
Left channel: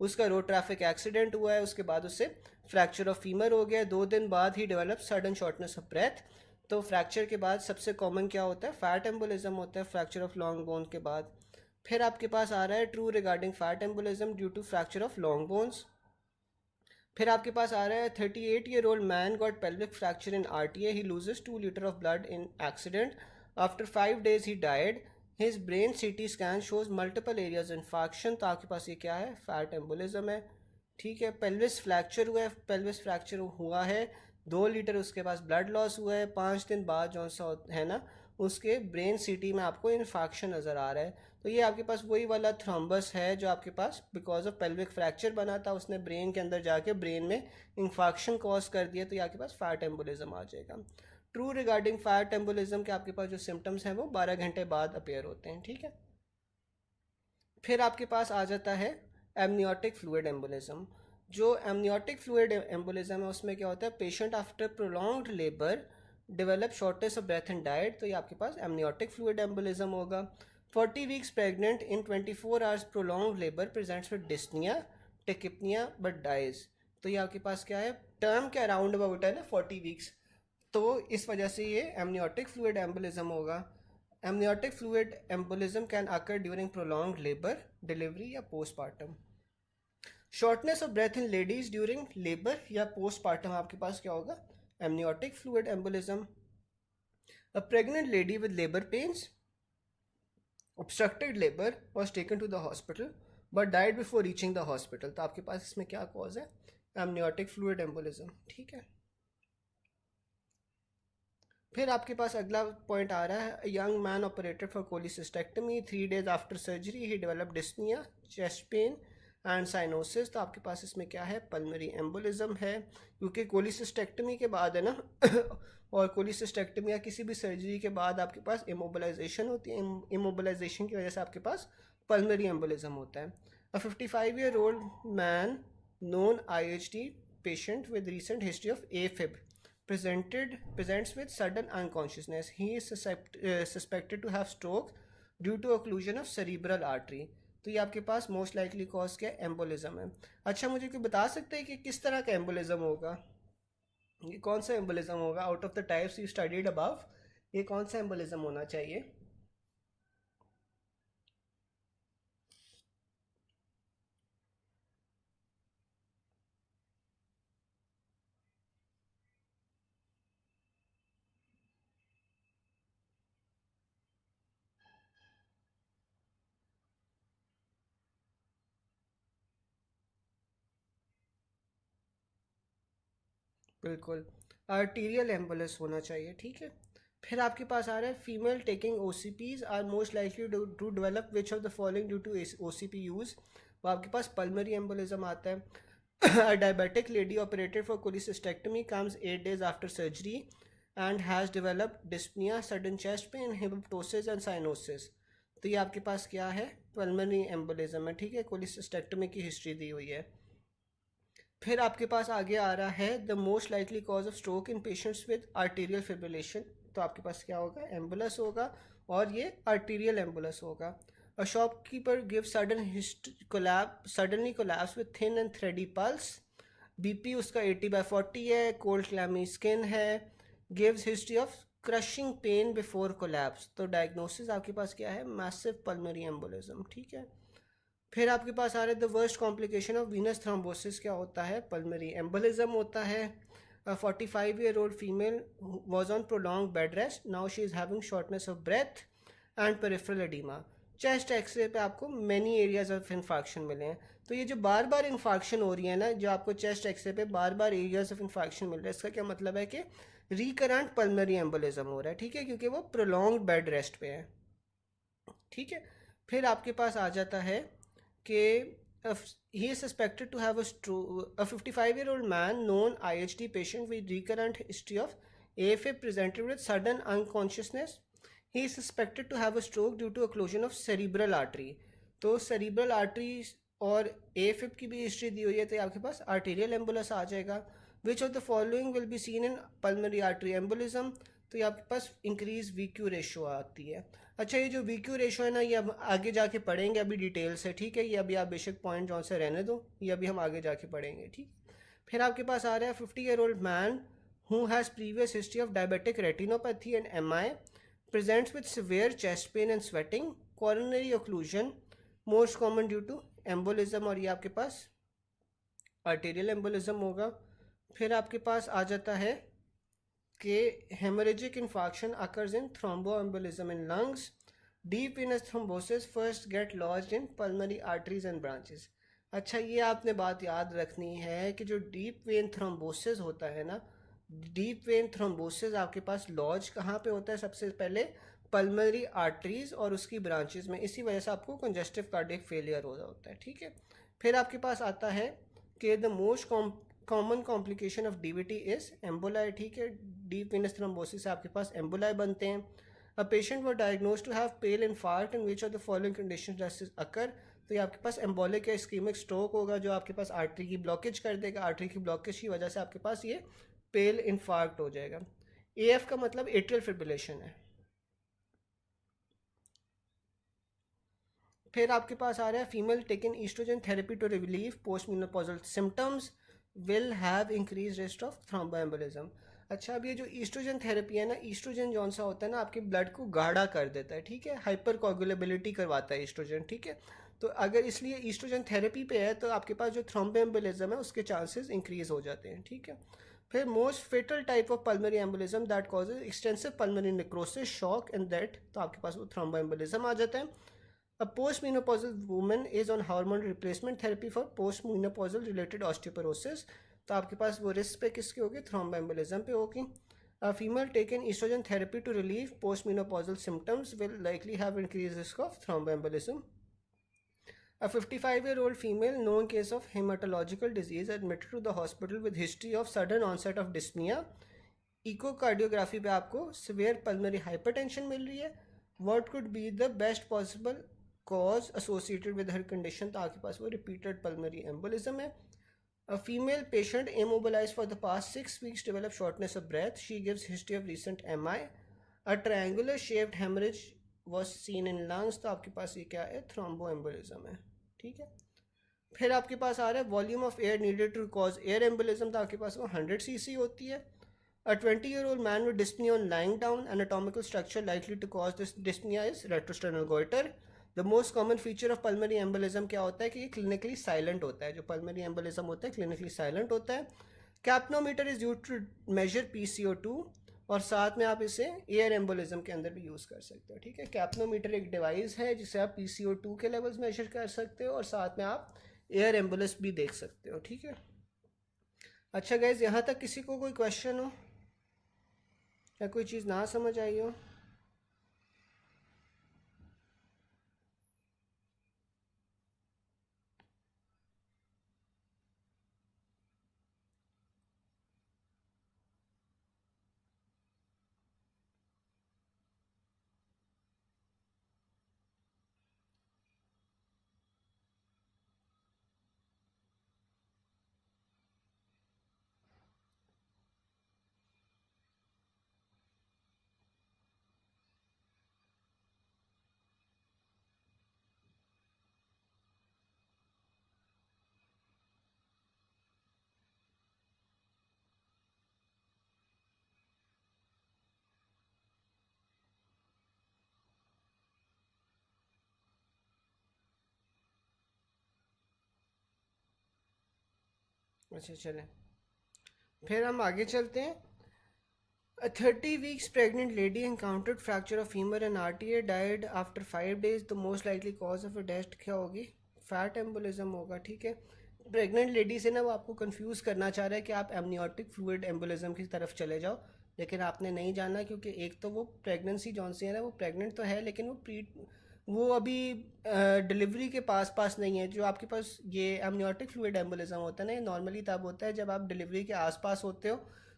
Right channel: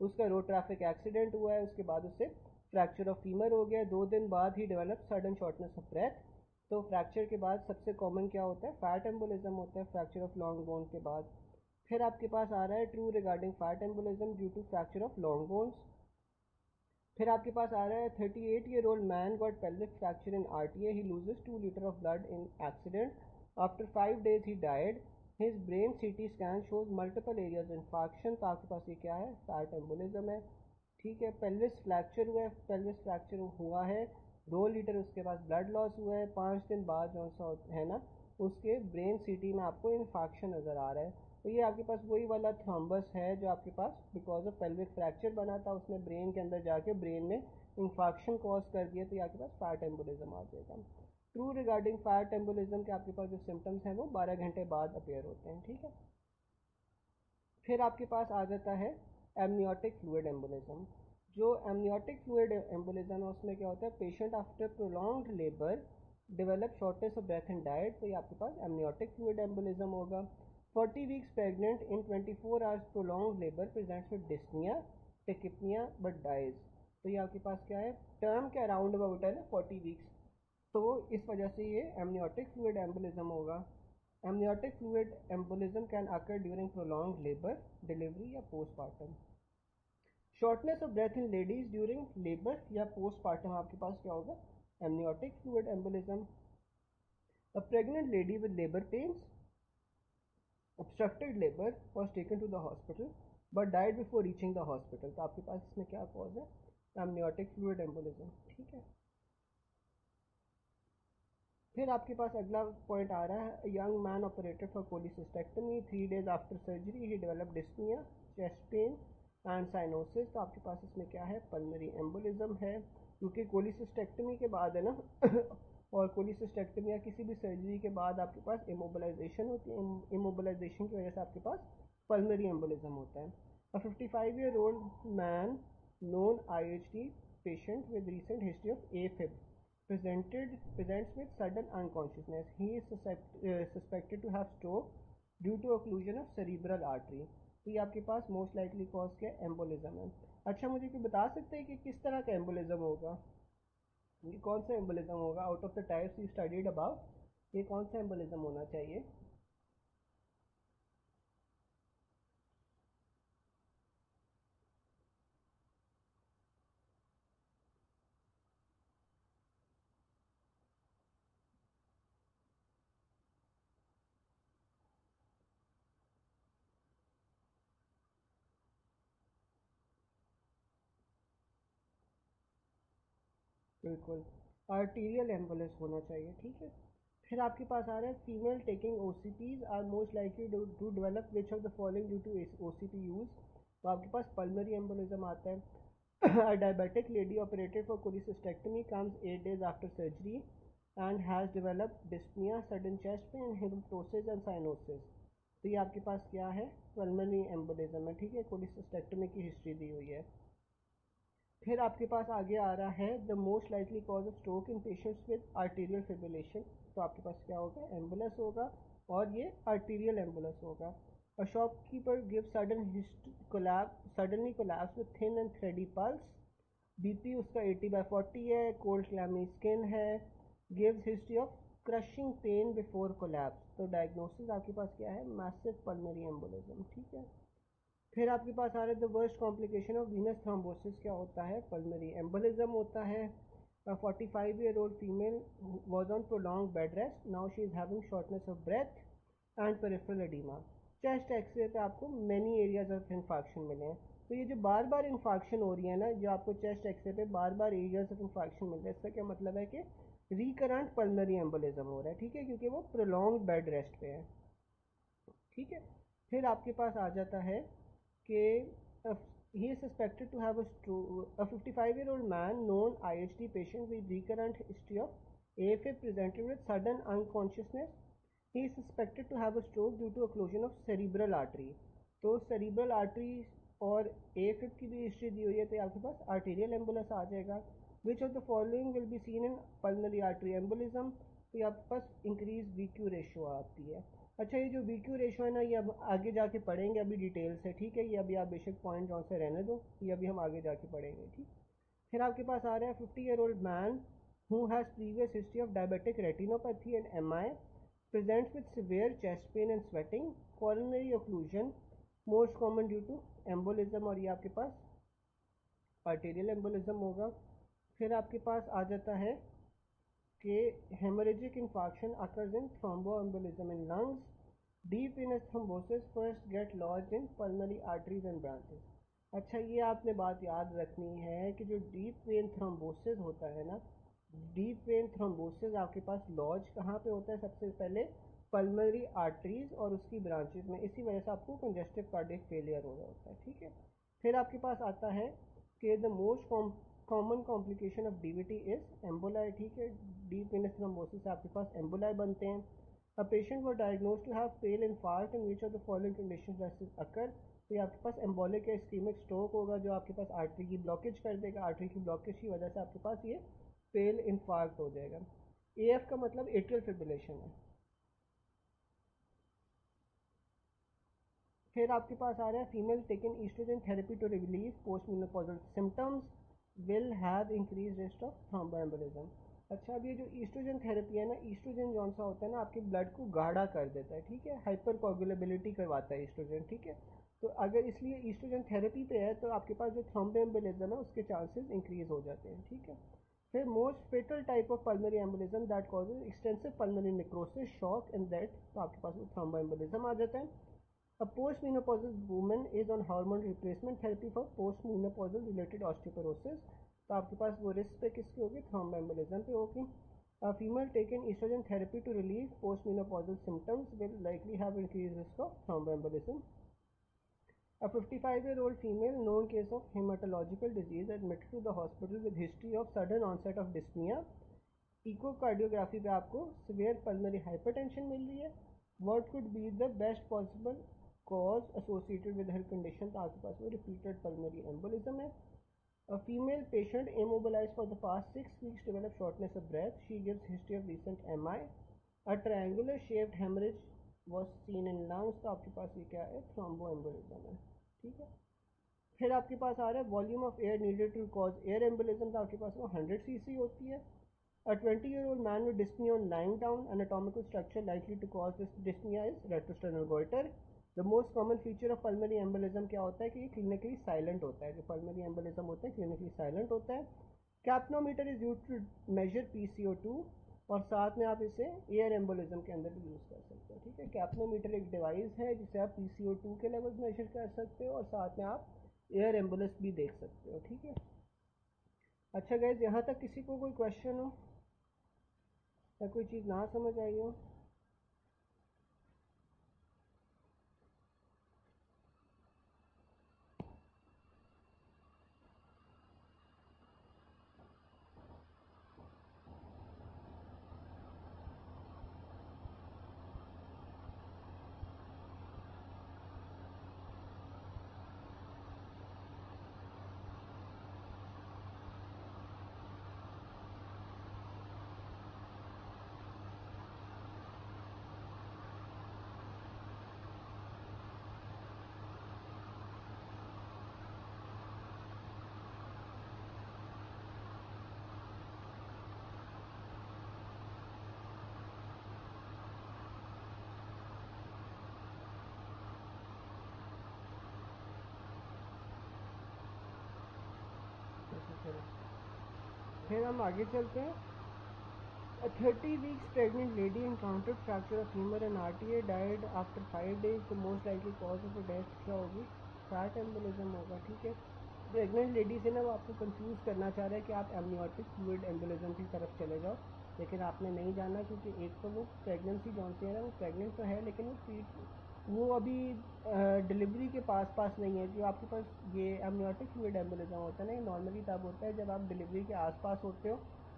उसका रोड ट्रैफिक एक्सीडेंट हुआ है, उसके बाद उससे फ्रैक्चर ऑफ फीमर हो गया, 2 दिन बाद ही develop sudden shortness of breath. तो फ्रैक्चर के बाद सबसे कॉमन क्या होता है, फैट एम्बोलिज्म होता है फ्रैक्चर ऑफ लॉन्ग बोन के बाद। फिर आपके पास आ रहा है true regarding fat embolism due to fracture of long bones. फिर आपके पास आ रहा है 38-year-old man got pelvic fracture in RTA, he loses 2 litre of blood in accident, after 5 days he died, his brain CT scan shows multiple areas infection. तो आपके पास ये क्या है, फैट एम्बोलिज्म है, ठीक है। पेल्विस फ्रैक्चर हुआ है, पेल्विस फ्रैक्चर हुआ है, 2 लीटर उसके पास ब्लड लॉस हुआ है, 5 दिन बाद जो सा है ना उसके ब्रेन CT में आपको इन्फेक्शन नज़र आ रहा है। तो ये आपके पास वही वाला थ्रोम्बस है जो आपके पास बिकॉज ऑफ पेल्विक फ्रैक्चर बना था, उसने ब्रेन के अंदर जाके ब्रेन में इन्फेक्शन कॉज कर दिया, तो ये आपके पास फैट एम्बोलिज्म आ जाएगा। ट्रू रिगार्डिंग फैट एम्बोलिज्म के आपके पास जो सिम्टम्स हैं वो 12 घंटे बाद अपेयर होते हैं, ठीक है। फिर आपके पास आ जाता है एमनियोटिक फ्लूइड एम्बोलिज्म। जो एमनियोटिक फ्लूइड एम्बोलिज्म है उसमें क्या होता है, patient after prolonged labour develop shortness of breath and died, तो ये आपके पास एमनियोटिक फ्लूइड एम्बोलिज्म होगा। 40 weeks pregnant in 24 hours prolong labour presents with dyspnoea tachypnoea but dies. तो ये आपके पास क्या है, टर्म के अराउंड अबाउट है ना 40 वीक्स, तो इस वजह से ये एमनियोटिक फ्लूइड एम्बोलिज्म होगा। Amniotic fluid embolism can occur during prolong labour, delivery या postpartum. Shortness of breath in ladies during labour या पोस्टपार्टम आपके पास क्या होगा, amniotic fluid embolism. A pregnant lady with labour pains obstructed labor was taken to the hospital but died before reaching the hospital। तो आपके पास इसमें क्या cause है, एमनियोटिक फ्लूइड एम्बोलिज्म, ठीक है। फिर आपके पास अगला पॉइंट आ रहा है, young man operated for cholecystectomy, 3 days after surgery ही develop dyspnoea, chest pain and cyanosis, तो आपके पास इसमें क्या है, पल्मरी एम्बोलिज्म है, क्योंकि कोलिसिस्टेक्टमी के बाद है ना और कोलिसिस्टेक्टमी या किसी भी सर्जरी के बाद आपके पास इमोबलाइजेशन होती है, इमोबलाइजेशन की वजह से आपके पास पल्मरी एम्बोलिज्म होता है। अ 55-year-old man non IHD patient with recent history of AFib presents with sudden unconsciousness. He is suspected to have stroke due to occlusion of cerebral artery. तो ये आपके पास मोस्ट लाइकली कॉज क्या, embolism है। अच्छा, मुझे कोई बता सकते हैं कि किस तरह का एम्बोलिज्म होगा, ये कौन सा एम्बोलिज्म होगा out of the types you studied above, ये कौन सा एम्बोलिज्म होना चाहिए? बिल्कुल, आर्टीरियल एम्बुलेंस होना चाहिए, ठीक है। फिर आपके पास आ रहा है female taking OCPs are most likely to develop which of the following due to OCP use. वो आपके पास पल्मरी एम्बोलिज्म आता है। A diabetic lady operated for cholecystectomy comes 8 days after surgery and has developed dyspnea, sudden chest pain, hemoptysis and cyanosis। तो ये आपके पास क्या है, पल्मरी एम्बोलिज्म है, ठीक है, कोलिसिस्टेक्टमी की हिस्ट्री दी हुई है। फिर आपके पास आगे आ रहा है the most likely cause of stroke in patients with arterial fibrillation. तो आपके पास क्या होगा, एम्बुलस होगा, और ये आर्टीरियल एम्बुलस होगा। A shopkeeper give suddenly collapse with thin and thready pulse, BP उसका 80/40 है, कोल्ड क्लैमी स्किन है, gives history of crushing pain before collapse. तो डायग्नोसिस आपके पास क्या है, मैसिव पल्मरी एम्बोलिज्म, ठीक है। फिर आपके पास आ रहा है the worst complication of venous thrombosis, क्या होता है, पल्मरी एम्बोलिज्म होता है। 45-year-old female was on prolong bed rest, now she is having shortness of breath and peripheral oedema. Chest x-ray पे आपको मैनी एरियाज ऑफ इन्फाक्शन मिले हैं। तो ये जो बार बार इन्फाक्शन हो रही है ना, जो आपको चेस्ट एक्सरे पे बार बार एरियाज ऑफ इन्फाक्शन मिल रहा है, इसका क्या मतलब है कि रिकरेंट पल्मरी एम्बोलिज्म हो रहा है, ठीक है, क्योंकि वो प्रोलॉन्ग बेड रेस्ट पे है, ठीक है। फिर आपके पास आ जाता है कि he is suspected to have a stroke. A 55-year-old man, known IHD patient with recurrent history of AFib, presented with sudden unconsciousness. He is suspected to have a stroke due to occlusion of cerebral artery. तो cerebral arteries और AFib की भी history दी हुई है, तो आपके पास arterial embolus आ जाएगा। Which of the following will be seen in pulmonary artery embolism? तो ये आपके पास इंक्रीज VQ रेशो आती है। अच्छा, ये जो VQ रेशो है ना, ये अब आगे जाके पढ़ेंगे अभी डिटेल से, ठीक है, ये अभी आप बेशक पॉइंट जौन से रहने दो, ये अभी हम आगे जाके पढ़ेंगे, ठीक। फिर आपके पास आ रहा है 50-year-old man who has previous history of diabetic retinopathy and MI, presents with severe chest pain and sweating, coronary occlusion, most common due to embolism, और ये आपके पास arterial embolism होगा। फिर आपके पास आ जाता है कि hemorrhagic infarction occurs in thromboembolism in lungs. Deep venous thrombosis first get lodged in pulmonary arteries and branches. अच्छा, ये आपने बात याद रखनी है कि जो डीप वेन थ्रोम्बोसिस होता है ना, डीप वेन थ्रोम्बोसिस आपके पास लॉज कहाँ पे होता है, सबसे पहले पल्मनरी आर्टरीज और उसकी ब्रांचेस में, इसी वजह से आपको कंजेस्टिव कार्डियक फेलियर हो रहा होता है, ठीक है। फिर आपके पास आता है कि the most common complication of DVT is emboli, ठीक है, डीप वेनस थ्रोम्बोसिस से आपके पास एम्बोलाई बनते हैं। A patient were diagnosed to have pale infarct in which of the following condition does occur. तो ये आपके पास एम्बोलिक या इस्कीमिक स्ट्रोक होगा, जो आपके पास आर्टरी की ब्लॉकेज कर देगा, आर्टरी की ब्लॉकेज की वजह से आपके पास ये पेल इन्फार्क्ट हो जाएगा। AF का मतलब एट्रियल फिब्रिलेशन है। फिर आपके पास आ रहा है female taken oestrogen therapy to relieve post menopausal symptoms will have increase risk of thromboembolism. अच्छा, अब ये जो ईस्ट्रोजन थेरेपी है ना, ईस्ट्रोजन जौन सा होता है ना, आपके ब्लड को गाढ़ा कर देता है, ठीक है, हाइपर कोगुलेबिलिटी करवाता है ईस्ट्रोजन, ठीक है। तो अगर इसलिए ईस्ट्रोजन थेरेपी पे है तो आपके पास जो थ्रोम्बोएम्बोलिज्म है उसके चांसेस इंक्रीज हो जाते हैं, ठीक है। फिर most fatal type of pulmonary embolism that causes extensive pulmonary necrosis, shock and death, तो आपके पास वो थ्रोम्बोएम्बोलिज्म आ जाता है। A postmenopausal woman is on hormone replacement therapy for postmenopausal related osteoporosis, तो आपके पास वो रिस्क पे किसकी होगी, थ्रोम्बोएम्बोलिज्म पे होगी। A female taken estrogen therapy to relieve postmenopausal symptoms will likely have increased risk of thromboembolism. A 55-year-old female, known case of hematological disease, admitted to the hospital with history of sudden onset of dyspnea. Echocardiography पे आपको severe pulmonary hypertension मिल रही है. What could be the best possible cause associated with her condition? तो आपके पास वो repeated pulmonary embolism है. A female patient immobilized for the past 6 weeks developed shortness of breath. She gives history of recent MI. A triangular shaped hemorrhage was seen in lungs. तो आपके पास ये क्या है? Thromboembolism है. ठीक है. फिर आपके पास आ रहा है volume of air needed to cause air embolism. तो आपके पास वो 100 cc होती है. A 20-year-old man with dyspnea on lying down, anatomical structure likely to cause this dyspnea is retrosternal goiter. The most common feature of pulmonary embolism क्या होता है कि ये clinically silent होता है. जो pulmonary embolism होता है clinically silent होता है. Capnometer is used to measure PCO2 और साथ में आप इसे एयर एम्बोलिज्म के अंदर भी यूज़ कर सकते हो. ठीक है. कैप्नोमीटर एक डिवाइस है जिसे आप PCO2 के लेवल्स मेजर कर सकते हो और साथ में आप एयर एम्बुलेंस भी देख सकते हो. ठीक है. अच्छा गाइज, यहाँ तक किसी को कोई क्वेश्चन हो या कोई चीज़ ना समझ आई हो? अच्छा चलें, फिर हम आगे चलते हैं. A 30 weeks pregnant lady encountered fracture of femur and RTA, died after 5 days. The most likely cause of a death क्या होगी? फैट एम्बोलिज्म होगा. ठीक है. प्रेग्नेंट लेडी से ना वो आपको कंफ्यूज करना चाह रहा है कि आप एमनियोटिक फ्लूइड एम्बोलिज्म की तरफ चले जाओ, लेकिन आपने नहीं जाना क्योंकि एक तो वो प्रेगनेंसी जौन सी है ना वो प्रेग्नेंट तो है लेकिन वो अभी डिलीवरी के पास नहीं है. जो आपके पास ये एमनियोटिक फ्लूइड एम्बोलिज्म होता है ना, ये नॉर्मली तब होता है जब आप डिलीवरी के आसपास होते हो,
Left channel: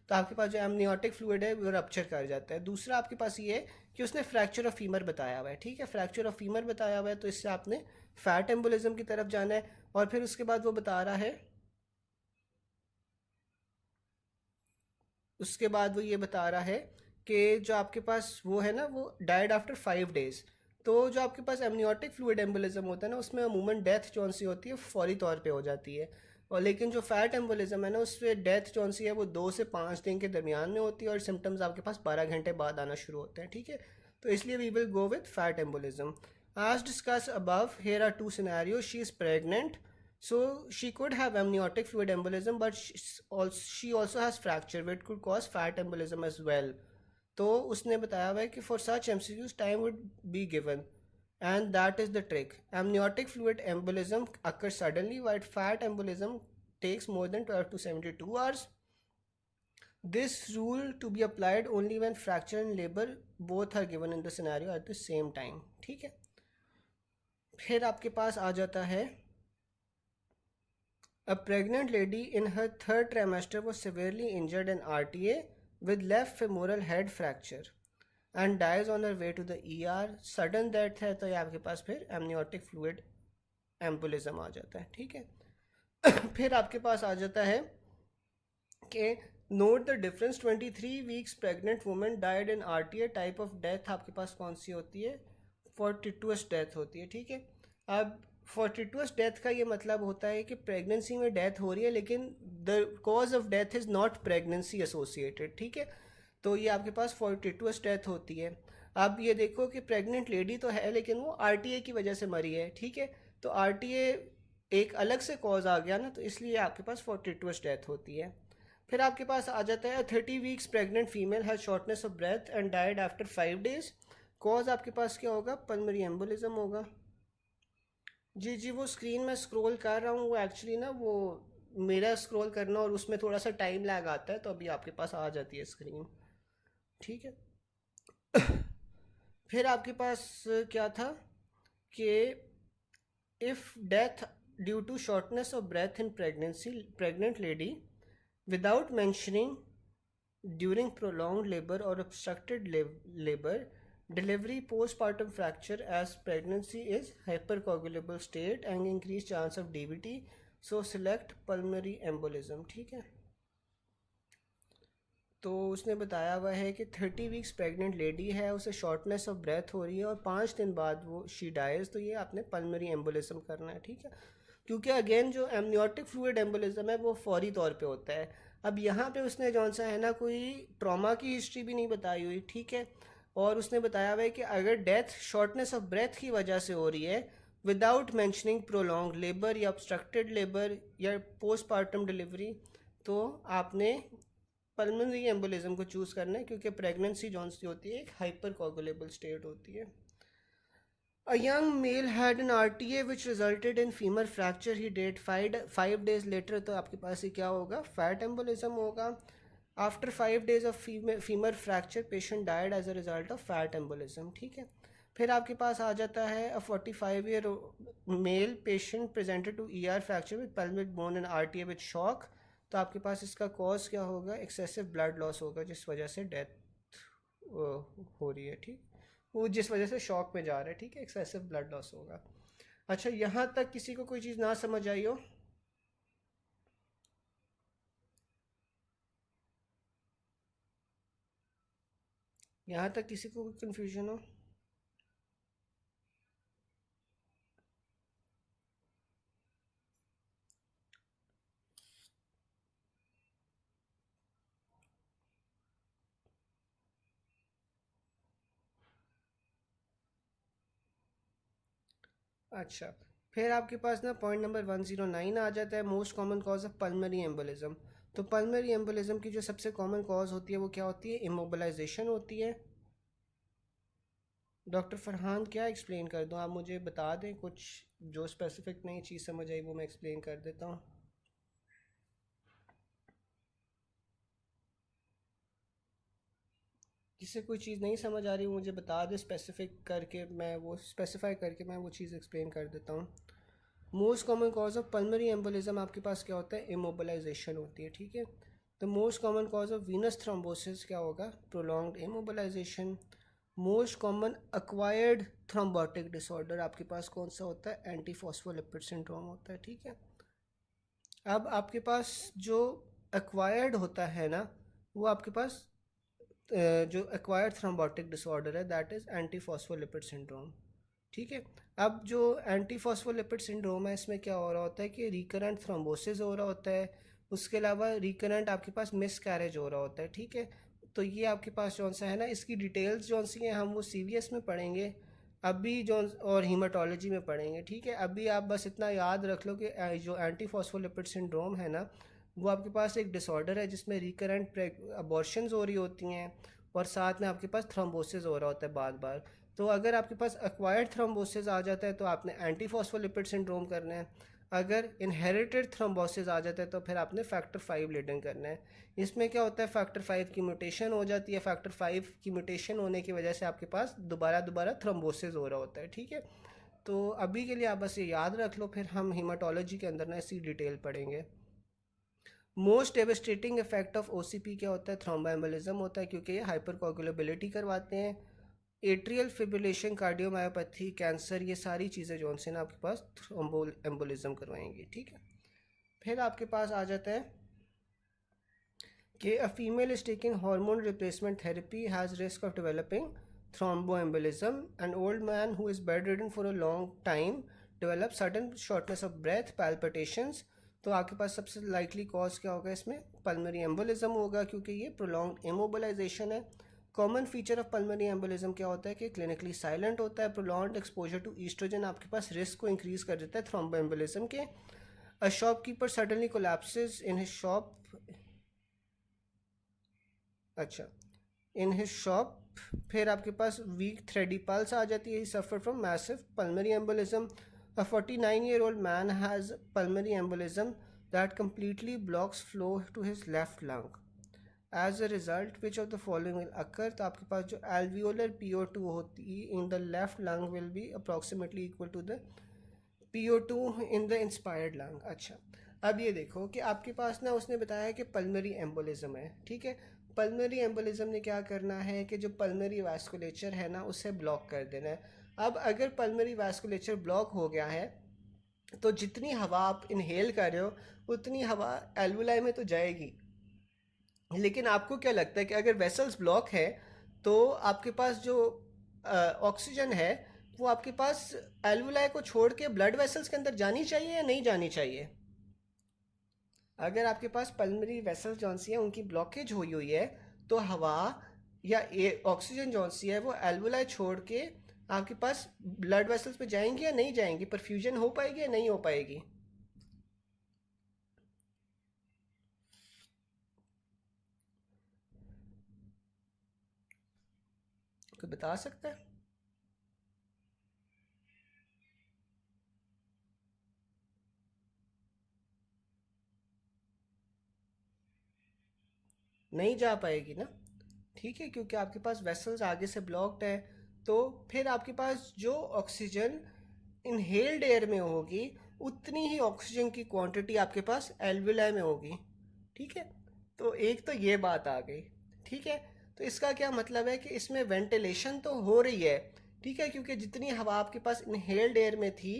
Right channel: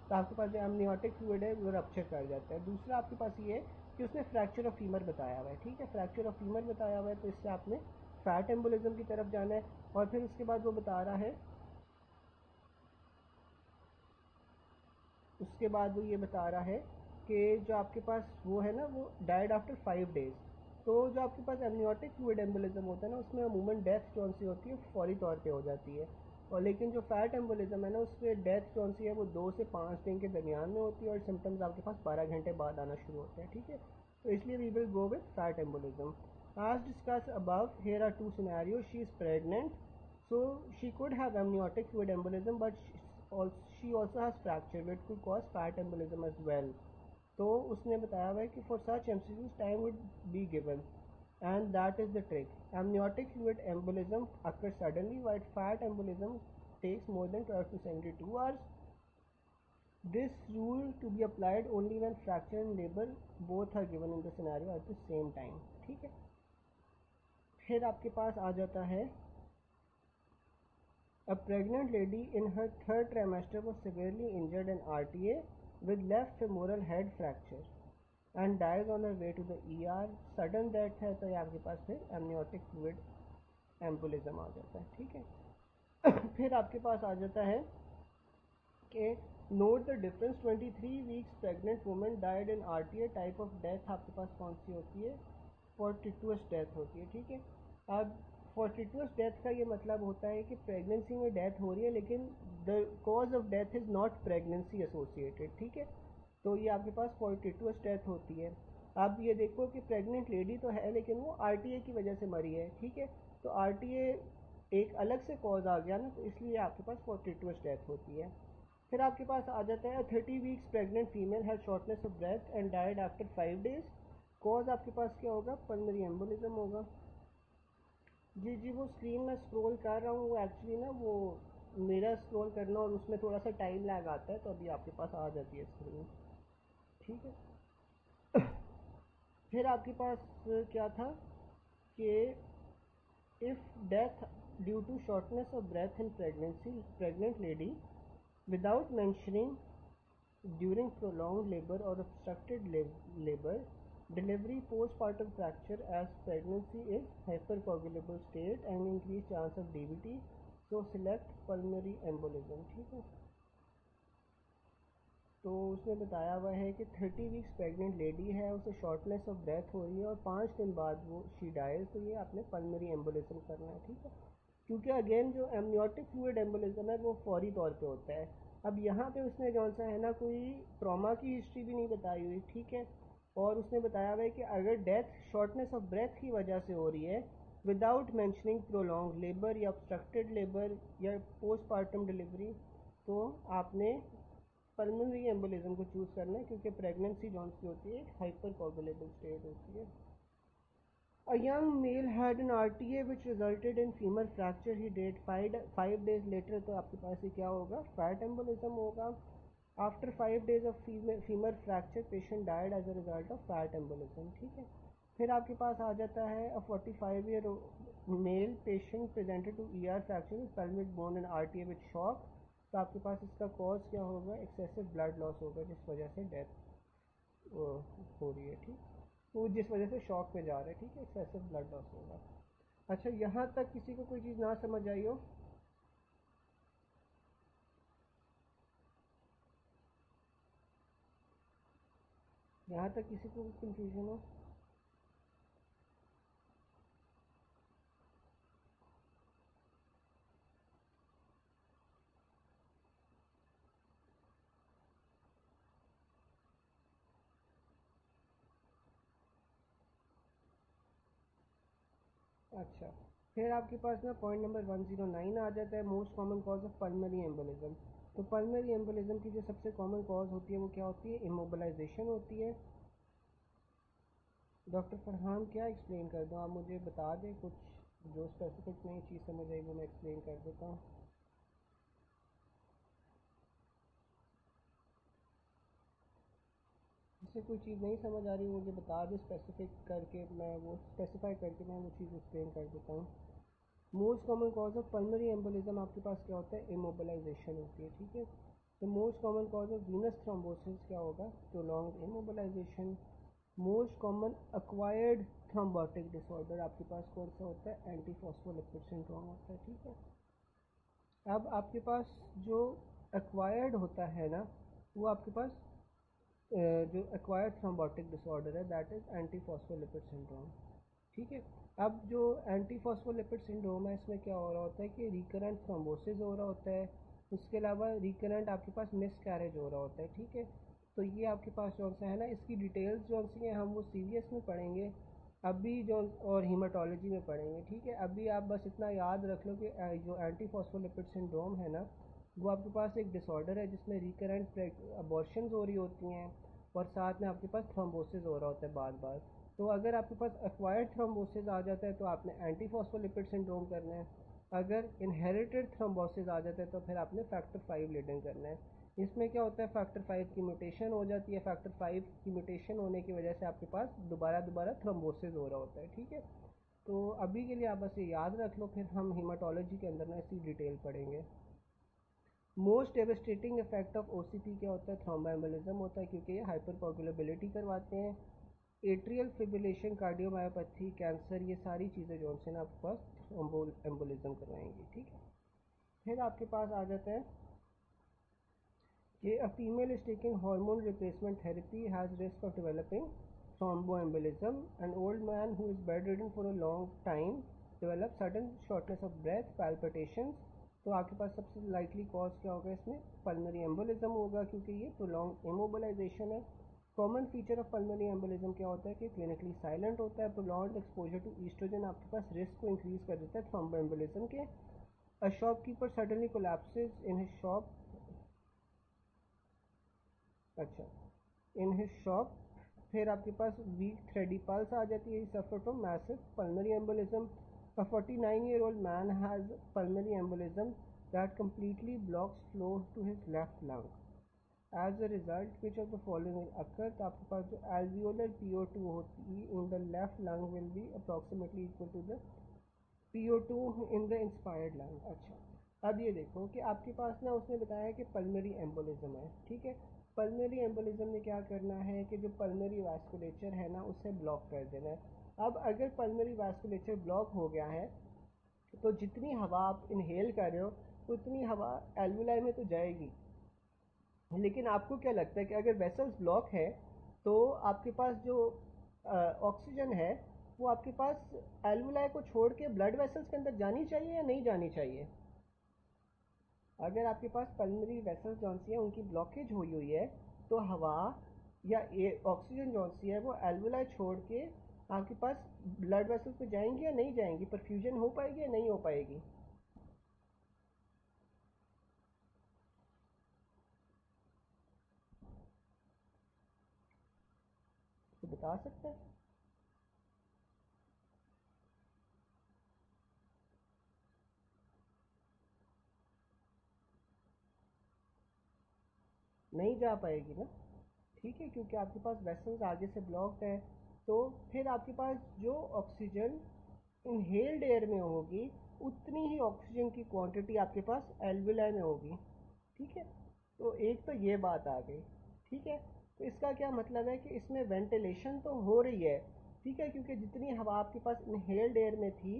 तो आपके पास जो एमनियोटिक फ्लूइड है वो रप्चर कर जाता है. दूसरा आपके पास ये है कि उसने फ्रैक्चर ऑफ फीमर बताया हुआ है. ठीक है. फ्रैक्चर ऑफ फीमर बताया हुआ है तो इससे आपने फैट एम्बोलिज्म की तरफ जाना है. और फिर उसके बाद वो बता रहा है, उसके बाद वो ये बता रहा है कि जो आपके पास वो है ना वो डाइड आफ्टर 5 days. तो जो आपके पास एमनियोटिक फ्लूइड एम्बोलिज्म होता है ना उसमें अमूमन डेथ जौन सी होती है फौरी तौर पे हो जाती है. और लेकिन जो फैट एम्बोलिज्म है ना उसमें डेथ जौन सी है वो 2 से 5 दिन के दरमियान में होती है और सिम्टम्स आपके पास 12 घंटे बाद आना शुरू होते हैं. ठीक है. तो इसलिए we will go with fat embolism. As discussed above, here are two scenarios. She is pregnant, so she could have amniotic fluid embolism, but she also has fracture, which could cause fat embolism as well. तो उसने बताया हुआ है कि for such MCQs time would be given, and that is the trick. Amniotic fluid embolism occurs suddenly, while fat embolism takes more than 12 to 72 hours. This rule to be applied only when fracture and labor both are given in the scenario at the same time. ठीक है. फिर आपके पास आ जाता है A pregnant lady in her 3rd trimester was severely injured in RTA with left femoral head fracture and dies on her way to the ER. Sudden death है तो ये आपके पास फिर amniotic fluid embolism आ जाता है. ठीक है. फिर आपके पास आ जाता है कि note the difference. 23 weeks pregnant woman died in RTA. type of death आपके पास कौन सी होती है? fortuitous डेथ होती है. ठीक है. अब fortuitous डेथ का ये मतलब होता है कि प्रेगनेंसी में डेथ हो रही है लेकिन the cause of death is not pregnancy associated. ठीक है. तो ये आपके पास fortuitous डेथ होती है. अब ये देखो कि प्रेग्नेंट लेडी तो है लेकिन वो RTA की वजह से मरी है. ठीक है. तो RTA एक अलग से कॉज आ गया ना, तो इसलिए आपके पास fortuitous डेथ होती है. फिर आपके पास आ जाता है 30 weeks pregnant female has shortness of breath and died after 5 days. Cause आपके पास क्या होगा? पल्मोनरी एम्बोलिज्म होगा. जी वो स्क्रीन में स्क्रॉल कर रहा हूँ, वो एक्चुअली ना वो मेरा स्क्रॉल करना और उसमें थोड़ा सा टाइम लैग आता है, तो अभी आपके पास आ जाती है स्क्रीन. ठीक है. फिर आपके पास क्या था कि if death due to shortness of breath in pregnant lady without mentioning during prolonged labor or obstructed labor, delivery, postpartum fracture as pregnancy is hypercoagulable state and increased chance of DVT, so select pulmonary embolism. ठीक है, तो उसने बताया हुआ है कि 30 weeks pregnant lady है, उसे शॉर्टनेस ऑफ ब्रेथ हो रही है और 5 दिन बाद वो शी डाइज, तो ये आपने पल्मरी एम्बोलिज्म करना है। ठीक है, क्योंकि अगेन जो एमनियोटिक फ्लूइड एम्बोलिज्म है वो फौरी तौर पे होता है। अब यहाँ पे उसने जौन सा है ना कोई ट्रॉमा की हिस्ट्री भी नहीं बताई हुई। ठीक है, और उसने बताया हुआ है कि अगर डेथ शॉर्टनेस ऑफ ब्रेथ की वजह से हो रही है विदाउट मैंशनिंग प्रोलॉन्ग लेबर या ऑब्स्ट्रक्टेड लेबर या पोस्टपार्टम डिलीवरी, तो आपने पल्मोनरी एम्बोलिज्म को चूज़ करना है, क्योंकि प्रेगनेंसी जौन सी होती है एक हाइपर कोगुलेबल स्टेट होती है। A young male had an RTA which resulted in femur fracture. He died 5 days later. तो आपके पास ये क्या होगा, फैट एम्बोलिज्म होगा। After 5 days of femur fracture, patient died as a result of fat embolism. ठीक है, फिर आपके पास आ जाता है a 45-year male patient presented to ER fracture with pelvic bone and RTA with shock। तो आपके पास इसका कॉज क्या होगा, एक्सेसिव ब्लड लॉस होगा, जिस वजह से डेथ हो रही है। ठीक, वो जिस वजह से शॉक में जा रहा है। ठीक है, एक्सेसिव ब्लड लॉस होगा। अच्छा, यहाँ तक किसी को कोई चीज़ ना समझ आई हो? यहाँ तक किसी को कोई कन्फ्यूजन हो? अच्छा, फिर आपके पास ना पॉइंट नंबर 109 आ जाता है, most common cause of pulmonary embolism. तो पल्मरी एम्बोलिज्म की जो सबसे कॉमन कॉज होती है वो क्या होती है, इमोबलाइजेशन होती है। डॉक्टर फरहान क्या एक्सप्लेन कर दूँ, आप मुझे बता दें कुछ जो स्पेसिफिक नई चीज़ समझ आई वो मैं एक्सप्लेन कर देता हूँ। जिससे कोई चीज़ नहीं समझ आ रही मुझे बता दे स्पेसिफिक करके, मैं वो स्पेसिफाई करके मैं वो चीज़ एक्सप्लेन कर देता हूँ। Most common cause of pulmonary embolism आपके पास क्या होता है, इमोबलाइजेशन होती है। ठीक है, तो most common cause of venous thrombosis क्या होगा, prolonged immobilisation. Most common acquired thrombotic disorder आपके पास कौन सा होता है, एंटी फॉस्फोलिपिड सिंड्रोम होता है। ठीक है, अब आपके पास जो एक्वायर्ड होता है ना, वो आपके पास जो एक्वायर्ड थ्रोम्बोटिक डिसऑर्डर है that is anti phospholipid syndrome. ठीक है, अब जो एंटी फॉस्फोलिपिड सिंड्रोम है इसमें क्या हो रहा होता है कि रिकरेंट थ्रोम्बोसिस हो रहा होता है, उसके अलावा रिकरेंट आपके पास मिस कैरेज हो रहा होता है। ठीक है, तो ये आपके पास जौन सा है ना, इसकी डिटेल्स जौन सी हैं हम वो CVS में पढ़ेंगे अभी जो, और हीमाटोलॉजी में पढ़ेंगे। ठीक है, अभी आप बस इतना याद रख लो कि जो एंटी फॉस्फोलिपिड सिंड्रोम है ना, वो आपके पास एक डिसऑर्डर है जिसमें रिकरेंट अबॉर्शंस हो रही होती हैं और साथ में आपके पास थ्रोम्बोसिस हो रहा होता है बार बार। तो अगर आपके पास एक्वायर्ड थ्रोम्बोसिस आ जाता है तो आपने एंटी फॉस्फोलिपिड सिंड्रोम करना है, अगर इनहेरिटेड थ्रोम्बोसिस आ जाता है तो फिर आपने फैक्टर 5 लीडिंग करना है। इसमें क्या होता है, फैक्टर 5 की म्यूटेशन हो जाती है, फैक्टर 5 की म्यूटेशन होने की वजह से आपके पास दोबारा थ्रोम्बोसिस हो रहा होता है। ठीक है, तो अभी के लिए आप बस ये याद रख लो, फिर हम हीमाटोलॉजी के अंदर ना इसकी डिटेल पढ़ेंगे। Most devastating effect of OCP क्या होता है, थ्रोम्बोएम्बोलिज्म होता है, क्योंकि ये हाइपरकोगुलेबिलिटी करवाते हैं। एट्रियल फिब्रिलेशन, कार्डियोमायोपैथी, कैंसर, ये सारी चीज़ें जो से ना आपके पास थ्रोम्बो एम्बोलिज्म करवाएंगी। ठीक है, फिर आपके पास आ जाता है कि a female is taking hormone replacement therapy has risk of developing thromboembolism. An old man who is bedridden for a long time develops sudden shortness of breath, palpitations। तो आपके पास सबसे लाइकली कॉज क्या होगा इसमें, पल्मरी एम्बोलिज्म होगा, क्योंकि ये prolonged immobilisation है। Common feature of pulmonary embolism क्या होता है कि क्लिनिकली साइलेंट होता है। प्रोलॉन्ग्ड एक्सपोजर टू ईस्ट्रोजन आपके पास रिस्क को इंक्रीज कर देता है थ्रोम्बोएम्बोलिज्म के। A shopkeeper suddenly collapses in his shop, अच्छा, इन हिज शॉप। फिर आपके पास वीक थ्रेडी पल्स आ जाती है, suffer from massive pulmonary embolism. A 49-year-old man has pulmonary embolism that completely blocks flow to his left lung. As a result, which of the following will occur? तो आपके पास जो alveolar PO2 होती है in the left lung will be approximately equal to the PO2 in the inspired lung. अच्छा, अब ये देखो कि आपके पास ना उसने बताया कि पल्मरी एम्बोलिज्म है, ठीक है। पल्मरी एम्बोलिज्म ने क्या करना है कि जो पल्मरी वास्कुलेचर है ना उसे ब्लॉक कर देना है। अब अगर पल्मरी वास्कुलेचर ब्लॉक हो गया है तो जितनी हवा आप इनहेल कर रहे हो उतनी हवा एल्वुलाई में तो जाएगी, लेकिन आपको क्या लगता है कि अगर वेसल्स ब्लॉक है तो आपके पास जो ऑक्सीजन है वो आपके पास एल्वुलाई को छोड़ के ब्लड वेसल्स के अंदर जानी चाहिए या नहीं जानी चाहिए? अगर आपके पास पल्मरी वेसल्स जौन सी है उनकी ब्लॉकेज हुई हुई है तो हवा या ऑक्सीजन जौन सी है वो एल्वुलाई छोड़ के आपके पास ब्लड वेसल्स पे जाएंगी या नहीं जाएंगी, परफ्यूजन हो पाएगी या नहीं हो पाएगी? कोई बता सकता है? नहीं जा पाएगी ना, ठीक है, क्योंकि आपके पास वेसल्स आगे से ब्लॉक्ड है। तो फिर आपके पास जो ऑक्सीजन इनहेल्ड एयर में होगी उतनी ही ऑक्सीजन की क्वांटिटी आपके पास एल्विलाई में होगी, ठीक है। तो एक तो ये बात आ गई, ठीक है। तो इसका क्या मतलब है कि इसमें वेंटिलेशन तो हो रही है, ठीक है, क्योंकि जितनी हवा आपके पास इनहेल्ड एयर में थी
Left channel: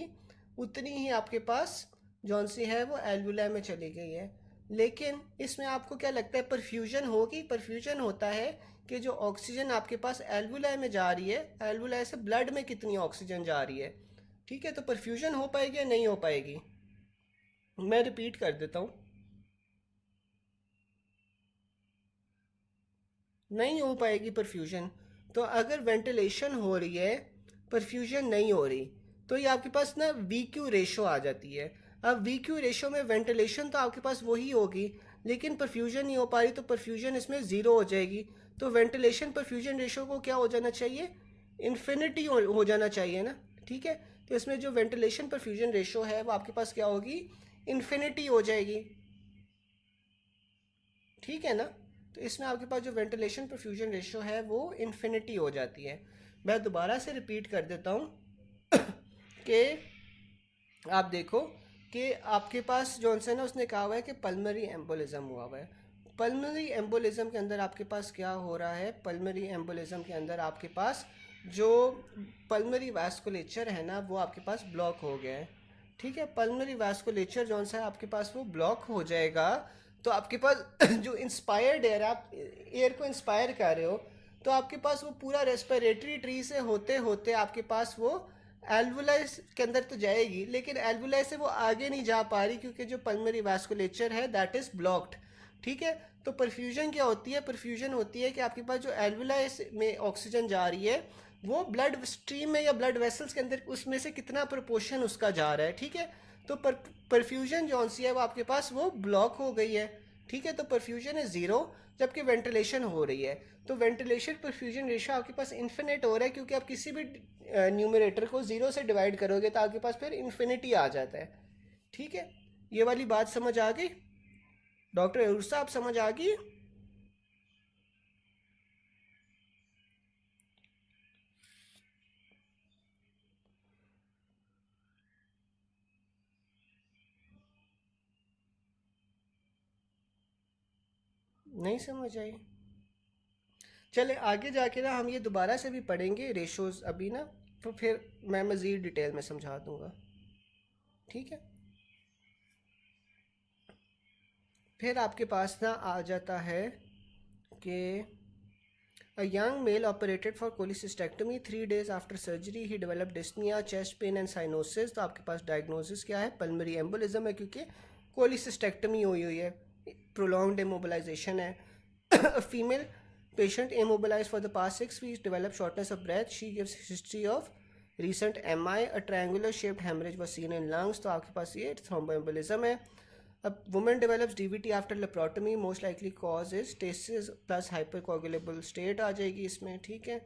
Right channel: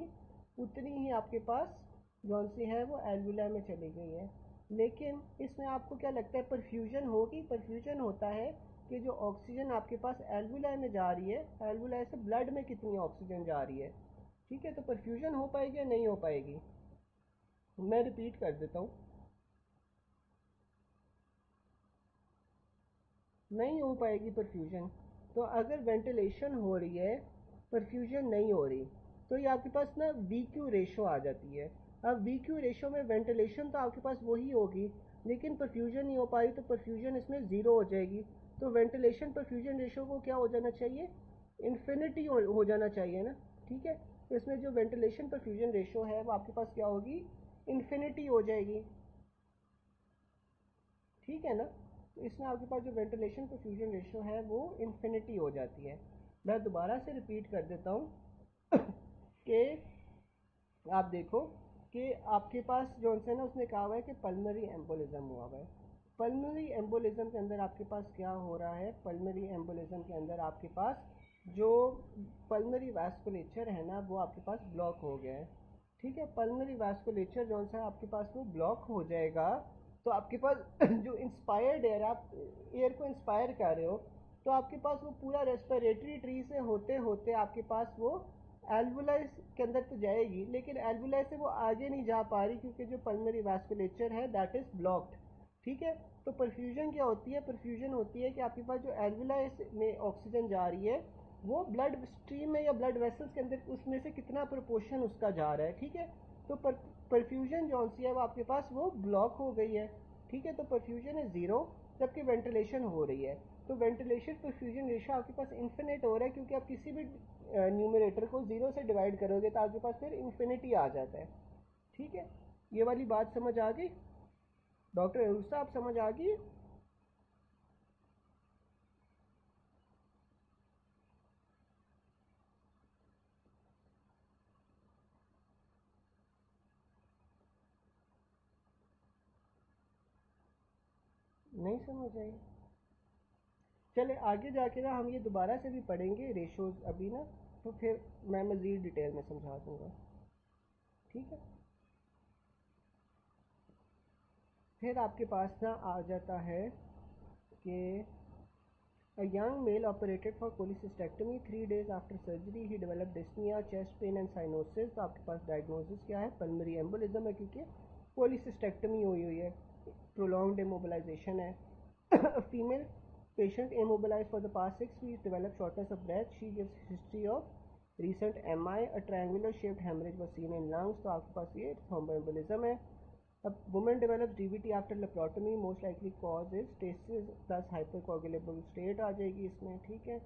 उतनी ही आपके पास जौन सी है वो एल्वुलाई में चली गई है। लेकिन इसमें आपको क्या लगता है परफ्यूजन होगी? परफ्यूजन होता है कि जो ऑक्सीजन आपके पास एल्वुलाई में जा रही है, एल्वुलाई से ब्लड में कितनी ऑक्सीजन जा रही है, ठीक है। तो परफ्यूजन हो पाएगी या नहीं हो पाएगी? मैं रिपीट कर देता हूँ, नहीं हो पाएगी परफ्यूजन। तो अगर वेंटिलेशन हो रही है, परफ्यूजन नहीं हो रही, तो ये आपके पास ना वी क्यू रेशो आ जाती है। अब वी क्यू रेशो में वेंटिलेशन तो आपके पास वही होगी लेकिन परफ्यूजन नहीं हो पा रही, तो परफ्यूजन इसमें ज़ीरो हो जाएगी। तो वेंटिलेशन परफ्यूजन रेशो को क्या हो जाना चाहिए? इन्फिनिटी हो जाना चाहिए ना, ठीक है। तो इसमें जो वेंटिलेशन परफ्यूजन रेशो है वो आपके पास क्या होगी? इन्फिनिटी हो जाएगी, ठीक है ना। तो इसमें आपके पास जो वेंटिलेशन परफ्यूजन रेशियो है वो इन्फिनिटी हो जाती है। मैं दोबारा से रिपीट कर देता हूँ कि आप देखो कि आपके पास जॉनसन है उसने कहा हुआ है कि पल्मरी एम्बोलिज्म हुआ हुआ है। पल्मरी एम्बोलिज्म के अंदर आपके पास क्या हो रहा है? पल्मरी एम्बोलिज्म के अंदर आपके पास जो पल्मरी वास्कुलेचर है ना वो आपके पास ब्लॉक हो गया है, ठीक है। पल्मरी वास्कुलेचर जौन सा है आपके पास वो ब्लॉक हो जाएगा तो आपके पास जो इंस्पायर्ड एयर, आप एयर को इंस्पायर कर रहे हो, तो आपके पास वो पूरा रेस्पिरेटरी ट्री से होते होते आपके पास वो एल्वुलाई के अंदर तो जाएगी, लेकिन एल्वुलाई से वो आगे नहीं जा पा रही क्योंकि जो पल्मरी वास्कुलेचर है दैट इज़ ब्लॉक्ड, ठीक है। तो परफ्यूजन क्या होती है? परफ्यूजन होती है कि आपके पास जो एल्वुलाई में ऑक्सीजन जा रही है वो ब्लड स्ट्रीम में या ब्लड वेसल्स के अंदर उसमें से कितना प्रोपोर्शन उसका जा रहा है, ठीक है। तो परफ्यूजन जौन सी है वो आपके पास वो ब्लॉक हो गई है, ठीक है। तो परफ्यूजन है ज़ीरो जबकि वेंटिलेशन हो रही है। तो वेंटिलेशन परफ्यूजन रेशो आपके पास इन्फिनिट हो रहा है क्योंकि आप किसी भी न्यूमरेटर को ज़ीरो से डिवाइड करोगे तो आपके पास फिर इन्फिनिटी आ जाता है, ठीक है। ये वाली बात समझ आ गई डॉक्टर अयूर साहब? समझ आ गई? नहीं समझ आई? चले आगे जाके ना हम ये दोबारा से भी पढ़ेंगे रेशोज़ अभी ना, तो फिर मैं मज़ीद डिटेल में समझा दूंगा, ठीक है। फिर आपके पास ना आ जाता है कि a young male operated for cholecystectomy 3 days after surgery he developed dyspnea, chest pain and cyanosis। तो आपके पास डायग्नोसिस क्या है? पल्मरी एम्बोलिज्म है क्योंकि कोलिसिस्टेक्टमी हुई हुई है, प्रोलॉन्ग्ड इमोबिलाइजेशन है। A female patient immobilized for the past 6 weeks developed shortness of breath. She gives history of recent MI. A triangular shaped hemorrhage was seen in lungs। तो आपके पास ये थ्रोम्बोएम्बोलिज्म है। A woman develops DVT after laparotomy, most likely cause is stasis plus hypercoagulable state आ जाएगी इसमें, ठीक है,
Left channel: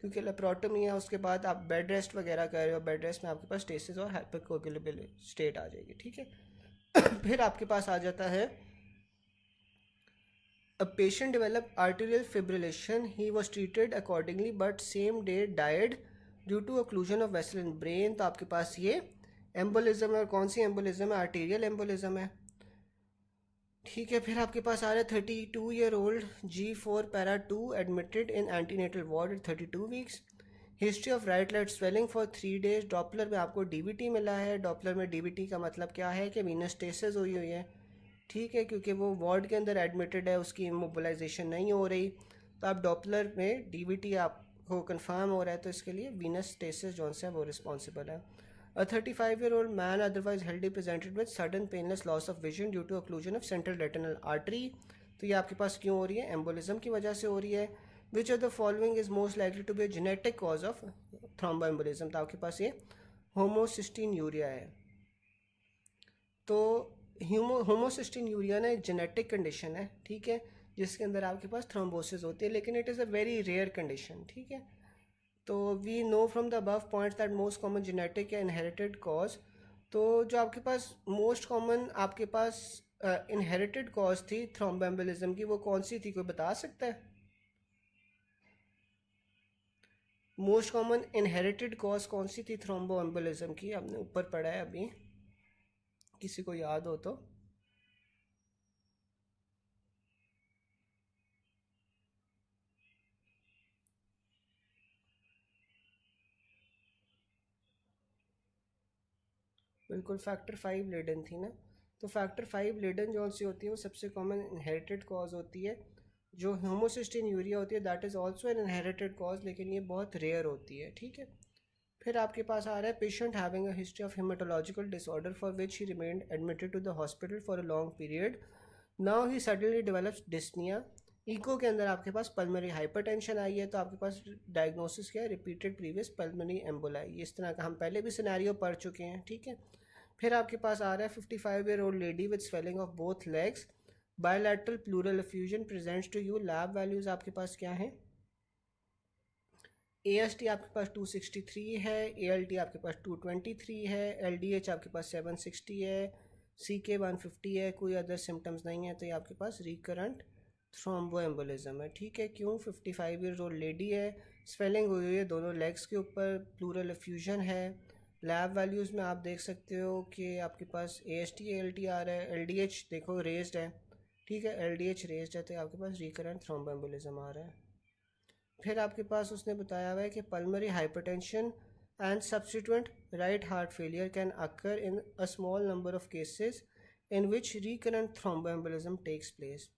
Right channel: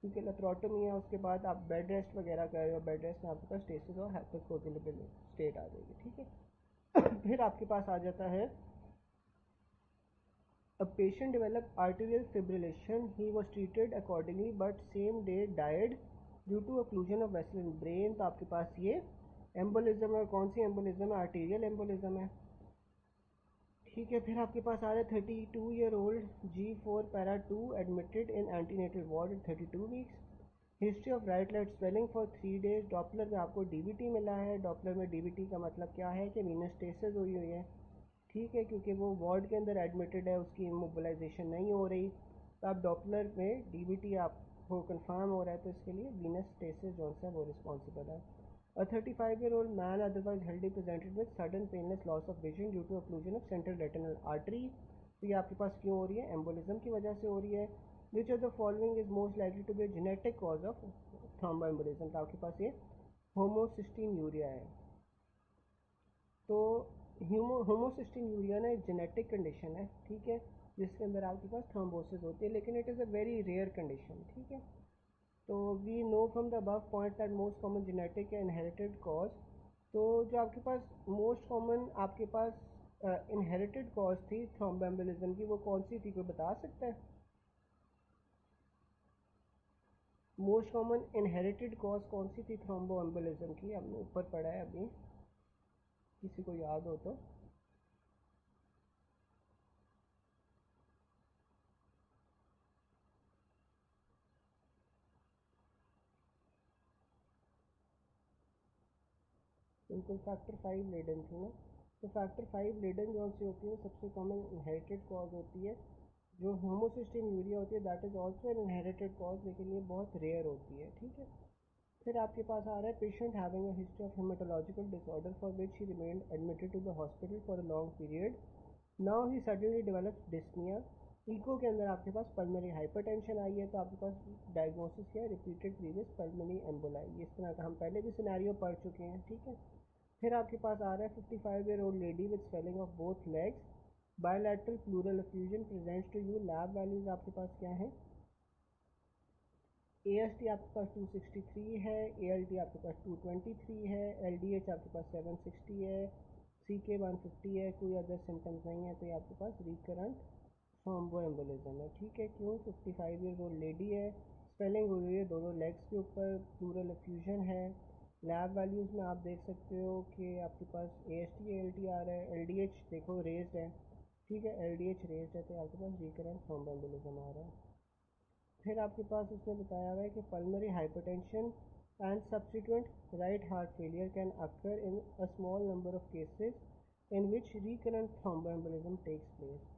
क्योंकि लेप्रोटमी है उसके बाद आप बेड रेस्ट वगैरह कर रहे हो, बेड रेस्ट में आपके पास स्टेसिस और हाइपरकोगुलेबल स्टेट आ जाएगी, ठीक है। फिर आपके पास आ जाता है a patient developed arterial fibrillation, he was treated accordingly but same day died due to occlusion of vessel in brain। तो आपके पास ये एम्बोलिज्म है, और कौन सी एम्बोलिज्म है? आर्टीरियल एम्बोलिज्म है। ठीक है, फिर आपके पास आ रहा है 32-year-old G4 para 2 admitted in antenatal ward at 32 weeks. History of right let swelling for 3 days. Doppler में आपको डीबीटी मिला है। डॉपलर में डीबीटी का मतलब क्या है कि वीनस स्टेसिस हुई हुई है। ठीक है, क्योंकि वो वार्ड के अंदर एडमिटेड है, उसकी इमोबिलाइजेशन नहीं हो रही, तो आप डॉपलर में डीबीटी आपको कंफर्म हो रहा है, तो इसके लिए वीनस स्टेसिस जो है वो रिस्पॉन्सिबल है। A 35-year-old man otherwise healthy presented with sudden painless loss of vision due to occlusion of central retinal artery. तो ये आपके पास क्यों हो रही है? एम्बोलिज्म की वजह से हो रही है। Which of the following is most likely to be a genetic cause of thromboembolism? तो आपके पास ये होमोसिस्टीन्यूरिया है। तो होमोसिस्टीन्यूरिया ना एक जेनेटिक कंडीशन है, ठीक है, जिसके अंदर आपके पास थ्रोम्बोसिस होती है, लेकिन it is a very rare condition. ठीक है, तो we know from the above points that most common genetic या इनहेरिटेड कॉज। तो जो आपके पास मोस्ट कॉमन आपके पास इनहेरिटेड कॉज थी थ्रोम्बोएम्बोलिज्म की, वो कौन सी थी? कोई बता सकता है? मोस्ट कॉमन इनहेरिटेड कॉज कौन सी थी थ्रोम्बोएम्बोलिज्म की? आपने ऊपर पढ़ा है अभी, किसी को याद हो तो। बिल्कुल, फैक्टर 5 लेडन थी ना। तो फैक्टर 5 लेडन जो सी होती है वो सबसे कॉमन इनहेरिटेड कॉज होती है। जो होमोसिस्टीन्यूरिया होती है that is also an inherited cause, लेकिन ये बहुत रेयर होती है। ठीक है, फिर आपके पास आ रहा है patient having a history of haematological disorder for which he remained admitted to the hospital for a long period. Now he suddenly develops dyspnoea. Echo के अंदर आपके पास पल्मरी हाइपरटेंशन आई है, तो आपके पास डायग्नोसिस क्या है? Repeated previous pulmonary emboli. इस तरह का हम पहले भी सिनेरियो पढ़ चुके हैं। ठीक है, फिर आपके पास आ रहा है 55-year-old lady with swelling of both legs, bilateral pleural effusion presents to you. Lab values आपके पास क्या हैं? AST आपके पास 263 है, ALT आपके पास 223 है, LDH आपके पास 760 है, CK 150 है, कोई अदर सिम्टम्स नहीं है, तो ये आपके पास रिकरेंट थ्रोम्बोएम्बोलिज्म है। ठीक है, क्यों? 55-year-old लेडी है, स्वेलिंग हुई है दोनों लेग्स के ऊपर, प्लूरल एफ्यूजन है। लैब वैल्यूज़ में आप देख सकते हो कि आपके पास AST ALT आ रहा है, LDH देखो रेज्ड है। ठीक है, LDH रेज्ड है, तो आपके पास रिकरेंट थ्रोम्बोएम्बोलिज्म आ रहा है। फिर आपके पास उसने बताया हुआ है कि pulmonary hypertension and subsequent right heart failure can occur in a small number of cases in which recurrent thromboembolism takes place.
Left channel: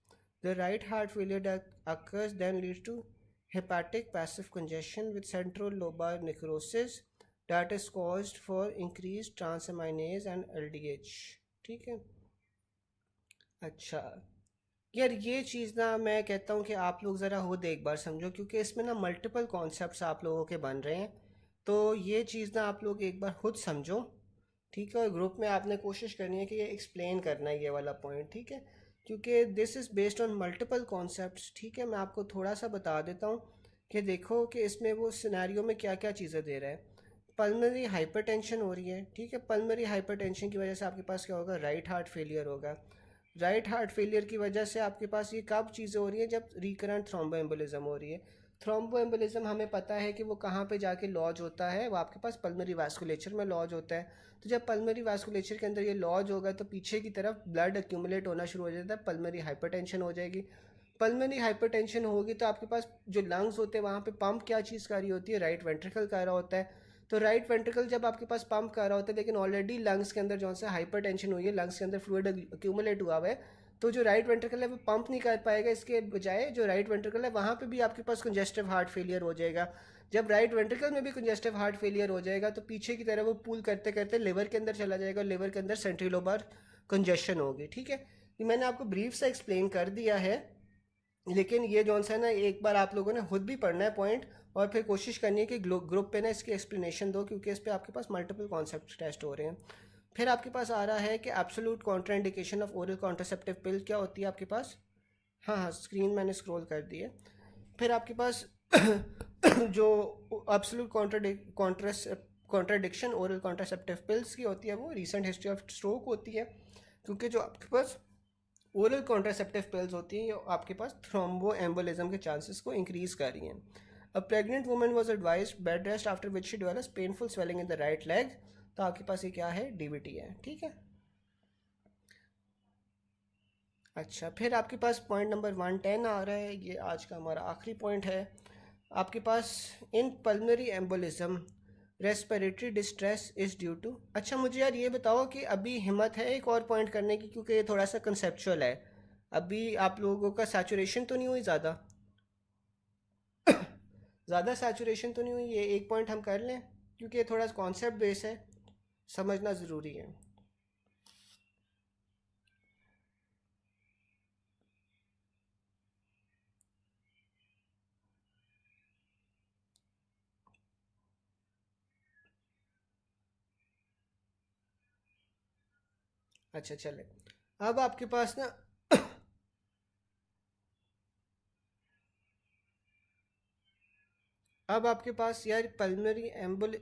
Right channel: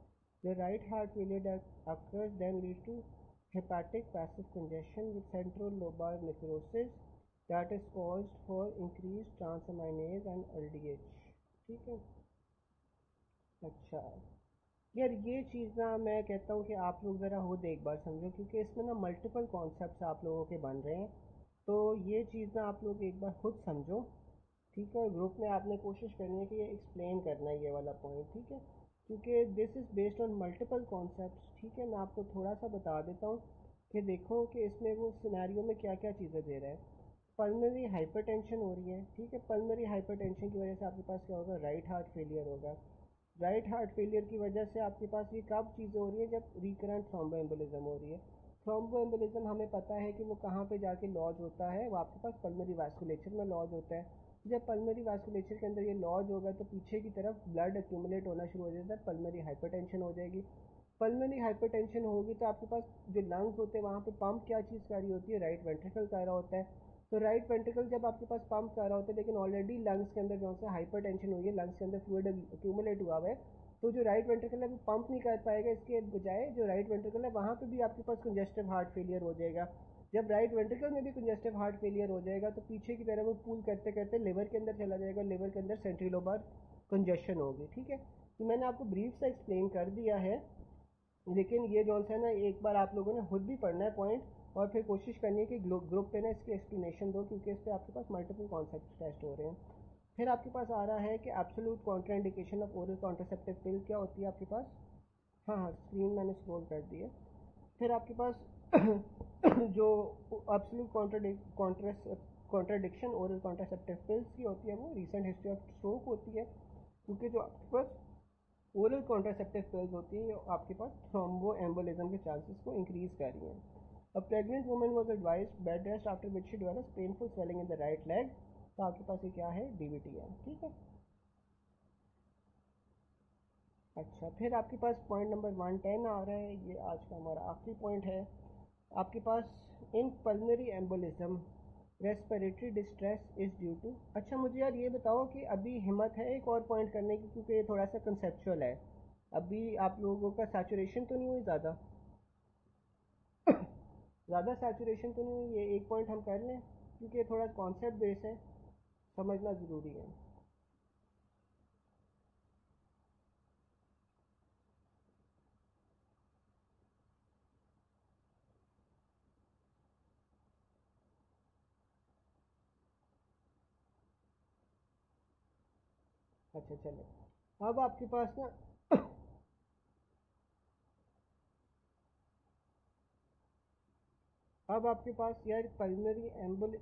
The right heart failure that occurs then leads to hepatic passive congestion with central lobar necrosis that is caused for increased transaminase and LDH। ठीक है, अच्छा यार ये चीज़ ना मैं कहता हूँ कि आप लोग ज़रा खुद एक बार समझो, क्योंकि इसमें ना मल्टीपल कॉन्सेप्ट्स आप लोगों के बन रहे हैं। तो ये चीज़ ना आप लोग एक बार खुद समझो। ठीक है, और ग्रुप में आपने कोशिश करनी है कि ये एक्सप्लेन करना है ये वाला पॉइंट। ठीक है, क्योंकि this is based on multiple concepts. ठीक है, मैं आपको थोड़ा सा बता देता हूँ कि देखो कि इसमें वो सिनेरियो में क्या क्या चीज़ें दे रहा है। पल्मरी हाइपरटेंशन हो रही है। ठीक है, पल्मरी हाइपरटेंशन की वजह से आपके पास क्या होगा? राइट हार्ट फेलियर होगा। राइट हार्ट फेलियर की वजह से आपके पास ये कब चीज़ें हो रही हैं? जब रिकरेंट थ्रोम्बोएम्बोलिज्म हो रही है। थ्रोम्बोएम्बोलिज्म हमें पता है कि वो कहाँ पे जाके लॉज होता है, वो आपके पास पल्मरी वास्कुलेचर में लॉज होता है। तो जब पल्मरी वास्कुलेचर के अंदर ये लॉज होगा तो पीछे की तरफ ब्लड एक्यूमुलेट होना शुरू हो जाता है, पल्मरी हाइपरटेंशन हो जाएगी। पल्मरी हाइपरटेंशन होगी तो आपके पास जो लंग्स होते हैं वहाँ पे पंप क्या चीज़ कर रही होती है? राइट वेंट्रिकल कर रहा होता है। तो राइट वेंट्रिकल जब आपके पास पंप कर रहा होता है, लेकिन ऑलरेडी लंग्स के अंदर जो है हाइपरटेंशन हुई है, लंग्स के अंदर फ्लूइड एक्यूमुलेट हुआ हुआ है, तो जो राइट वेंट्रिकल है वो पंप नहीं कर पाएगा। इसके बजाय जो राइट वेंट्रिकल है वहाँ पे भी आपके पास कंजेस्टिव हार्ट फेलियर हो जाएगा। जब राइट वेंट्रिकल में भी कंजेस्टिव हार्ट फेलियर हो जाएगा तो पीछे की तरह वो पुल करते करते लिवर के अंदर चला जाएगा, लिवर के अंदर सेंट्रल लोबार कंजेशन होगी। ठीक है, ये मैंने आपको ब्रीफ से एक्सप्लेन कर दिया है, लेकिन ये जौन सा है ना एक बार आप लोगों ने खुद भी पढ़ना है पॉइंट, और फिर कोशिश करनी है कि ग्रुप पे ना इसकी एक्सप्लेनेशन दो, क्योंकि इस पर आपके पास मल्टीपल कॉन्सेप्ट टेस्ट हो रहे हैं। फिर आपके पास आ रहा है कि absolute contraindication of oral contraceptive पिल क्या होती है आपके पास? हाँ हाँ, स्क्रीन मैंने स्क्रॉल कर दी है। फिर आपके पास जो absolute contradiction oral contraceptive pills की होती है वो रिसेंट हिस्ट्री ऑफ स्ट्रोक होती है, क्योंकि जो आपके पास ओरल कॉन्ट्रासेप्टिव पिल्स होती हैं ये आपके पास थ्रोम्बोएम्बोलिज्म के चांसेस को इंक्रीज कर रही हैं। अ pregnant woman was advised bed rest after which she develops painful swelling in the right leg. तो आपके पास ये क्या है, डीवीटी है, ठीक है। अच्छा, फिर आपके पास पॉइंट नंबर 110 आ रहा है, ये आज का हमारा आखिरी पॉइंट है आपके पास। In pulmonary embolism respiratory distress is due to. अच्छा मुझे यार ये बताओ कि अभी हिम्मत है एक और पॉइंट करने की, क्योंकि ये थोड़ा सा कंसेप्चुअल है। अभी आप लोगों का सैचुरेशन तो नहीं हुई ज़्यादा? ज़्यादा सैचुरेशन तो नहीं हुई, ये एक पॉइंट हम कर लें, क्योंकि ये थोड़ा कॉन्सेप्ट बेस है, समझना ज़रूरी है। अच्छा चले, अब आपके पास ना अब आपके पास यार पल्मोनरी एम्बोल,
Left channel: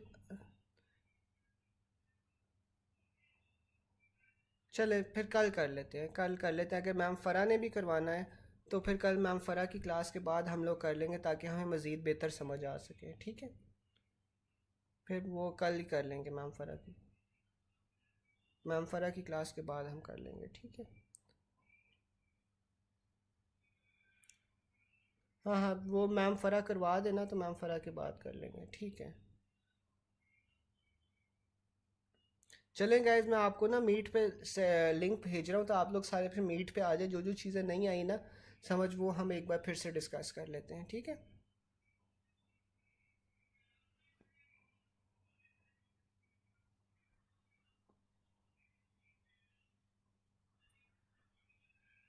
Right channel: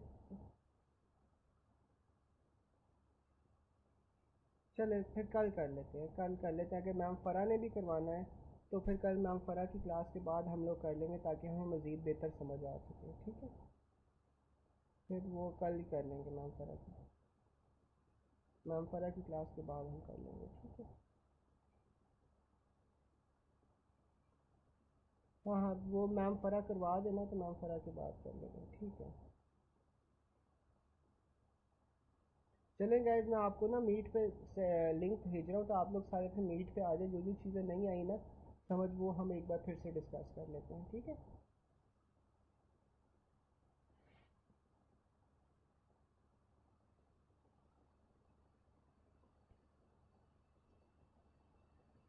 चले फिर कल कर लेते हैं, कल कर लेते हैं। अगर मैम फ़रा ने भी करवाना है तो फिर कल मैम फ़रा की क्लास के बाद हम लोग कर लेंगे, ताकि हमें मज़ीद बेहतर समझ आ सके, ठीक है। फिर वो कल ही कर लेंगे मैम फ़रा की, मैम फ़रा की क्लास के बाद हम कर लेंगे, ठीक है। हाँ हाँ, वो मैम फ़रा करवा देना तो मैम फ़रा के बाद कर लेंगे, ठीक है। चलें गाइज, मैं आपको ना मीट पे से लिंक भेज रहा हूँ, तो आप लोग सारे फिर मीट पे आ जाए। जो जो चीज़ें नहीं आई ना समझ, वो हम एक बार फिर से डिस्कस कर लेते हैं, ठीक है।